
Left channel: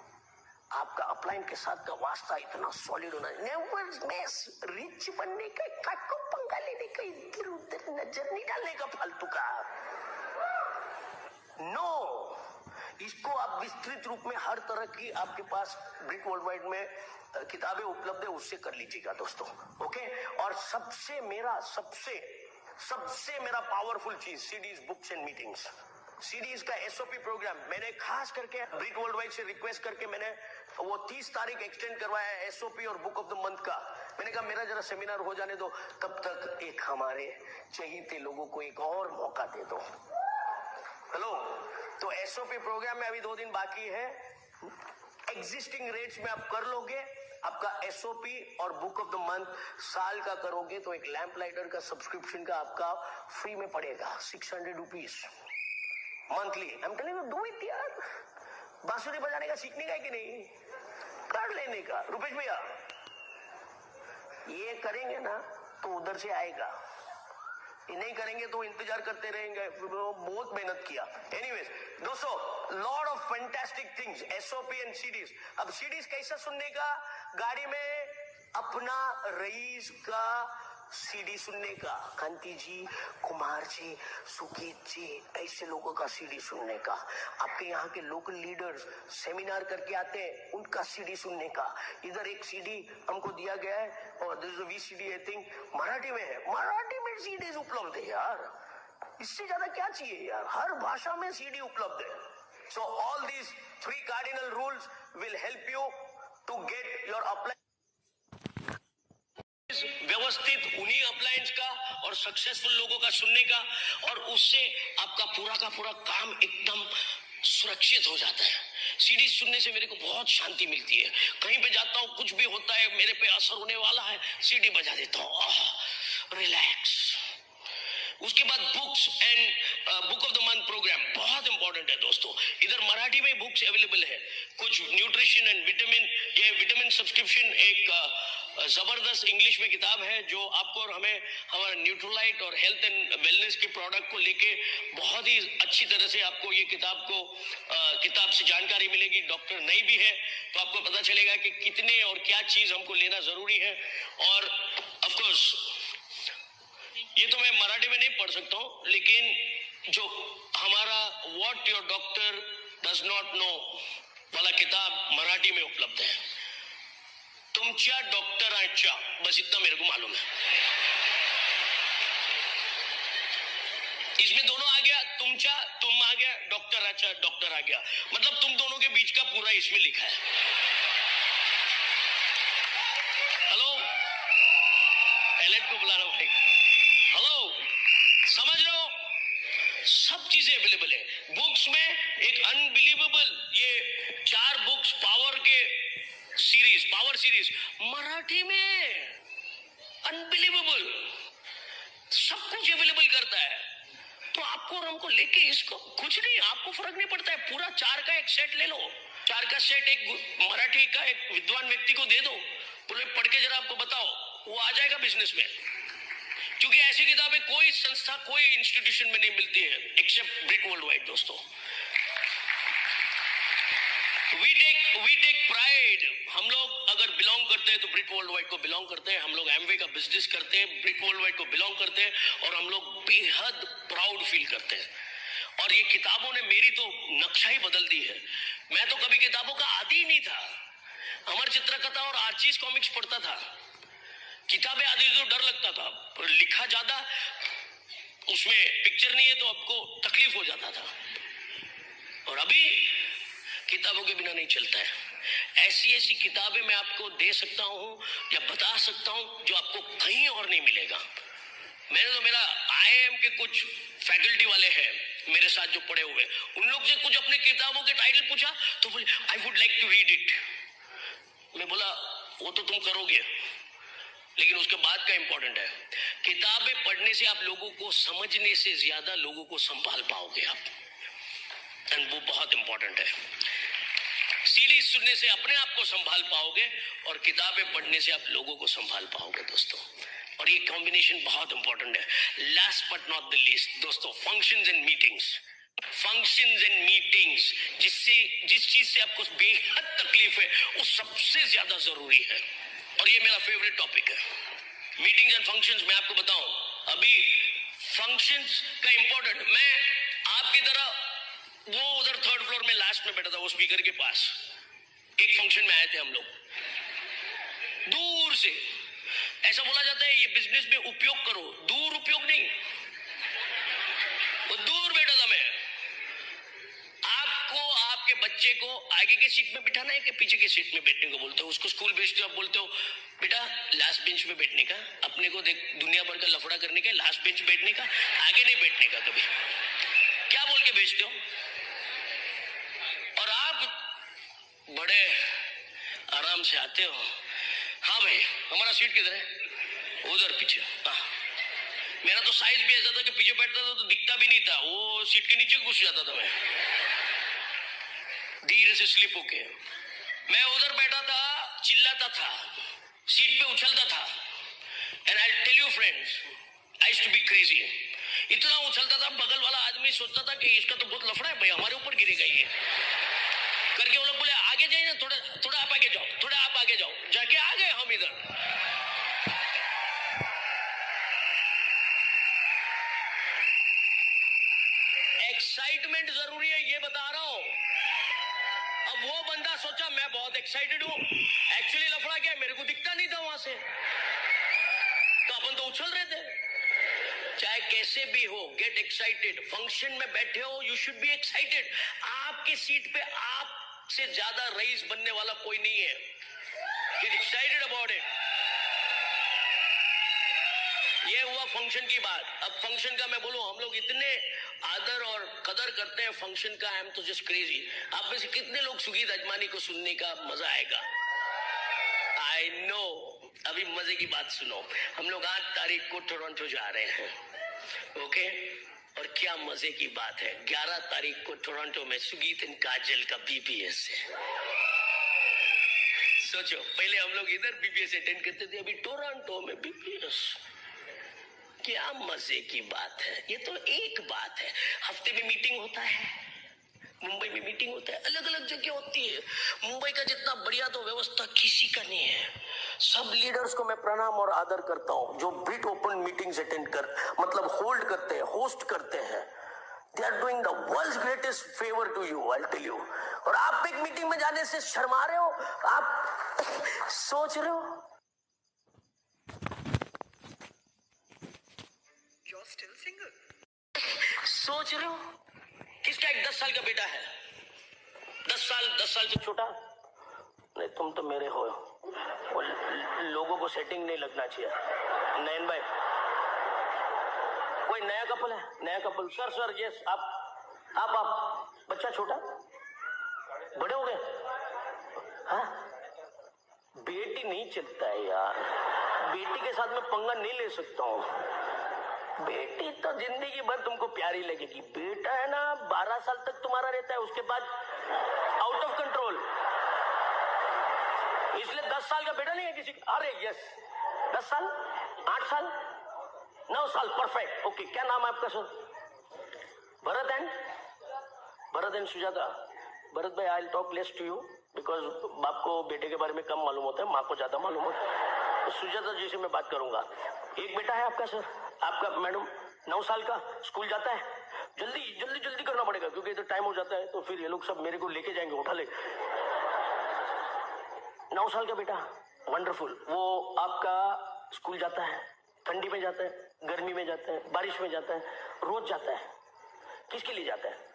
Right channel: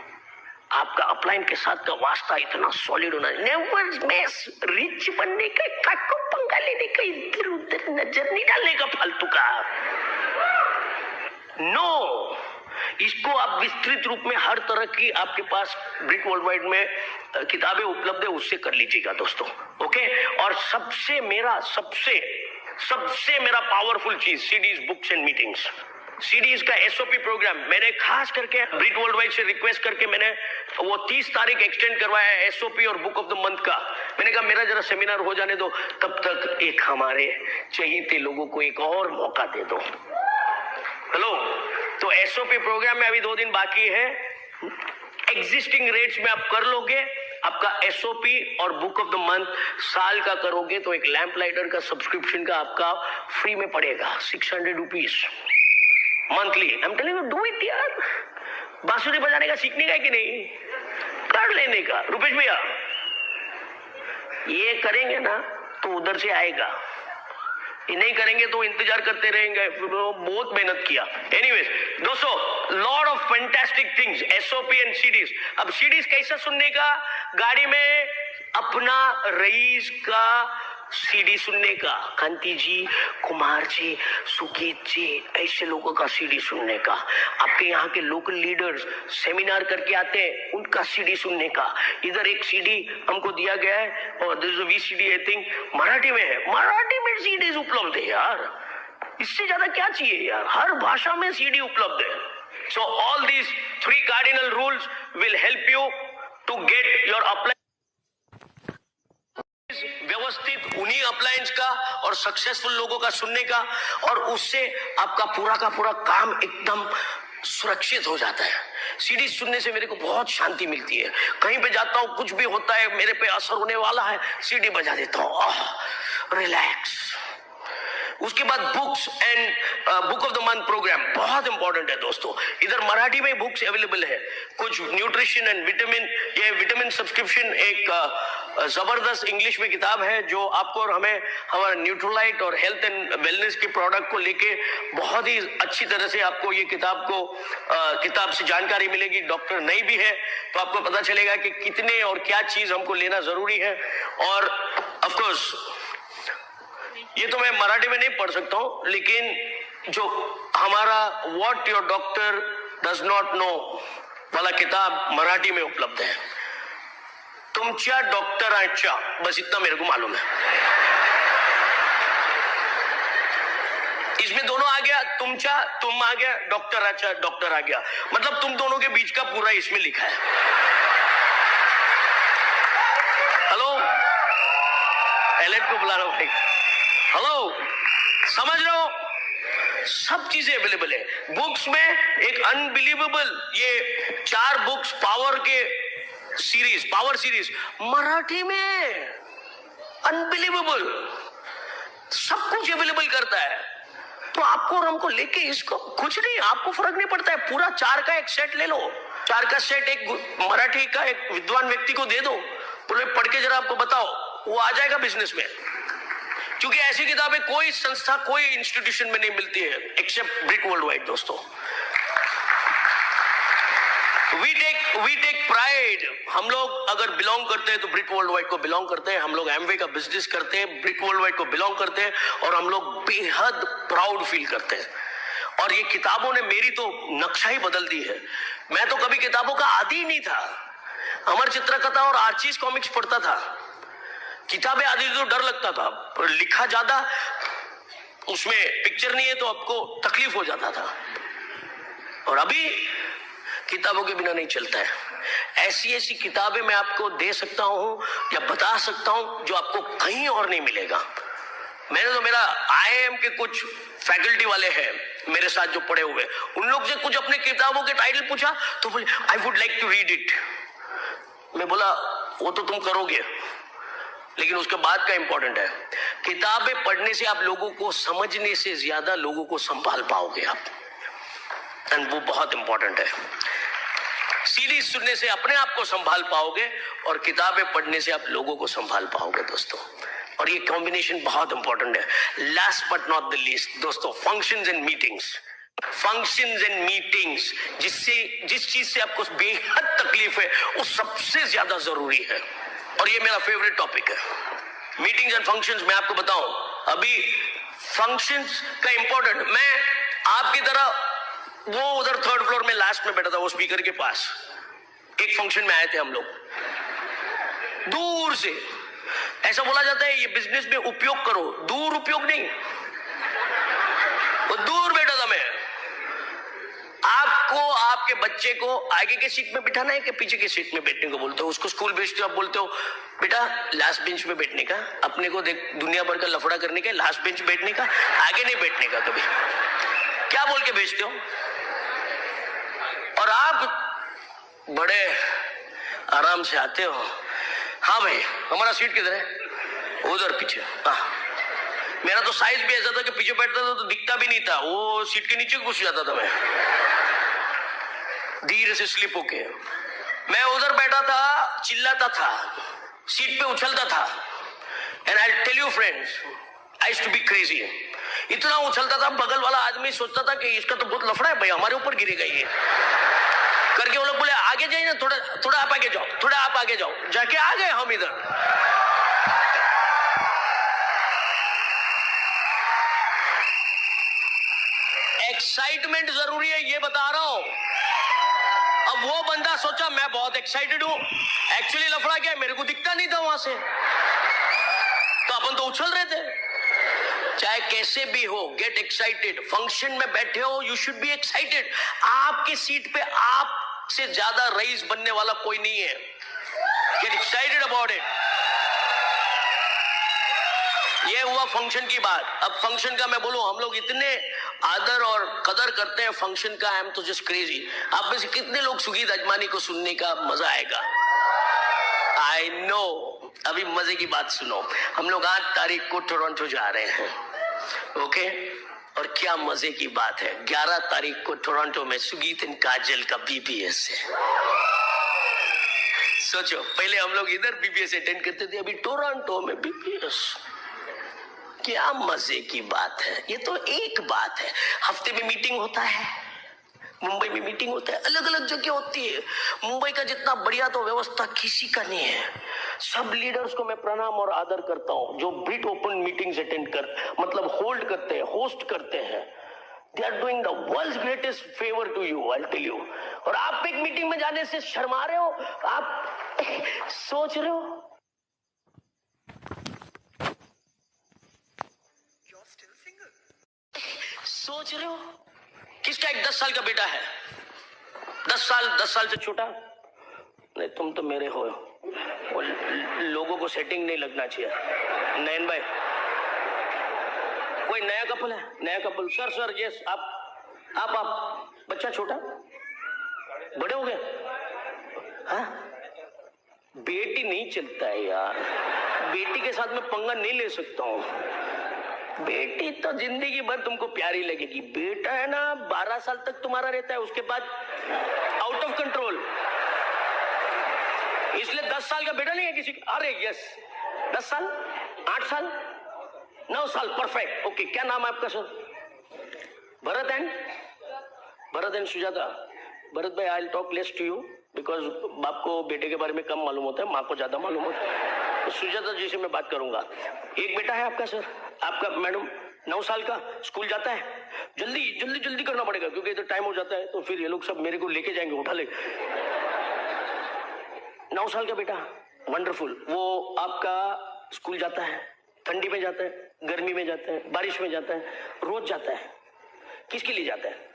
आपका अपलाइन के साथ का वास्ता इतना सॉलिड होना, नेवर मेस, रिच बनने का, काको पंगा लेने का, इधर उधर नजर नहीं डालने का फालतू का। नो, इसको आप विस्तृत रूप में हर तरह की आपके पास ब्रिक वर्ल्ड वाइड में किताबें उपलब्ध है, उससे कर लीजिएगा दोस्तों। ओके, और सबसे मेरा पावरफुल चीज CDs, books and meetings. CDs का SOP प्रोग्राम मैंने खास करके ब्रिक वर्ल्ड वाइड से रिक्वेस्ट करके मैंने वो 30 तारीख एक्सटेंड करवाया है, SOP और बुक ऑफ द मंथ का। मैंने कहा मेरा जरा सेमिनार हो जाने दो, तब तक एक हमारे चहेते लोगों को एक और मौका दे दो। हेलो, तो SOP प्रोग्राम में अभी 2 दिन बाकी है। एग्जिस्टिंग रेट्स में आप कर लोगे, आपका SOP और बुक ऑफ द मंथ साल का करोगे तो एक लैंप लाइटर का सब्सक्रिप्शन का आपका फ्री में पड़ेगा, 600 rupees monthly. I am telling you, do it यार। बांसुरी बजाने का सीखने का है कि नहीं, कर लेने का। रुपेश भैया, ये करेंगे ना तो उधर से आएगा, ये नहीं करेंगे तो इंतजार करते रहेंगे। बहुत मेहनत किया। एनीवेज दोस्तों, lot of fantastic things, SOP and CDs. अब सीडीज कैसा सुनने का? गाड़ी में अपना रईस का CD सुनने का, कांति जी, कुमार जी, सुकीत जी, ऐसे लोगों का CD सुनने का। आपके यहाँ के लोकल लीडर्स सेमिनार करके आते हैं, उनका CD सुनने का। इधर एक CD हमको दिया गया है, और this is VCD I think Marathi में है। मराठी में CDs उपलब्ध है यार, इससे ज्यादा क्या चाहिए यार? हर भाषा में CD उपलब्ध है। So all these 3 cardinal rules will help you to get your apply व्यवस्थित उन्हीं अप्लायंस का और सक्सेसफुल लोगों का सुनने का, और उससे आपका पूरा का पूरा काम एकदम सुरक्षित हो जाता है। सीडी सुनने से मेरे को बहुत शांति मिलती है। कहीं पे जाता हूँ, कुछ भी होता है, मेरे पे असर होने वाला है, सीडी बजा देता हूँ, रिलैक्स। उसके बाद books and book of the month program बहुत इंपॉर्टेंट है दोस्तों। इधर मराठी में बुक्स अवेलेबल है, कुछ न्यूट्रिशन एंड विटामिन, ये विटामिन सब्सक्रिप्शन एक जबरदस्त इंग्लिश में किताब है जो आपको और हमें हमारा न्यूट्रोलाइट और हेल्थ एंड वेलनेस के प्रोडक्ट को लेके बहुत ही अच्छी तरह से आपको ये किताब से जानकारी मिलेगी। डॉक्टर नई भी है तो आपको पता चलेगा कि कितने और क्या चीज हमको लेना जरूरी है। और ऑफ कोर्स ये तो मैं मराठी में नहीं पढ़ सकता हूं, लेकिन जो हमारा what your doctor does not know वाला किताब मराठी में उपलब्ध है। तुमच्या डॉक्टरांच्या, बस इतना मेरे को मालूम है। इसमें दोनों आ गया, तुम आ गया, डॉक्टर आ गया, मतलब तुम दोनों के बीच का पूरा इसमें लिखा है। हेलो, एलेट को बुला रहा हूं भाई। हेलो, समझ रहे हो, सब चीजें अवेलेबल है बुक्स में। एक अनबिलीवेबल ये 4 बुक्स पावर सीरीज मराठी में, अनबिलीवेबल, सब कुछ अवेलेबल करता है। तो आपको और हमको लेके इसको कुछ नहीं, आपको फर्क नहीं पड़ता है। पूरा 4 का एक सेट ले लो, 4 का सेट एक मराठी का एक विद्वान व्यक्ति को दे दो, पूरे पढ़ के जरा आपको बताओ, वो आ जाएगा बिजनेस में। क्योंकि ऐसी किताबें कोई संस्था, कोई इंस्टीट्यूशन में नहीं मिलती है एक्सेप्ट ब्रिक वर्ल्ड वाइड दोस्तों। We take pride. हम लोग अगर बिलोंग करते हैं तो ब्रिक वर्ल्ड वाइड को बिलोंग करते हैं। हम लोग एमवे का बिजनेस करते हैं, ब्रिक वर्ल्ड वाइड को बिलोंग करते हैं, और हम लोग बेहद प्राउड फील करते हैं। और ये किताबों ने मेरी तो नक्शा ही बदल दी है। मैं तो कभी किताबों का आदी ही नहीं था। अमर चित्रकथा और आर्चीज कॉमिक्स पढ़ता था, किताबें आदि तो डर लगता था, पर लिखा ज्यादा, उसमें पिक्चर नहीं है तो आपको तकलीफ हो जाता था। और अभी किताबों के बिना नहीं चलता है। ऐसी किताबें मैं आपको दे सकता हूं या बता सकता हूं जो आपको कहीं और नहीं मिलेगा। मैंने तो मेरा IIM के कुछ फैकल्टी वाले हैं मेरे साथ जो पढ़े हुए, उन लोग से कुछ अपने किताबों के टाइटल पूछा तो बोले I would like to read it. मैं बोला वो तो तुम करोगे, लेकिन उसके बाद का इंपॉर्टेंट है, किताबें पढ़ने से आप लोगों को समझने से ज्यादा लोगों को संभाल पाओगे आप, एंड वो बहुत इंपॉर्टेंट है। सीरीज सुनने से अपने आप को संभाल पाओगे और किताबें पढ़ने से आप लोगों को संभाल पाओगे दोस्तों। और ये कॉम्बिनेशन बहुत इंपॉर्टेंट है। Last but not the least दोस्तों, फंक्शंस एंड मीटिंग्स, जिस चीज से आपको बेहद तकलीफ है वो सबसे ज्यादा जरूरी है। और ये मेरा फेवरेट टॉपिक है, मीटिंग्स एंड फंक्शंस। मैं आपको बताऊं, अभी फंक्शंस का इंपॉर्टेंट, मैं आपकी तरह वो उधर 3rd फ्लोर में लास्ट में बैठा था, वो स्पीकर के पास। एक फंक्शन में आए थे हम लोग, दूर से ऐसा बोला जाता है ये बिजनेस में उपयोग करो, दूर उपयोग नहीं, वो दूर बैठा था मैं। आपको आपके बच्चे को आगे के सीट में बिठाना है कि पीछे के सीट में बैठने को बोलते हो? उसको स्कूल भेजते हो, आप बोलते हो बेटा लास्ट बेंच में बैठने का, अपने को देख दुनिया भर का लफड़ा करने का, लास्ट बेंच बैठने का, आगे नहीं बैठने का कभी, क्या बोल के भेजते हो? और आप बड़े आराम से आते हो, हाँ भाई हमारा सीट किधर है? उधर पीछे। हाँ, मेरा तो साइज भी ऐसा था कि पीछे बैठता था तो दिखता भी नहीं था, वो सीट के नीचे घुस जाता था मैं, धीरे से स्लिप होके। मैं उधर बैठा था, चिल्लाता था, सीट पे उछलता था, and I tell you friends, I used to be crazy. इतना उछलता था, बगल वाला आदमी सोचता था कि इसका तो बहुत लफड़ा है भाई, हमारे ऊपर गिरेगा ये करके। वो लोग बोले आगे जाइए ना, थोड़ा आप आगे जाओ, थोड़ा आप आगे जाओ, जाके आ गए हम इधर। एक्साइटमेंट जरूरी है, ये बता रहा हूं। अब वो बंदा सोचा मैं बहुत एक्साइटेड हूं, एक्चुअली लफड़ा क्या है, मेरे को दिखता नहीं था वहां से, तो अपन तो उछल रहे थे। चाहे कैसे भी हो, गेट एक्साइटेड। फंक्शन में बैठे हो, यू शुड बी एक्साइटेड। आपके सीट पे आपसे ज्यादा रईस बनने वाला कोई नहीं है। Get excited about it. ये हुआ फंक्शन की बात। अब फंक्शन का मैं बोलूं, हम लोग इतने आदर और कदर करते हैं फंक्शन का। आई एम तो जस्ट क्रेजी। आप में से कितने लोग सुगीत अजमानी को सुनने का मजा आएगा? I know. अभी मजे की बात सुनो, हम लोग 8 तारीख को टोरंटो जा रहे हैं, ओके? और क्या मजे की बात है, 11 तारीख को टोरंटो में सुगीत एंड काजल का बीबीएस है। सोचो, पहले हम लोग इधर बीबीएस अटेंड करते थे, अभी टोरंटो में बीबीएस। क्या मजे की बात है। ये तो एक बात है, हफ्ते में मीटिंग होता है, मुंबई में मीटिंग होता है, अलग अलग जगह होती है। मुंबई का जितना बढ़िया तो व्यवस्था किसी का नहीं है। सब लीडर्स को मैं प्रणाम और आदर करता हूं जो बिट ओपन मीटिंग्स अटेंड कर मतलब होल्ड करते हैं, होस्ट करते हैं। They are doing the world's greatest favour to you, I tell you. और आप एक मीटिंग में जाने से शर्मा रहे हो, आप सोच रहे हो सोच रहे हो किसका एक 10 साल का बेटा है, 10 साल से छोटा। नहीं, तुम तो मेरे हो। लोगों को सेटिंग नहीं लगना चाहिए। नयन भाई, कोई नया कपल है? नया कपल? सर यस, आप बच्चा छोटा, बड़े हो गए? हाँ, बेटी नहीं चलता है यार, बेटी के साथ मैं पंगा नहीं ले सकता हूँ। बेटी तो जिंदगी भर तुमको प्यारी लगेगी, बेटा है ना 12 साल तक तुम्हारा रहता है, उसके बाद आउट ऑफ कंट्रोल। इसलिए 10 साल का बेटा नहीं है किसी का। अरे यस, 10 साल, 8 साल, 9 साल, परफेक्ट, ओके। क्या नाम है आपका सर? भरत एंड सुजाता। भरत भाई, I will talk less to you because बाप को बेटे के बारे में कम मालूम होता है, माँ को ज्यादा मालूम होता है। तो सुजाता जी से मैं बात करूंगा। एक बेटा है आपका सर? आपका मैडम 9 साल का, स्कूल जाता है? जल्दी करना पड़ेगा क्योंकि इधर टाइम हो जाता है, तो फिर ये लोग सब मेरे को लेके जाएंगे, उठा ले। 9 साल का बेटा, वंडरफुल। वो आपका स्कूल जाता है? ठंडी में जाता है, गर्मी में जाता है, बारिश में जाता है, रोज जाता है? किसके लिए जाता है?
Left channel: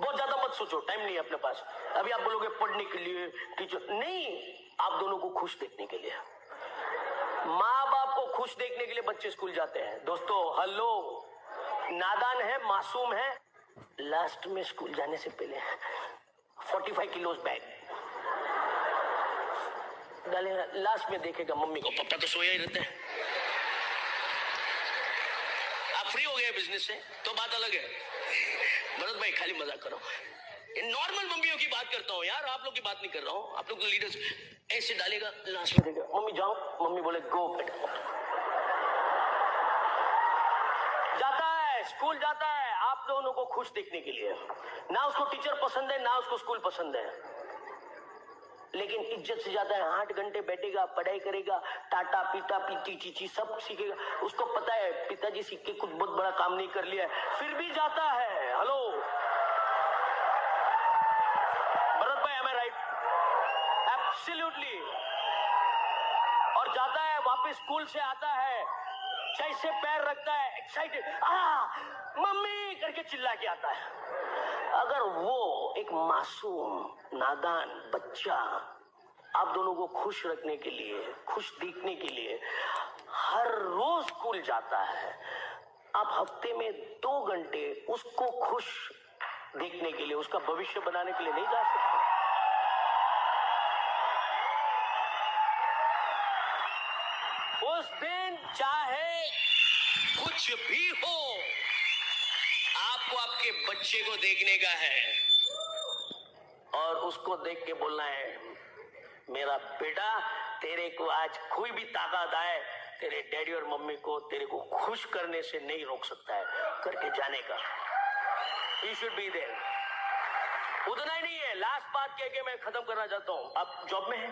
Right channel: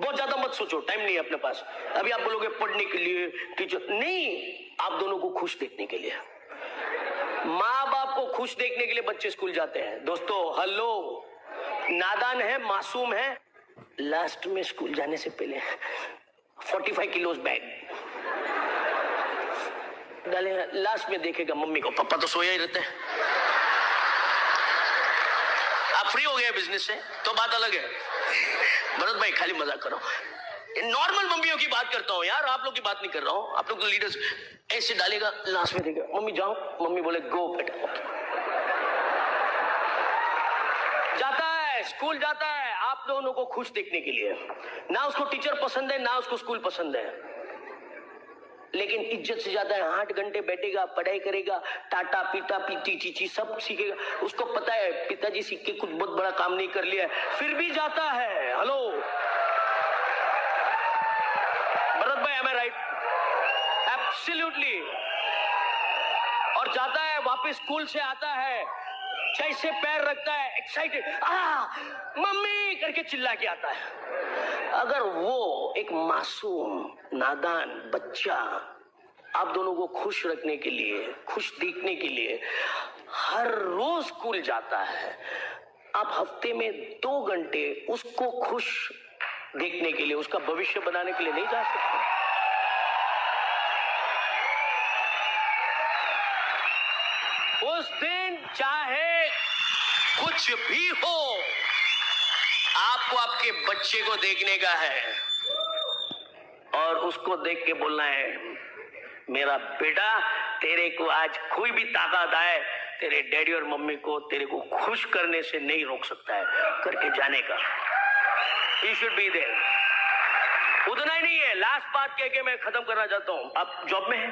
बहुत ज्यादा मत सोचो, टाइम नहीं है अपने पास। अभी आप बोलोगे पढ़ने के लिए, टीचर नहीं, आप दोनों को खुश देखने के लिए। माँ बाप को खुश देखने के लिए बच्चे स्कूल जाते हैं। दोस्तों हेलो, नादान है, मासूम है, लास्ट में स्कूल जाने से पहले 45 किलोस बैग डाले, लास्ट में देखेगा मम्मी को, पापा तो सोया ही रहते हैं। आप फ्री हो गए बिजनेस से तो बात अलग है। भरत भाई खाली मजाक करो, नॉर्मल मम्मियों की बात करता हूँ यार, आप लोग की बात नहीं कर रहा हूँ। आप लोग तो लीडर्स ऐसे डालेगा, लास्ट में देखेगा मम्मी जाओ, मम्मी बोले गो बेटा, जाता है स्कूल जाता है आप दोनों को खुश देखने के लिए। ना उसको टीचर पसंद है, ना उसको स्कूल पसंद है, लेकिन इज्जत से जाता है। 8 घंटे बैठेगा, पढ़ाई करेगा, टाटा पीटा पीटी चीची सब सीखेगा। उसको पता है पिताजी सीख के कुछ बहुत बड़ा काम नहीं कर लिया है, फिर भी जाता है। हेलो भरत भाई, am I right? Absolutely। और जाता है, वापस स्कूल से आता है, जैसे पैर रखता है एक्साइटेड, मम्मी करके चिल्ला के आता है। अगर वो एक मासूम नादान बच्चा आप दोनों को खुश रखने के लिए, खुश देखने के लिए हर रोज स्कूल जाता है, आप हफ्ते में 2 घंटे उसको खुश देखने के लिए, उसका भविष्य बनाने के लिए नहीं जा सकते? उस दिन चाहे कुछ भी हो, आपको आपके बच्चे को देखने का है और उसको देख के बोलना है, मेरा बेटा तेरे को आज कोई भी ताकत आए, तेरे डैडी और मम्मी को तेरे को खुश करने से नहीं रोक सकता है, करके जाने का। He should be there। उतना ही नहीं है, लास्ट बात कह के मैं खत्म करना चाहता हूँ। आप जॉब में हैं?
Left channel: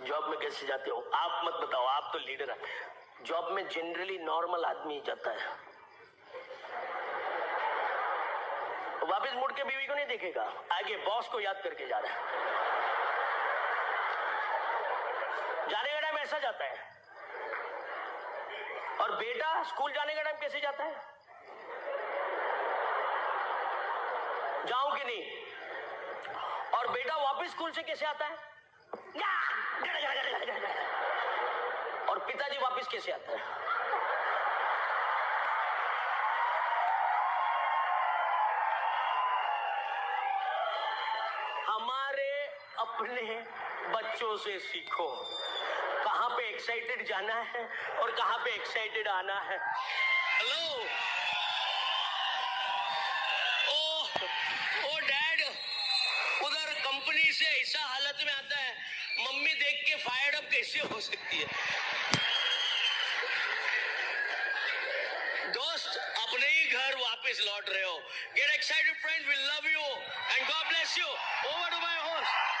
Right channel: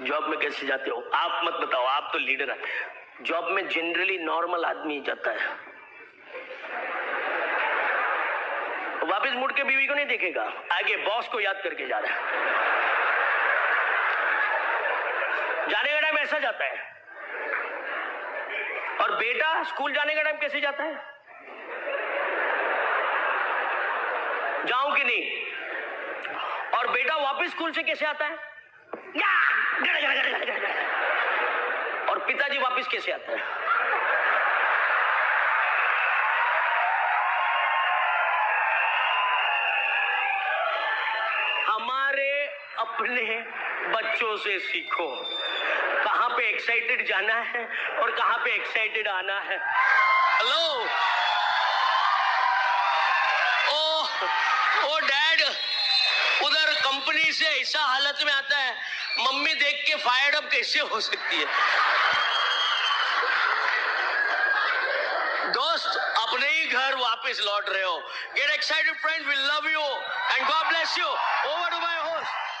जॉब में कैसे जाते हो? आप मत बताओ, आप तो लीडर हैं। जॉब में जनरली नॉर्मल आदमी जाता है, वापस मुड़ के बीवी को नहीं देखेगा, आगे बॉस को याद करके जा रहा है। जाने का टाइम ऐसा जाता है। और बेटा स्कूल जाने का टाइम कैसे जाता है? जाऊं कि नहीं? और बेटा वापस स्कूल से कैसे आता है? और पिताजी वापस कैसे आता है? हमारे अपने बच्चों से सीखो कहां पे एक्साइटेड जाना है और कहां पे एक्साइटेड आना है। हेलो, ओ डैड उधर कंपनी से ऐसा हालत में आता है, मम्मी देख के फायर्ड अप कैसे हो सकती है। दोस्त अपने ही घर वापस लौट रहे हो। Get excited friends, we love you and God bless you. Over to my host.